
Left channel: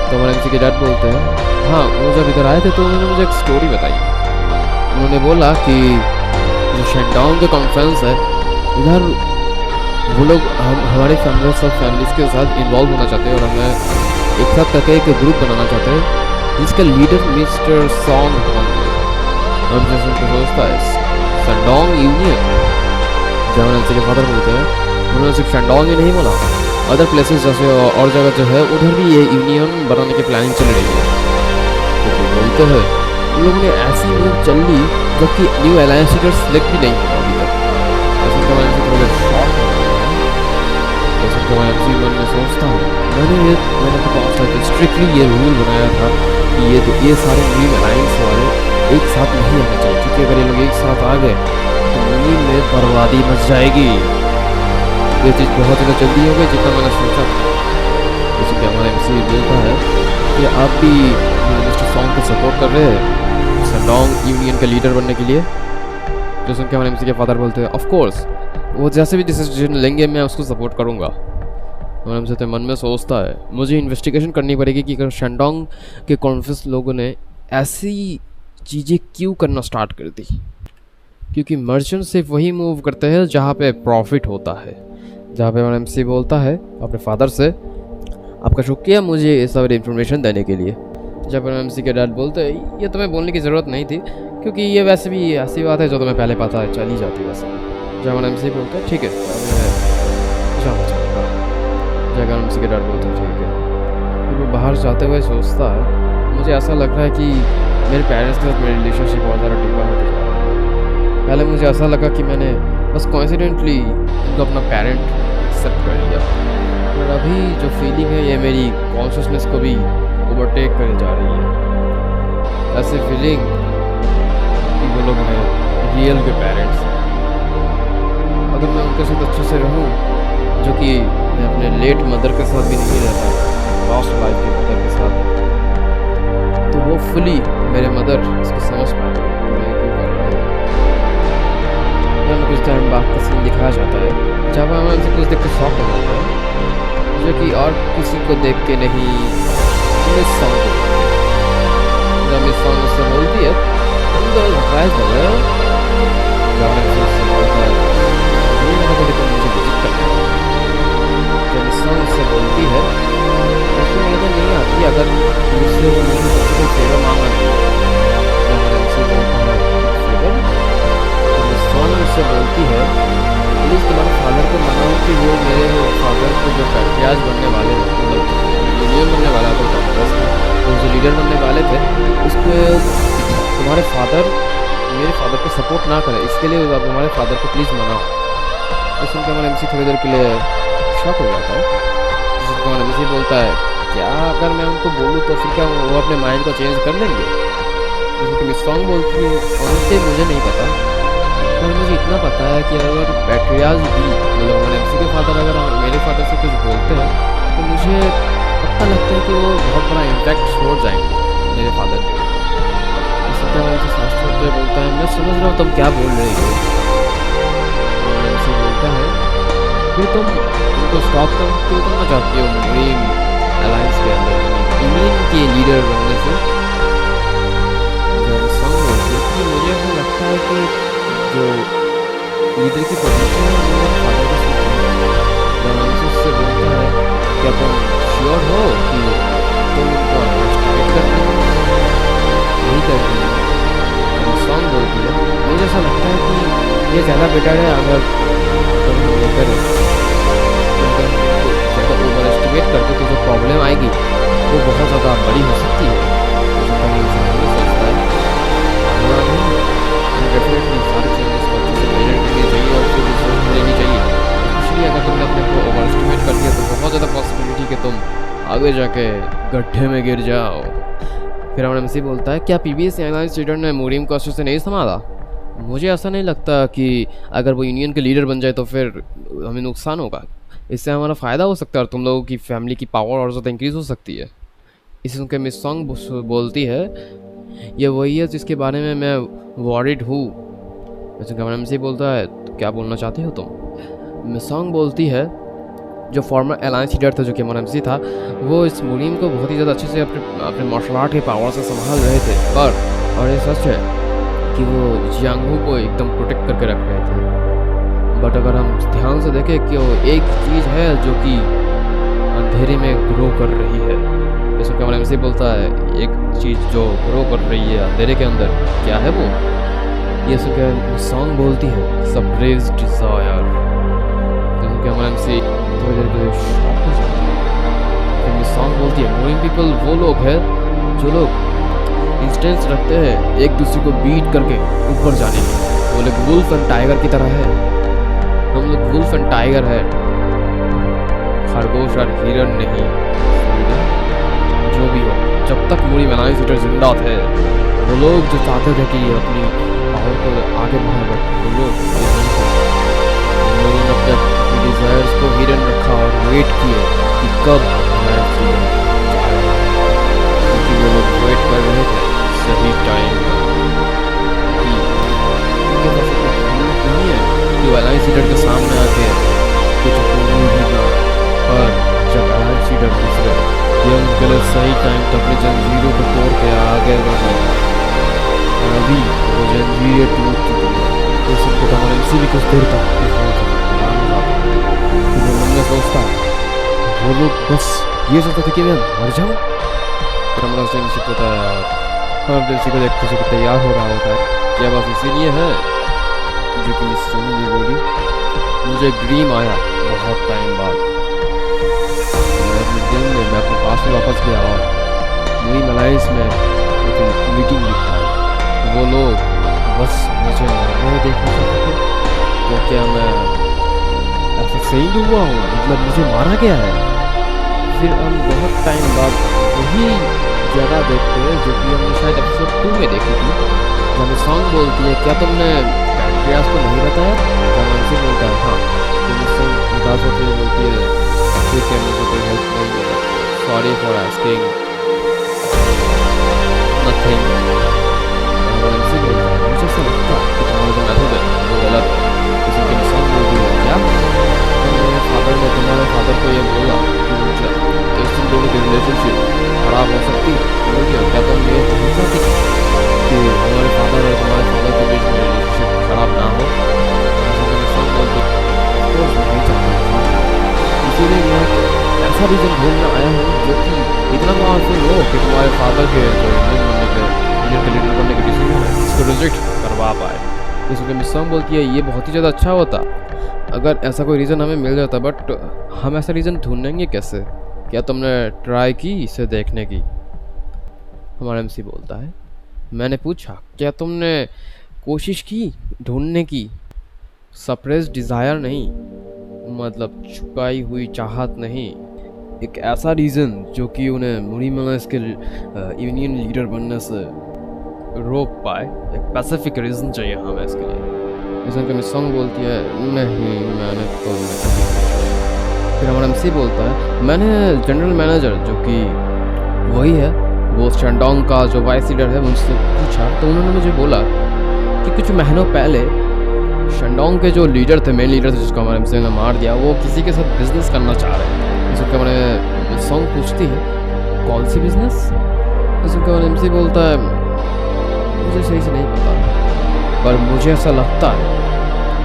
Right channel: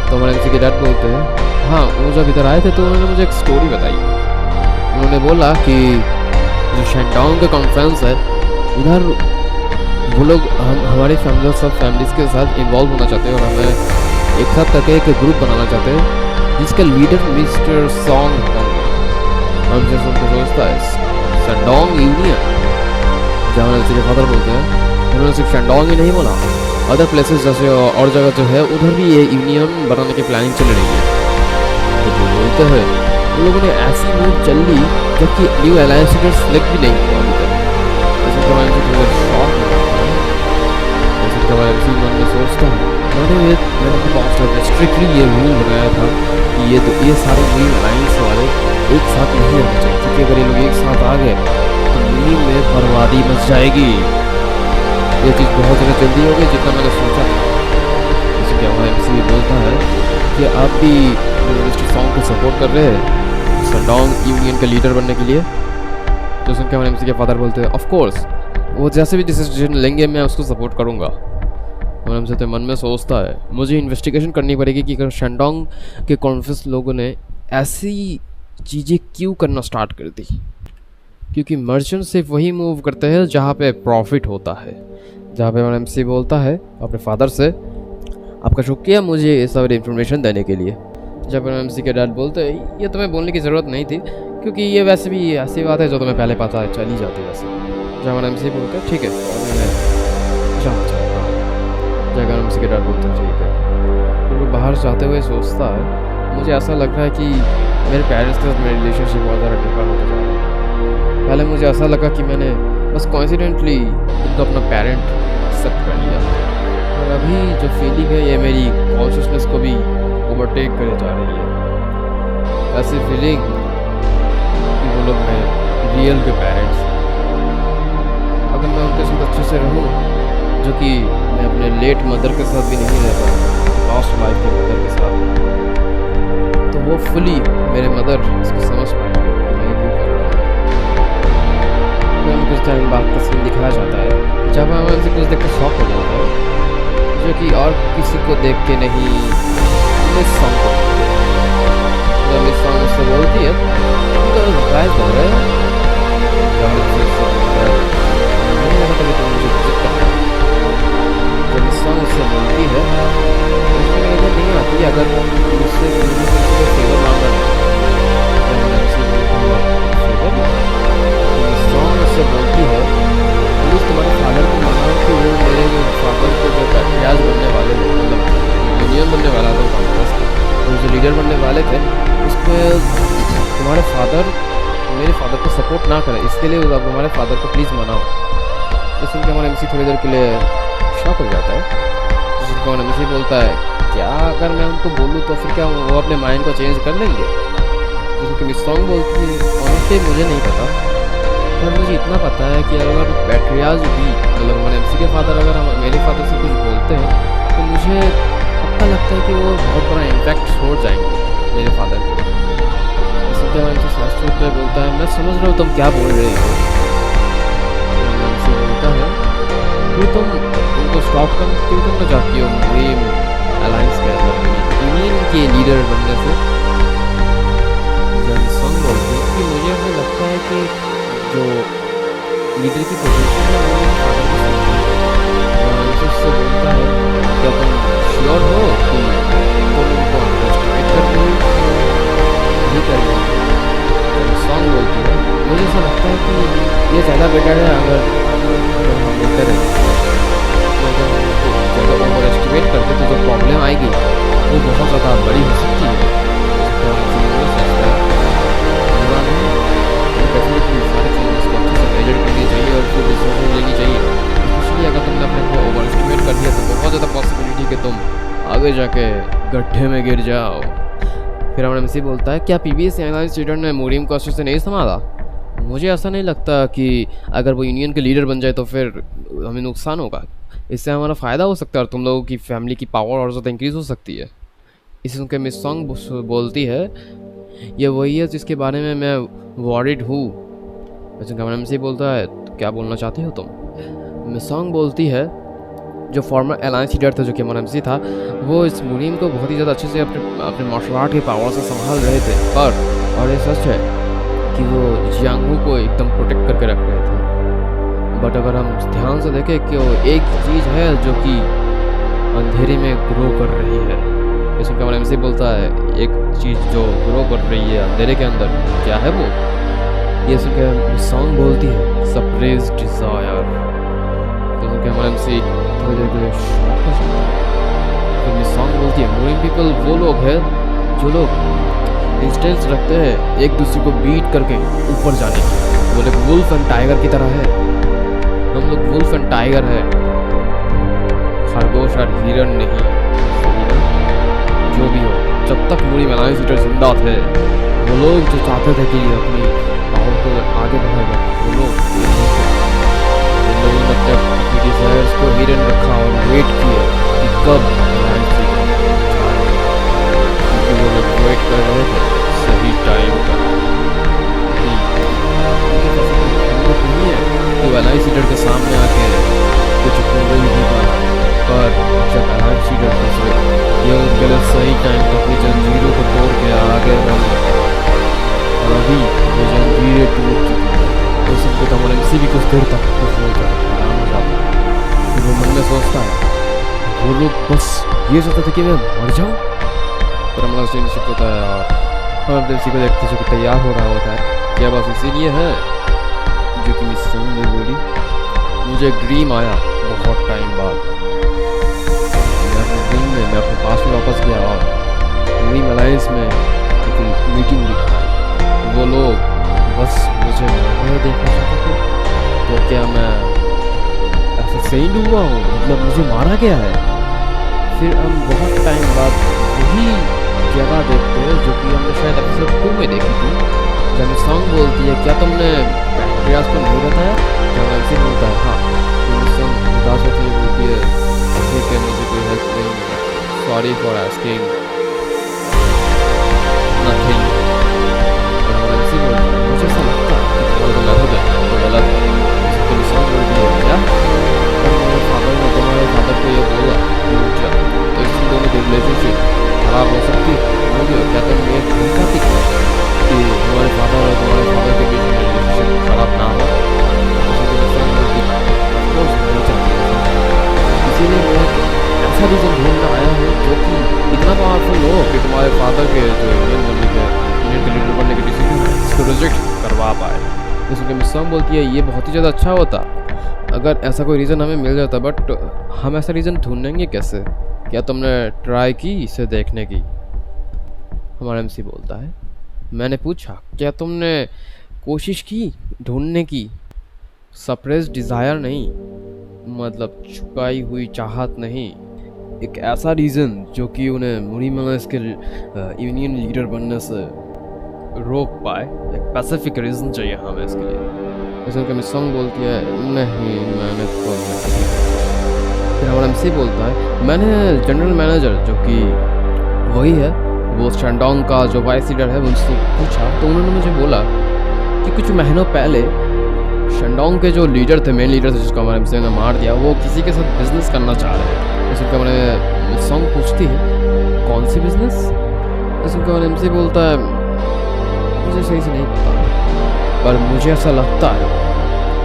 तो हमारे एमसी के डैड बोलते हैं हाँ वो जब इधर आए थे तो उन्होंने मुझे एक स्टोरी बताई। उन्होंने बोला कि जो शेंडोंग का कॉन्फ्रेंस है उधर वो लोग हमारी फैमिली सब फैमिलीज़ के साथ इन्वॉल्व होना चाहते हैं और हमें एक साथ करके एक ग्रुप बनाना चाहते हैं जिसका लीडर मिस्टर सॉन्ग होंगे। हम जैसे उनको सोचता है शेंडोंग यूनियन। जब एमसी के फादर बोलते हैं उन्होंने सिर्फ शेंडोंग ही नहीं बोला अदर प्लेसेस जैसे और जगह जो है उधर भी ये यूनियन बनाने की प्लानिंग चल रही है। तो वो बोलते हैं उन लोगों ने ऐसी मूव चल ली जबकि न्यू अलायंस लीडर सिलेक्ट भी नहीं हुआ अभी तक। ऐसे का एमसी थोड़ी देर शॉक हो जाता है। ऐसे का एमसी मन में सोचता है मैंने अपने बॉस से स्ट्रिक्टली ये रूल बनाया था कि ये सारे न्यू अलायंस वाले एक साथ नहीं आने चाहिए क्योंकि अगर ये लोग एक साथ आ गए तो मुहिम में बर्बादी मच जाएगी। ये चीज़ बहुत ज़्यादा जल्दी हो गई जितना मैंने सोचा था। जैसे कि हमारा एमसी बोलता है कि आप भी मिस्टर सॉन्ग को सपोर्ट कर रहे हैं शेंडोंग यूनियन के लीडर बनने के लिए? जो सुन के हमारे एमसी के फादर बोलते हैं ऑफ कोर्स वो जैसे भी डिसीजन लेंगे मैं उसको सपोर्ट करूँगा। हमारे एमसी तो मन में सोचता है मुझे इन्वेस्टिगेशन करनी पड़ेगी कि अगर शेंडोंग के कॉन्फ्रेंस लोगों ने ऐसी चीज़ें क्यों करना स्टार्ट कर दी क्योंकि मर्चेंट सिर्फ वही मूव करते हैं जहाँ पे प्रॉफिट होता है। जहाँ पे हमारा एमसी बोलता है अपने फादर से आपका शुक्रिया मुझे ये सब इन्फॉर्मेशन देने के लिए। जब एमसी के डैड बोलते हैं ये तुम्हें बोलने की ज़रूरत नहीं थी क्योंकि ये वैसे भी ऐसी बात है जो तुम्हें पहले पता है चली जाती वैसे। जब हमारा एमसी बोलते हैं ठीक है अभी मैं जाना चाहूँगा। जब एमसी के डैड बोलते हैं ठीक है। फिर वो बाहर जाते हुए सोचता है मुझे ऐसा लग रहा है कि मेरे पेरेंट्स के साथ मेरी रिलेशनशिप बहुत ज़्यादा डीपा होते जा रहा है। पहले मुझे ऐसा लगा कि मैंने बस कोइंसिडेंटली इनको अपना पेरेंट एक्सेप्ट कर लिया पर अभी जो फीलिंग है ये मेरी कॉन्शियसनेस को भी ओवरटेक करे जा रही है। ऐसी फीलिंग कि वो लोग मेरे रियल के पेरेंट्स अगर मैं उनके साथ अच्छे से रहूं जो कि मैं अपने लेट मदर के साथ भी नहीं रह पाया पास्ट लाइफ के मदर के साथ तो वो फुली मेरे मदर इसको समझ पाएंगे कि मैं क्यों कर रहा हूँ। फिर हमें कुछ टाइम बाद का सीन दिखाया जाता है जब हमें उनसे कुछ देख कर शॉक हो जाता है जो कि और किसी को देख के नहीं मिस सॉन्ग को देख के। जब मिस सॉन्ग उससे बोलती है तुम तो सरप्राइज हो रहे हो। जब उससे बोलता है मुझे नहीं लगा था कि तुम मुझे विजिट करने आओ। जब मिस सॉन्ग उससे बोलती है उसकी इधर नहीं आती अगर मुझसे तुमसे कोई फेवर मांगना नहीं होता। जब हमारे एमसी बोलता है फेवर तो मिस सॉन्ग उससे बोलती है प्लीज़ तुम्हारे फादर को मनाओ कि वो मेरे फादर को जो पैट्रियार्च बनने वाले थे मतलब यूनियन बनने वाला था कॉन्फ्रेंस का तो जो लीडर बनने वाले थे उसको तुम्हारे फादर मेरे फादर को सपोर्ट ना करे इसके लिए आप हमारे फादर को प्लीज़ मनाओ। तो सुन के हमारा एमसी थोड़ी देर के लिए शॉक हो जाता है। जिसको हमारा एमसी बोलता है क्या अगर मैं उनको बोलूँ तो फिर क्या वो अपने माइंड को चेंज कर लेंगे? जैसे कि मिस सॉन्ग बोलती है, ऑनेस्टली मुझे नहीं पता, पर मुझे इतना पता है कि अगर पैट्रियाज भी मतलब हमारे एमसी के फादर अगर मेरे फादर से कुछ बोलते हैं तो मुझे पक्का लगता है कि वो बहुत बड़ा इम्पैक्ट छोड़ जाएंगे मेरे फादर के ऊपर। जैसे कि हमारे एमसी साफ तौर पर बोलता है, मैं समझ रहा हूँ तुम क्या बोल रही हो। हमारे एमसी बोलता है, फिर तुम उनको स्टॉप कर क्यों करना चाहती हो मुरीम अलायंस के अंदर, यूनियन के लीडर बनने से। जब सॉन्ग बोलती है कि मुझे ऐसा लगता है कि जो लीडर की पोजीशन है वो मेरे फादर को सूट नहीं है। जब उससे बोलता है, क्या तुम श्योर हो कि तुम उनको अंडरस्टिमेट कर रही हो, नहीं कर रही हो। जब सॉन्ग बोलती है, मुझे ऐसा लगता है कि ये ज़्यादा बेटर है अगर हम ये करें कि अगर हम उनको ज़्यादा ओवर एस्टिमेट करते तो जो प्रॉब्लम आएगी वो बहुत ज़्यादा बड़ी हो सकती है। सोचता है बुरा नहीं, हमें डेफिनेटली सारे चेंजेस को अच्छे से मेजर करनी चाहिए और फिर डिसीजन लेनी चाहिए, स्पेशली अगर तुमने अपने को ओवर एस्टिमेट कर दिया तो बहुत ज़्यादा पॉसिबिलिटी कि तुम आगे जाके गड्ढे में गिर जाओ। फिर हमारे एमसी बोलता है, क्या पीबीएस एयरलाइंस लीडर ने मुरीम को अच्छे से नहीं संभाला। मुझे ऐसा नहीं लगता कि अगर वो यूनियन के लीडर बन जाए तो फिर हमें नुकसान होगा, इससे हमारा फ़ायदा हो सकता है और तुम लोगों की फैमिली की पावर और ज़्यादा इंक्रीज़ हो सकती है। इसे सुनकर मिस सॉन्ग बोलती है, ये वही है जिसके बारे में मैं वॉरिड हूँ। वैसे गवर्नमेंट से बोलता है, तो क्या बोलना चाहती हो तुम। मिस सॉन्ग बोलती है, जो फॉर्मर अलायंस लीडर था जो कि हमारा एमसी था, वो इस मुरीम को बहुत ही ज़्यादा अच्छे से अपने मार्शल आर्ट के पावर से संभाल रहे थे, पर और ये सच है कि वो जियांगहू को एकदम प्रोटेक्ट करके रख रहे थे। बट अगर हम ध्यान से देखें कि वो एक चीज़ है जो कि अंधेरे में ग्रो कर रही है। जैसे कि हमारा एमसी बोलता है, एक चीज़ जो ग्रो कर रही है अंधेरे के अंदर, क्या है वो। ये सुन के सॉन्ग बोलती है, सप्रेस्ड डिज़ायर। जैसे कि हमारा एमसी थोड़ी देर के लिए शॉक हो जाता है। फिर मिस सॉन्ग बोलती है, मुरीम पीपल वो लोग हैं जो लोग इंस्टेंस रखते हैं एक दूसरे को बीट करके ऊपर जाने की। वो लोग वुल्फ एंड टाइगर की तरह है, हम लोग वुल्फ एंड टाइगर है, खरगोश और हिरन नहीं। सही ना। जो भी हो, जब तक मुरीम अलायंस लीडर जिंदा थे, वो लोग जो चाहते थे कि अपनी पावर को आगे बढ़ाए, बट वो लोग ये नहीं कर पाए। उन लोगों ने अपनी डिज़ायर्स को हिडन रखा और वेट किए कि कब अलायंस लीडर जाए, क्योंकि वो लोग वेट कर रहे थे सही टाइम का। कि उनके पास इतनी हिम्मत नहीं है कि वो अलायंस लीडर के सामने आके कुछ बोल भी पाए, पर जब अलायंस लीडर गुजरे, ये उनके लिए सही टाइम था अपनी जंजीरों को तोड़ के आगे बढ़ने का। और अभी वो जंजीरें टूट चुकी है, तो सुनकर तो हमारे एमसी भी कुछ देर तक हैरान हो जाता है। फिर वो मन में सोचता है, वो लोग बस ये सोचते थे कि मैं मर जाऊँ। फिर हमारा फ्रेंडशिप होता है और हम अपने एमसी को देखते जो कि तैयार हो रहा होता है। क्या बस इसीलिए है जो कि मिस सुन भी बोली, मुझे एक ड्रीम आया बहुत टाइम बाद। मैं अपने ड्रीम में मैं अपने पास में वापस गया और मुरीम अलायंस में एक मीटिंग बिठाई। वो लोग बस मुझे मरने देखना चाहते थे। तो क्या मैं ऐसा सही हुआ हूँ, मतलब मुझे मारा गया है। फिर हम बहुत टाइम बाद वही जगह देखते हैं जो कि हमने शायद एपिसोड 2 में देखी थी, जहाँ में सॉन्ग बोलती है, क्या तुमने पैट्रियास को नहीं बताया। जब एमसी बोलता है हाँ, फिर सॉन्ग उदास होते हुए बोलती है, ठीक है मुझे कोई हेल्प नहीं मिला, सॉरी फॉर आस्किंग नथिंग। और एमसी बोलता है, मुझे ऐसा लगता है कि तुम्हारा जो मेथड है वो गलत है। इसके लिए सॉन्ग बोलती है, क्या अगर मेरे फादर ने तुम्हारे फादर को ये बोला कि रुक जा, तो इस दोनों की रिलेशनशिप खराब हो सकती है। क्या तुम ये नहीं चाहती कि हमारे फादर और तुम्हारे फादर के बीच में रिलेशनशिप खराब ना हो। इसके लिए सॉन्ग बोलती है, ऑफ कोर्स नहीं चाहती है, इसीलिए मैं एक ऐसा रीज़न ढूंढने आया हूँ जो कि इतना पावरफुल हो कि तुम्हारे फादर के जो यूनियन के लीडर बनने के डिसीजन है इसको रिजेक्ट करवा पाए। जैसे मिस सॉन्ग बोलती है, ये बहुत ही ज़्यादा अच्छा होता अगर ऐसा कोई रीज़न हमें मिल जाता, बट हम ऐसा रीज़न ढूंढेंगे कैसे। क्या तुमने ट्राई की इसे देखने की। हमारा एमसी बोलता है, मैंने पूछा क्या तुमने कोशिश की ढूंढने की। सप्रेस्ड डिज़ायर नहीं, मतलब छुपाई हुई चाहत नहीं, एक ऐसा रीज़न जो कि उन्हें मुरीम अलायंस के यूनियन लीडर बनने से रोक पाए, एक स्पेसिफिक रीज़न चाहिए हमें इसके लिए। जैसे उनका मिसोंग बोलती है नहीं मैंने तो नहीं की कोशिश। फिर हमारा एमसी बोलता है मैंने जनरल मैनेजर जो कि वही है वो शेंडोंग का जो वाइस लीडर है उनसे पूछा, तो उन्होंने मुझे बोला कि कुछ महीनों पहले शेंडोंग के जो लीडर थे, मेन लीडर थे जिसको हमारे एमसी ने मार दिया, वो किसी के साथ बिजनेस करना चाह रहे थे। इसका हमारे मिसोंग पूछती है कौन सी बिजनेस? इसका हमारे एमसी बोलता है मुझे सही से नहीं पता, पर मुझे ऐसा लगता है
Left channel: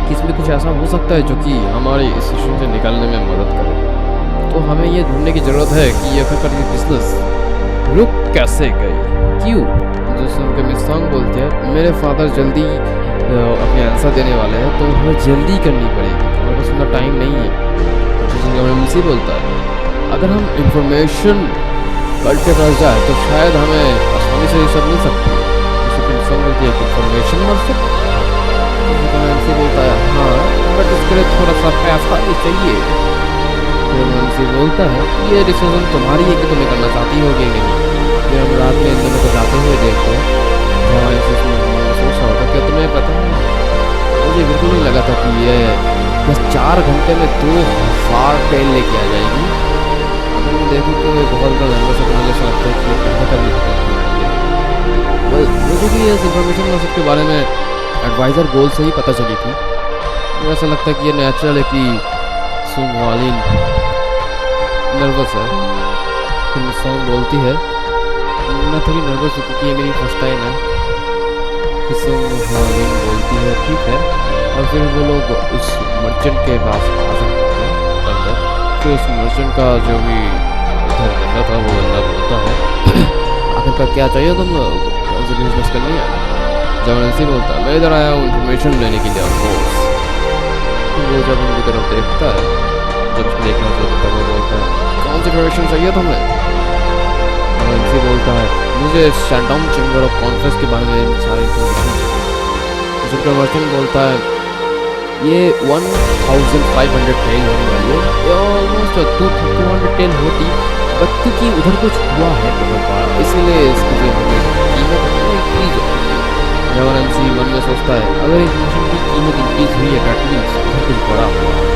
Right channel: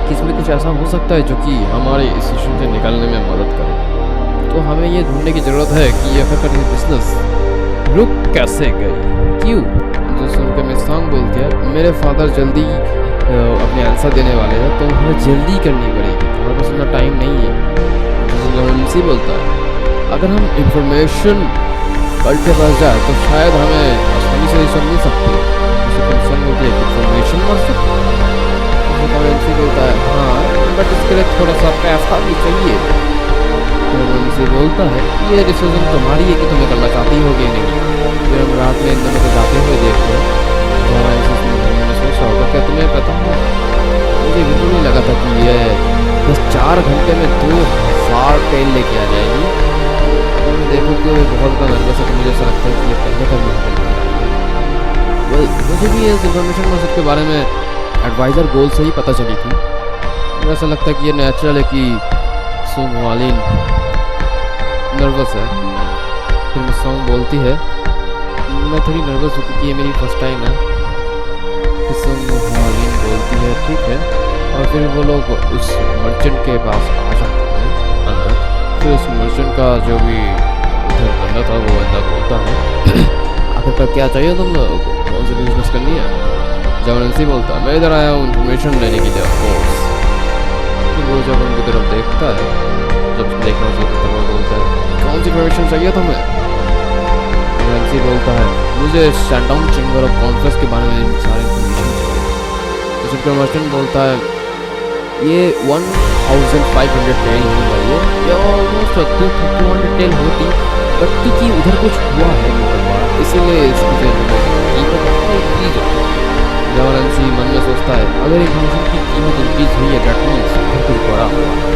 कि इसमें कुछ ऐसा हो सकता है जो कि हमारे इस सिचुएशन से निकलने में मदद करे। तो हमें ये ढूंढने की ज़रूरत है कि ये आखिरकार ये बिजनेस रुक कैसे गई, क्यों? जो सुन के मिसोंग बोलती है मेरे फादर जल्दी अपने आंसर देने वाले हैं, तो हमें जल्दी करनी पड़ेगी, हमारे पास इतना टाइम नहीं है। जो सुन के एमसी बोलता है अगर हम इंफॉर्मेशन कल के पास जाए तो शायद हमें आसानी से ये सब मिल सकती है। जैसे कि मिसोंग बोलती है कि इंफॉर्मेशन मिल सकती है। एमसी बोलता है हाँ बट इसके लिए थोड़ा सा पैसा भी चाहिए। फिर एमसी बोलता है ये डिसीजन तुम्हारी है कि तुम्हें करना चाहती हो कि नहीं। फिर हम रात में इन दोनों को जाते हुए देखते हैं, जहाँ एमसी सोच रहा होता क्या तुम्हें पता है मुझे बिल्कुल नहीं लगा था कि ये बस 4 घंटे में 2000 टेल लेके आ जाएगी। अगर मैं देखूँ तो ये बहुत ज़्यादा नर्वस है, तो मुझे ऐसा लगता है कि ये पहले कभी यहाँ पे नहीं आई है। वेल मुझे भी इस इंफॉर्मेशन मर्सर के बारे में एडवाइज़र गोल से ही पता चली थी। मुझे ऐसा लगता है कि ये नेचुरल है कि सुंग वालिन नर्वस है। फिर मिसोंग बोलती है मैं थोड़ी नर्वस हूँ क्योंकि ये मेरी फर्स्ट टाइम है। फिर सुंग वालिन बोलती है ठीक है, और फिर वो लोग उस मर्चेंट के पास आ जाते हैं अंदर। फिर उस मर्चेंट का जो भी उधर बंदा था वो बंदा बोलता है आखिरकार क्या चाहिए तुम लोगों को, कौन सी बिजनेस करनी है? जब एमसी बोलता है मैं इधर आया हूँ इन्फॉर्मेशन लेने के लिए ऑफ कोर्स। तो वो जब उनकी तरफ देखता है, जब उसको देखना चाहता है, वो बोलता है कौन सी इन्फॉर्मेशन चाहिए तुम्हें? और एमसी बोलता है मुझे शेंडोंग चैम्बर ऑफ कॉन्फ्रेंस के बारे में सारी इन्फॉर्मेशन चाहिए। तो उसका मर्चेंट बोलता है ये 1500 टेल होने वाली है, ये ऑलमोस्ट 200 टेल होती, बट क्योंकि उधर कुछ हुआ है बहुत बड़ा इसीलिए इसकी जो इन्फॉर्मेशन कीमत है इंक्रीज हो चुकी है। जब एमसी मन में सोचता है अगर इन्फॉर्मेशन की कीमत इंक्रीज हुई है डेट मीन्स उधर कुछ बड़ा हुआ है।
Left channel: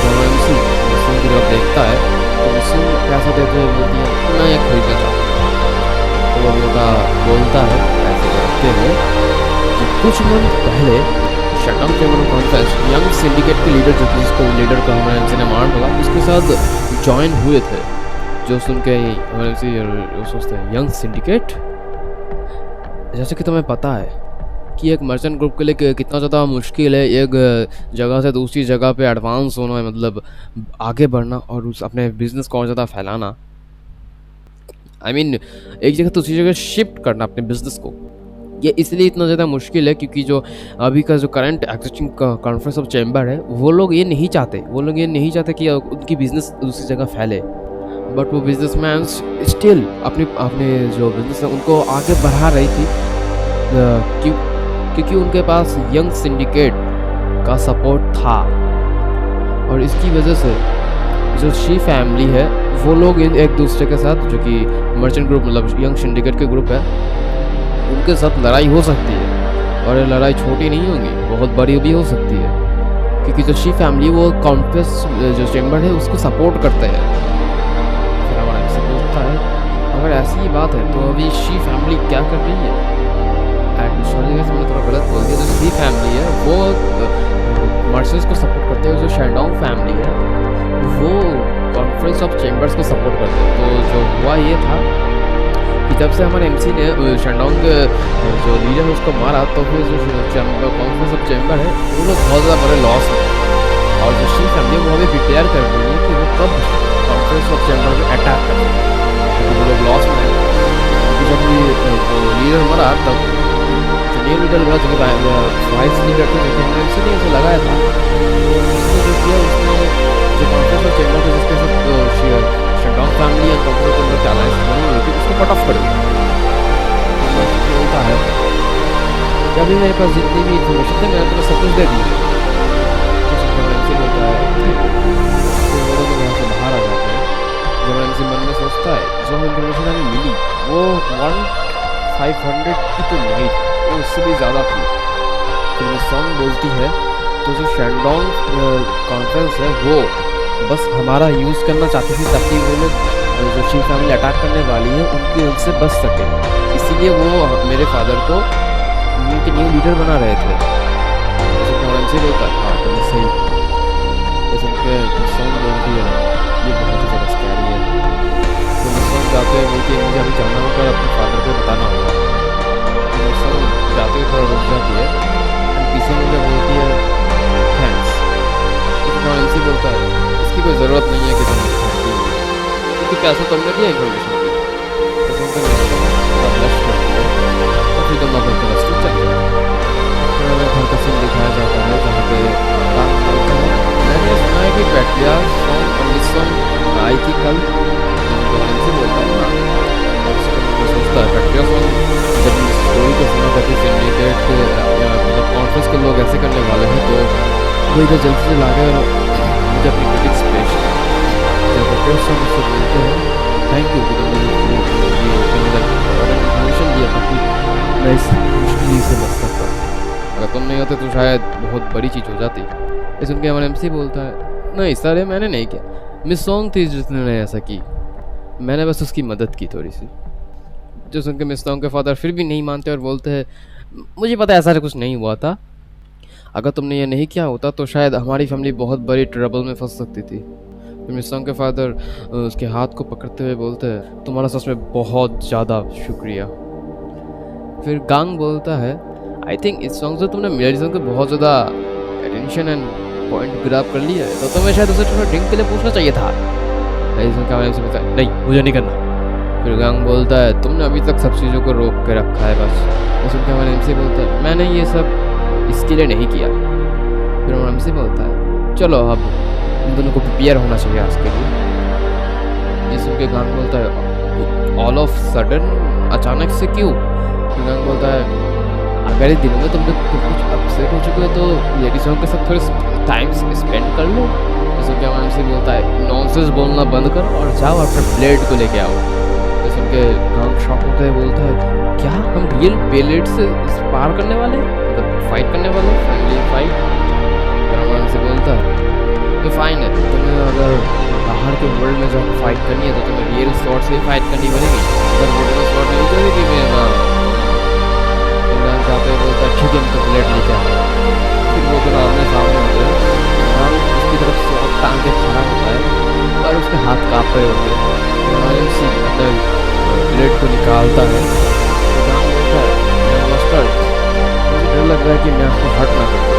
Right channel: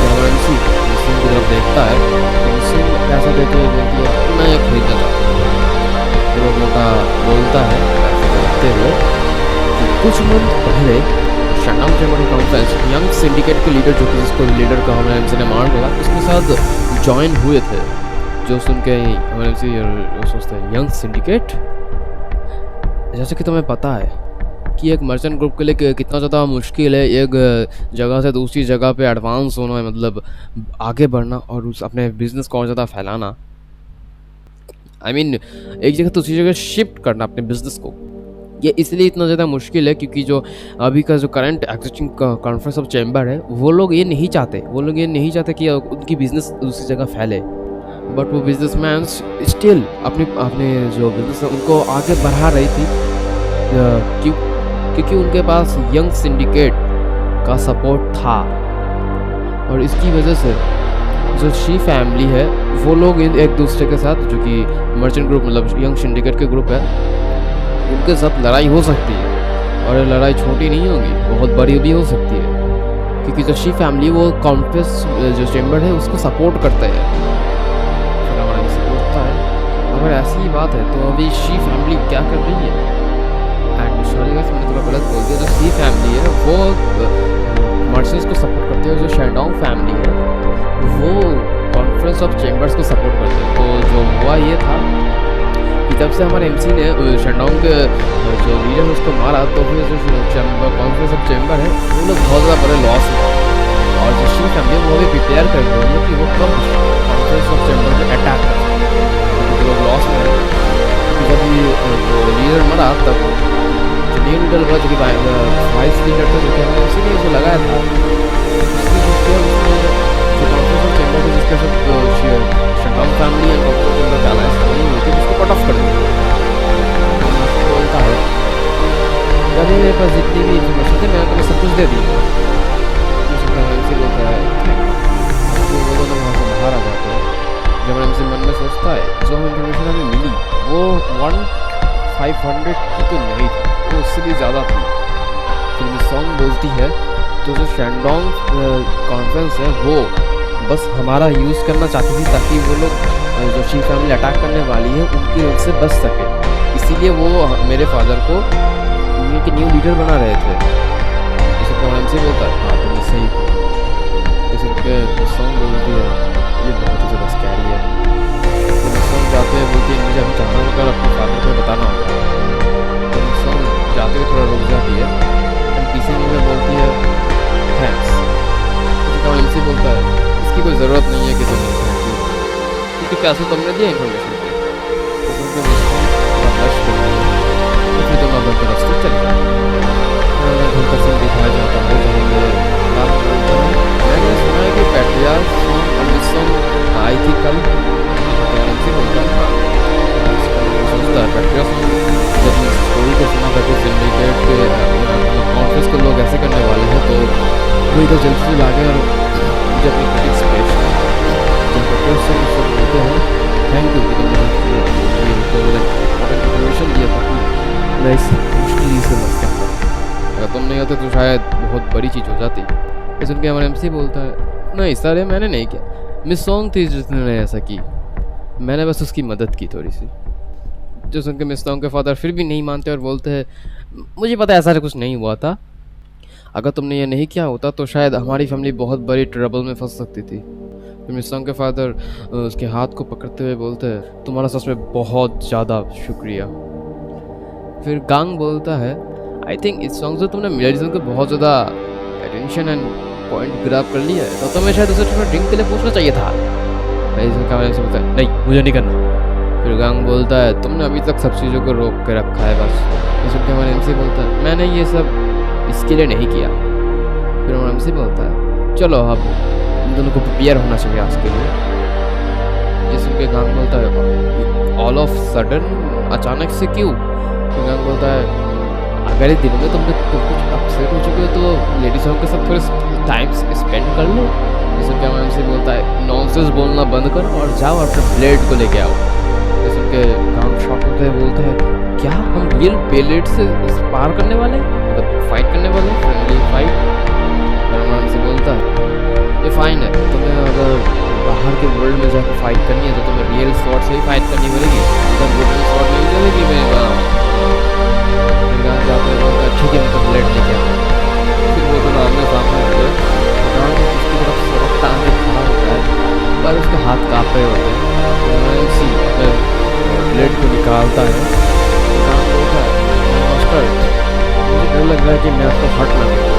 जब एमसी मिसोंग की तरफ देखता है तो मिसोंग पैसा देते हुए बोलती है मैं ये खरीदना चाहता हूँ। तो वो मोटा बोलता है पैसे को रखते हुए कि कुछ मंथ पहले Shandong chamber of conference young syndicate के लीडर जो कि जिसको लीडर का हमारे एमसी ने मार डाला उसके साथ ज्वाइन हुए थे। जो सुन के हमारे एमसी सोचते हैं यंग सिंडिकेट, जैसे कि तुम्हें पता है कि एक मर्चेंट ग्रुप के लिए कितना ज़्यादा मुश्किल है एक जगह से दूसरी जगह पे एडवांस होना, मतलब आगे बढ़ना और उस अपने बिजनेस को और ज़्यादा फैलाना। आई मीन एक जगह दूसरी जगह शिफ्ट करना अपने बिजनेस को, ये इसलिए इतना ज़्यादा मुश्किल है क्योंकि जो अभी का जो current existing conference of chamber है वो लोग ये नहीं चाहते कि उनकी बिजनेस दूसरी जगह फैले। बट वो बिजनेसमैन स्टिल अपने जो बिजनेस है उनको आगे बढ़ा रही थी क्योंकि उनके पास यंग सिंडिकेट का सपोर्ट था। और इसकी वजह से जो शी फैमिली है वो लोग एक दूसरे के साथ, जो कि मर्चेंट ग्रुप मतलब यंग सिंडिकेट के ग्रुप है, उनके साथ लड़ाई हो सकती है। और ये लड़ाई छोटी नहीं होगी, बहुत बड़ी भी हो सकती है क्योंकि जो शी फैमिली वो कॉन्फ्रेंस जो चैम्बर है उसको सपोर्ट करते हैं। फिर हमारा इनसे पूछता है अगर ऐसी ही बात है तो अभी शी फैमिली क्या कर रही है? एंड सॉरी गाइस मैंने थोड़ा गलत बोल दिया, जो शी फैमिली है वो मर्चेंट्स को सपोर्ट करते हैं, जो शेंडोंग फैमिली है वो कॉन्फ्रेंस ऑफ चैम्बर्स को सपोर्ट करते हैं। तो जो हुआ ये था कि जब से हमारे एमसी ने शेंडोंग के जो लीडर है उसको मारा, तो फिर जो कॉन्फ्रेंस ऑफ चैम्बर है वो लोग बहुत ज़्यादा बड़े लॉस में, और जो शी फैमिली है वो अभी प्रिपेयर कर रही है कि वो कब कॉन्फ्रेंस ऑफ चैम्बर में अटैक कर सकते हैं, क्योंकि वो लोग लॉस में है। क्योंकि जब वो लीडर मरा तब जो न्यू लीडर बना, जो कि वाइस लीडर था, जो कि हमारे एमसी ने उसे लगाया था, उसने जो किया उसने जो कॉन्फ्रेंस ऑफ चैम्बर था जिसके साथ Shandong family and conference of chamber की अलायंस बनी हुई थी उसको कट ऑफ कर दिया। तो बोलता है कि अभी मेरे पास जितनी भी इन्फॉर्मेशन थी मैंने तुम्हें सब कुछ दे दी है। तो एमसी बोलता है थैंक यू। तो वो दोनों वहाँ से बाहर आ जाते हैं। जब एमसी मन में सोचता है जो हमें इन्फॉर्मेशन हमें मिली वो 500 की तो नहीं थी, वो उससे भी ज़्यादा थी। फिर मिस सॉन्ग बोलती है तो जो शैंडोंग कॉन्फ्रेंस है वो बस हमारा यूज़ करना चाहती थी ताकि वो लोग जो शी फैमिली अटैक करने वाली है उनकी उनसे बच सके, इसीलिए वो मेरे फादर को यूनियन के न्यू लीडर बना रहे थे। इस उनका एमसी बोलता है हाँ तुमने सही कहा। इस उनके मिस सॉन्ग बोलती है ये बहुत ही ज़्यादा स्कैरी है। तो मिस सॉन्ग जाते हुए बोलती है मुझे अभी जाना होगा और अपने फादर को बताना होगा। तो मिस सॉन्ग जाते हुए थोड़ा रुक जाती है एंड पीछे मुझे बोलती है थैंक्स। तो एमसी बोलता है इसकी कोई ज़रूरत नहीं है कि तुम थैंक यू बोलो क्योंकि पैसे तो हमने दिया इन्फॉर्मेशन पे। तो उनका मिस सॉन्ग थोड़ा ब्लश करती है और फिर दोनों अपने तरफ से चले जाते हैं। फिर हमें घर का सीन दिखाया जाता है जहाँ पे काम बोलता है मैंने सुना है कि पैट्रियाज सॉन्ग और मिस सॉन्ग आई थी कल। तो एमसी बोलता है हाँ। सोचता है पैट्रिया सॉन्ग जब इस स्टोरी को सुना था कि सिंडिकेट के मतलब कॉन्फ्रेंस को लोग ऐसे करने वाले हैं तो वो इधर जल्दी से ला गए और मुझे अपनी क्रिटिक्स पेश की। जब पैट्रिया सॉन्ग मुझसे बोलते हैं थैंक यू कि तुमने ये इम्पोर्टेंट इन्फॉर्मेशन दिया था कि मैं इस मुश्किल से बच सकता, अगर तुम नहीं होते तो शायद बहुत बड़ी चीज़ हो जाती। ये सुन के हमारे एमसी बोलता है नहीं सर ये मैंने नहीं किया, मिस सॉन्ग थी जिसने ऐसा की, मैंने बस उसकी मदद की थोड़ी सी। जो सुन के मिस सॉन्ग के फादर फिर भी नहीं मानते और बोलते हैं मुझे पता है ऐसा कुछ नहीं हुआ था, अगर तुमने ये नहीं किया होता तो शायद हमारी फैमिली बहुत बड़ी ट्रबल में फंस सकती थी। फिर मिस सॉन्ग के फादर उसके हाथ को पकड़ते हुए बोलते हैं तुम्हारा सच में बहुत ज़्यादा शुक्रिया। फिर गांग बोलता है आई थिंक इस सॉन्ग से तुमने मेडिसन को बहुत ज़्यादा अटेंशन एंड पॉइंट ग्रैब कर लिया है तो तुम्हें शायद उसे थोड़ा ड्रिंक के लिए पूछना चाहिए था। से बोलता है नहीं मुझे नहीं करना। फिर गांग बोलता है तुमने अभी तक सब चीज़ों को रोक के रखा है बस। ये सुन के हमारे एमसी बोलता है मैंने ये सब इसके लिए नहीं किया। फिर हमारा एमसी बोलता है चलो अब इन दोनों को प्रिपेयर होना चाहिए आज के लिए। ये सुन के गांग बोलता है ऑल ऑफ सडन अचानक से क्यों। फिर गांग बोलता है अगर इस दिनों में तुम कुछ अपसेट हो चुके हो तो लेडी सॉन्ग के साथ थोड़े टाइम स्पेंड कर लो। जैसे क्या मैम से बोलता है नॉनसेंस बोलना बंद करो और जाओ अपने ब्लेड को लेके आओ। जैसे उनके गांग शॉक होता है बोलता है क्या हम रियल ब्लेड से पार करने वाले मतलब फाइट करने वाले फ्रेंडली फाइट। फिर मैम से बोलता है ये फाइन है तुम्हें अगर बाहर के वर्ल्ड में जाकर फाइट करनी है तो तुम्हें रियल स्वॉर्ड से ही फाइट करनी पड़ेगी, उधर वुडन स्वॉर्ड नहीं चलेगी। मैं फिर गांग जाते हुए बोलता है ठीक है मैं तो ब्लेड लेके आता। फिर वो दोनों आमने सामने होते हैं, गांग उसकी तरफ स्वॉर्ड टांग के खड़ा होता है पर उसके हाथ काँप रहे होते हैं। तो एमसी अपने ब्लेड को निकालता है तो गांग बोलता है मास्टर मुझे डर लग रहा है कि मैं आपको हर्ट ना करूँ।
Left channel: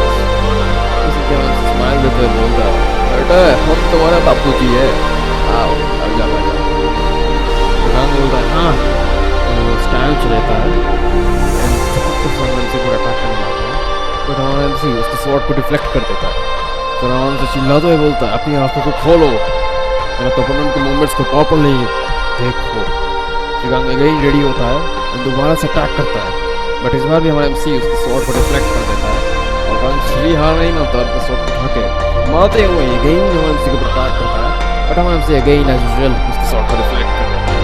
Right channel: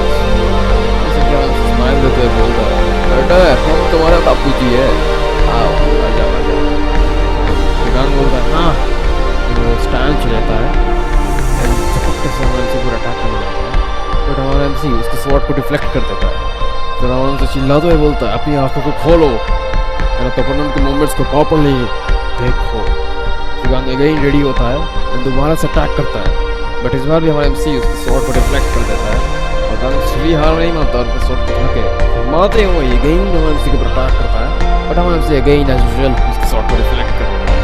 इसे क्या स्माइल देते हुए बोलता है बेटा हम तुम्हारा बापू जी है आओ आ जाओ आ जाओ। तो गांग बोलता है हाँ। तो वो स्टैंड रहता है एंड झपकते से हमारे एमसी को अटैक करने जाता है बट हमारा एमसी उसके स्वॉर्ड को डिफ्लेक्ट कर देता है। फिर आराम से चिल्लाते हुए बोलता है अपनी आंखों को खोलो मेरा ओपोनेंट के मूवमेंट्स को प्रॉपर्ली देखो। फिर गांग अगेन रेडी होता है एंड दोबारा से अटैक करता है बट इस बार भी हमारा एमसी उसके स्वॉर्ड को डिफ्लेक्ट कर देता है और गांग श्री हार नहीं मानता और अपने स्वॉर्ड को उठा के घुमाते हुए अगेन हमारे एमसी के ऊपर अटैक करता है बट हमारा एमसी अगेन एज यूजुअल उसके स्वॉर्ड को डिफ्लेक्ट कर देता है।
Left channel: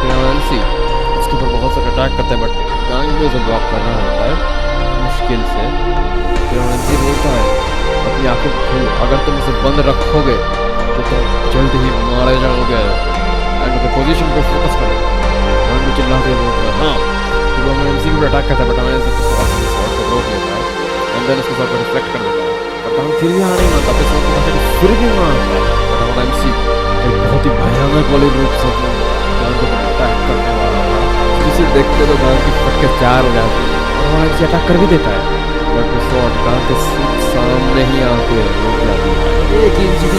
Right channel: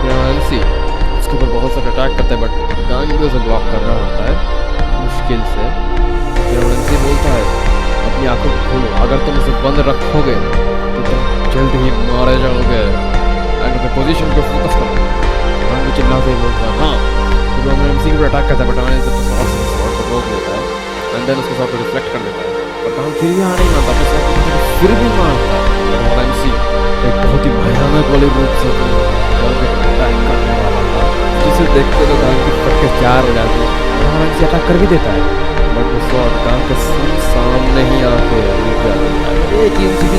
फिर हमारा एमसी उसके ऊपर बहुत सारे अटैक करता है बट गांग भी उसे ब्लॉक कर रहा होता है मुश्किल से। फिर हमारा एमसी बोलता है अपनी आंखों को खोलो अगर तुम उसे बंद रखोगे तो तुम जल्द ही मारे जाओगे एंड अपने पोजीशन पे फोकस करो। गांग भी चिल्लाते हुए बोलता है हाँ। फिर वो हमारे एमसी के ऊपर अटैक करता है बट हमारे स्वॉर्ड को रोक लेता है एंड देन उसके स्वॉर्ड को रिफ्लेक्ट कर देता है पर गांग फिर भी हार नहीं मानता अपने स्वॉर्ड को उठा के फिर भी मारता है बट हमारा एमसी एक बहुत ही भयानक वाले रूप से गांग के ऊपर अटैक करने वाला था जिसे देखते तो गांग की फटके चार हो जाती है और हमारा एमसी अटैक कर भी देता है बट वो स्वॉर्ड गांग के सामने ही आके रुक जाती है। एक इंच भी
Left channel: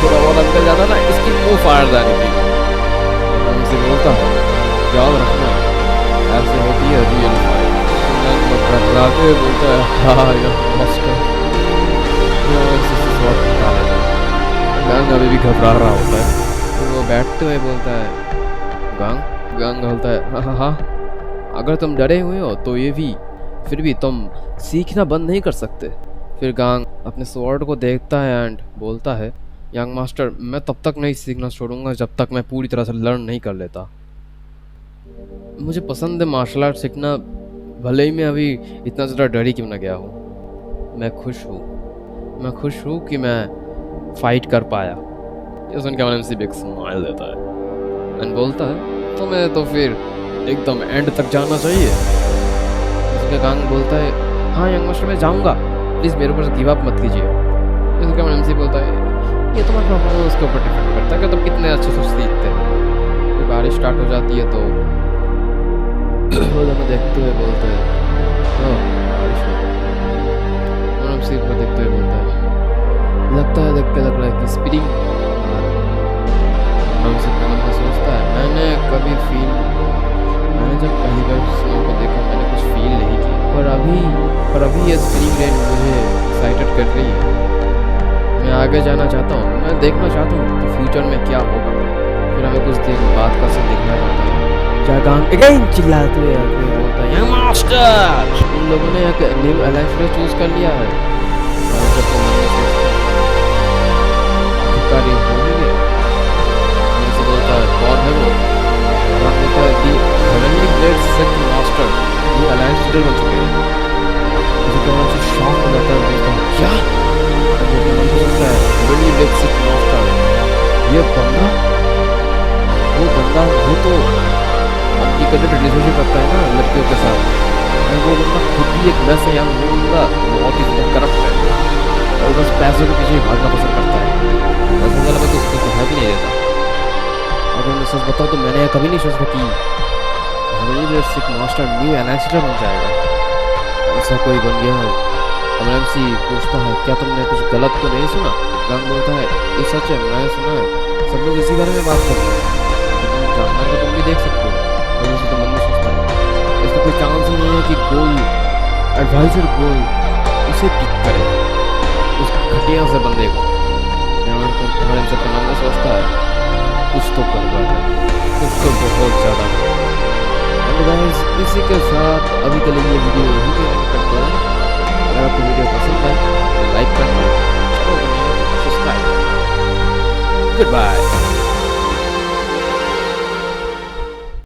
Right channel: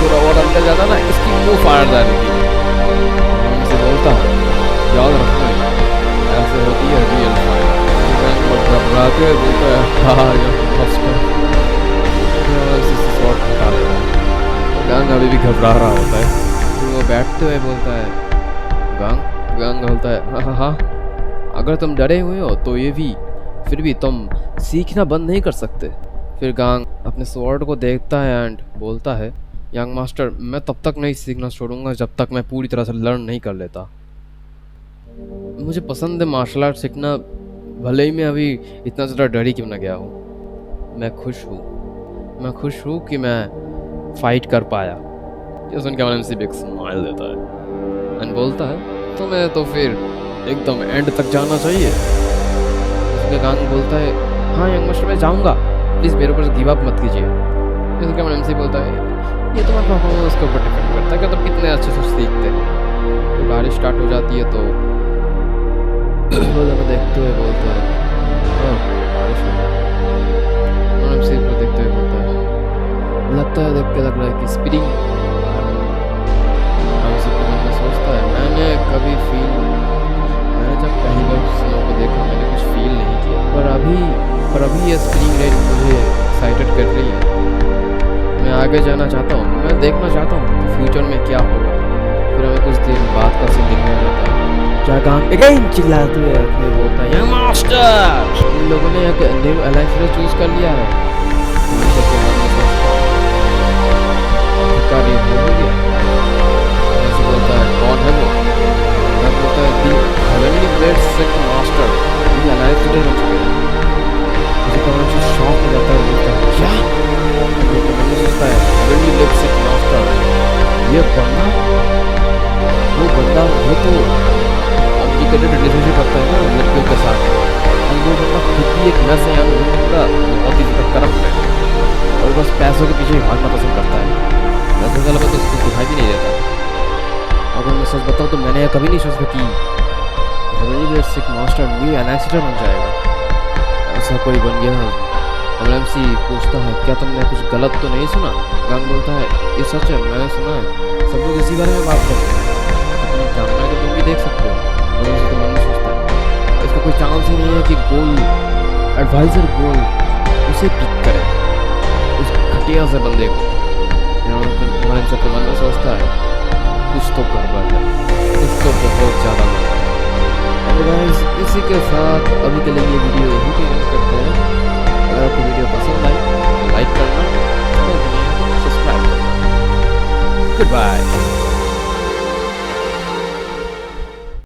थोड़ा और अंदर जाता ना इसकी मुंह फाड़ जानी थी। उनसे बोलता है याद रखना है ऐसे होती है रियल फाइट। तो गांग घबराते हुए बोलता है हाँ यार मास्टर। फिर स्वॉर्ड हटा लेता है। गांग अभी भी घबरा रहा होता है। फिर वो बैठते हुए बोलता है गांग बोलता है हाँ अगर तुम डरे हुए हो तो ये भी फिर भी तुम सीखना बंद नहीं कर सकते। फिर गांग अपने स्वॉर्ड को देखता है एंड बोलता है यंग मास्टर मैं तब तक नहीं सीखना छोड़ूंगा जब तक मैं पूरी तरह से लर्न नहीं कर लेता। मुझे पसंद है मार्शल आर्ट सीखना, भले ही मैं अभी इतना ज़्यादा डरी क्यों ना गया हूँ। मैं खुश हूँ कि मैं फाइट कर पाया। ये सुन के मैंने MC भी एक स्माइल देता है एंड बोलता है तुम्हें तो फिर एकदम एंड तक जाना चाहिए। उसके गांग बोलता है हाँ यंग मास्टर मैं जाऊँगा, प्लीज़ मेरे ऊपर गिव अप मत कीजिए। इसके बाद MC बोलता है ये तुम्हारा परफॉर्मेंस के ऊपर डिपेंड करता है कि तुम कितने अच्छे से सीखते हो। फिर बारिश स्टार्ट हो जाती है तो वो दोनों देखते हुए बोलते हैं हाँ बारिश हो रही है। MC को देखते हुए बोलता है लगता है, देख के लग रहा है कि स्प्रिंग आ रहा है। MC के मन में सोचता है मैंने जब पहली बार स्नो को देखा मैंने कुछ फील नहीं किया, पर अभी ये स्प्रिंग रेन मुझे एक्साइटेड कर रही है। मैं आगे जाना चाहता हूँ, मैं देखना चाहता हूँ कि फ्यूचर में क्या होगा। फिर हमें कुछ दिन बाद का सीन दिखना चाहता है जहाँ गांग अगेन चिल्लाते हुए आके बोलता है यंग मास्टर इन लोगों ने एक न्यू अलाइंस चूज कर लिया है। हम सबके मन में सोचता है आखिरकार ये हो ही गया। ऐसे बोलता है कौन है वो? गांग बोलता है दी हेवनली ब्लेड सेक्ट मास्टर, ये अलायंस लीडर बन चुके हैं। मुझे कौन शॉक हो जाता है, बोलता है क्या? लेकिन मन में सोचता है हेवनली ब्लेड सेक्ट मास्टर, ये बंदा वो तो कॉम्प्लिकेटेड रिलेशनशिप रखता है ना लड़कियों के साथ, और वो बंदा खुद भी एक मैस है, यानी वो बंदा बहुत ही ज़्यादा करप्ट है और बस पैसों के पीछे ही भागना पसंद करता है। पैसों के अलावा तो उसको दिखाई भी नहीं देता। अगर मैं सच बताऊँ तो मैंने कभी नहीं सोचा कि heavenly blade sect master new alliance leader बन जाएगा। ऐसा कोई बन गया है। अब MC पूछता है क्या तुमने कुछ गलत तो नहीं सुना? गांग बोलता है ये सच है, मैंने सुना है, सब लोग इसी बारे में बात करते हैं, तो तुम जानना है तो तुम भी देख सकते हो। और MC तो मन में सोचता है इसका कोई चांस ही नहीं है कि एडवाइजर गोल उसे पिक करे, उस घटिया से बंदे को। हमारे MC अपने मन में सोचता है कुछ तो गड़बड़ है, कुछ तो बहुत ज़्यादा गड़बड़ है। एंड गाइस इसी के साथ अभी के लिए ये वीडियो यहीं पे एंड करते हैं। अगर आपको वीडियो पसंद आई तो लाइक करना, चैनल को नहीं है तो सब्सक्राइब करना। Good bye.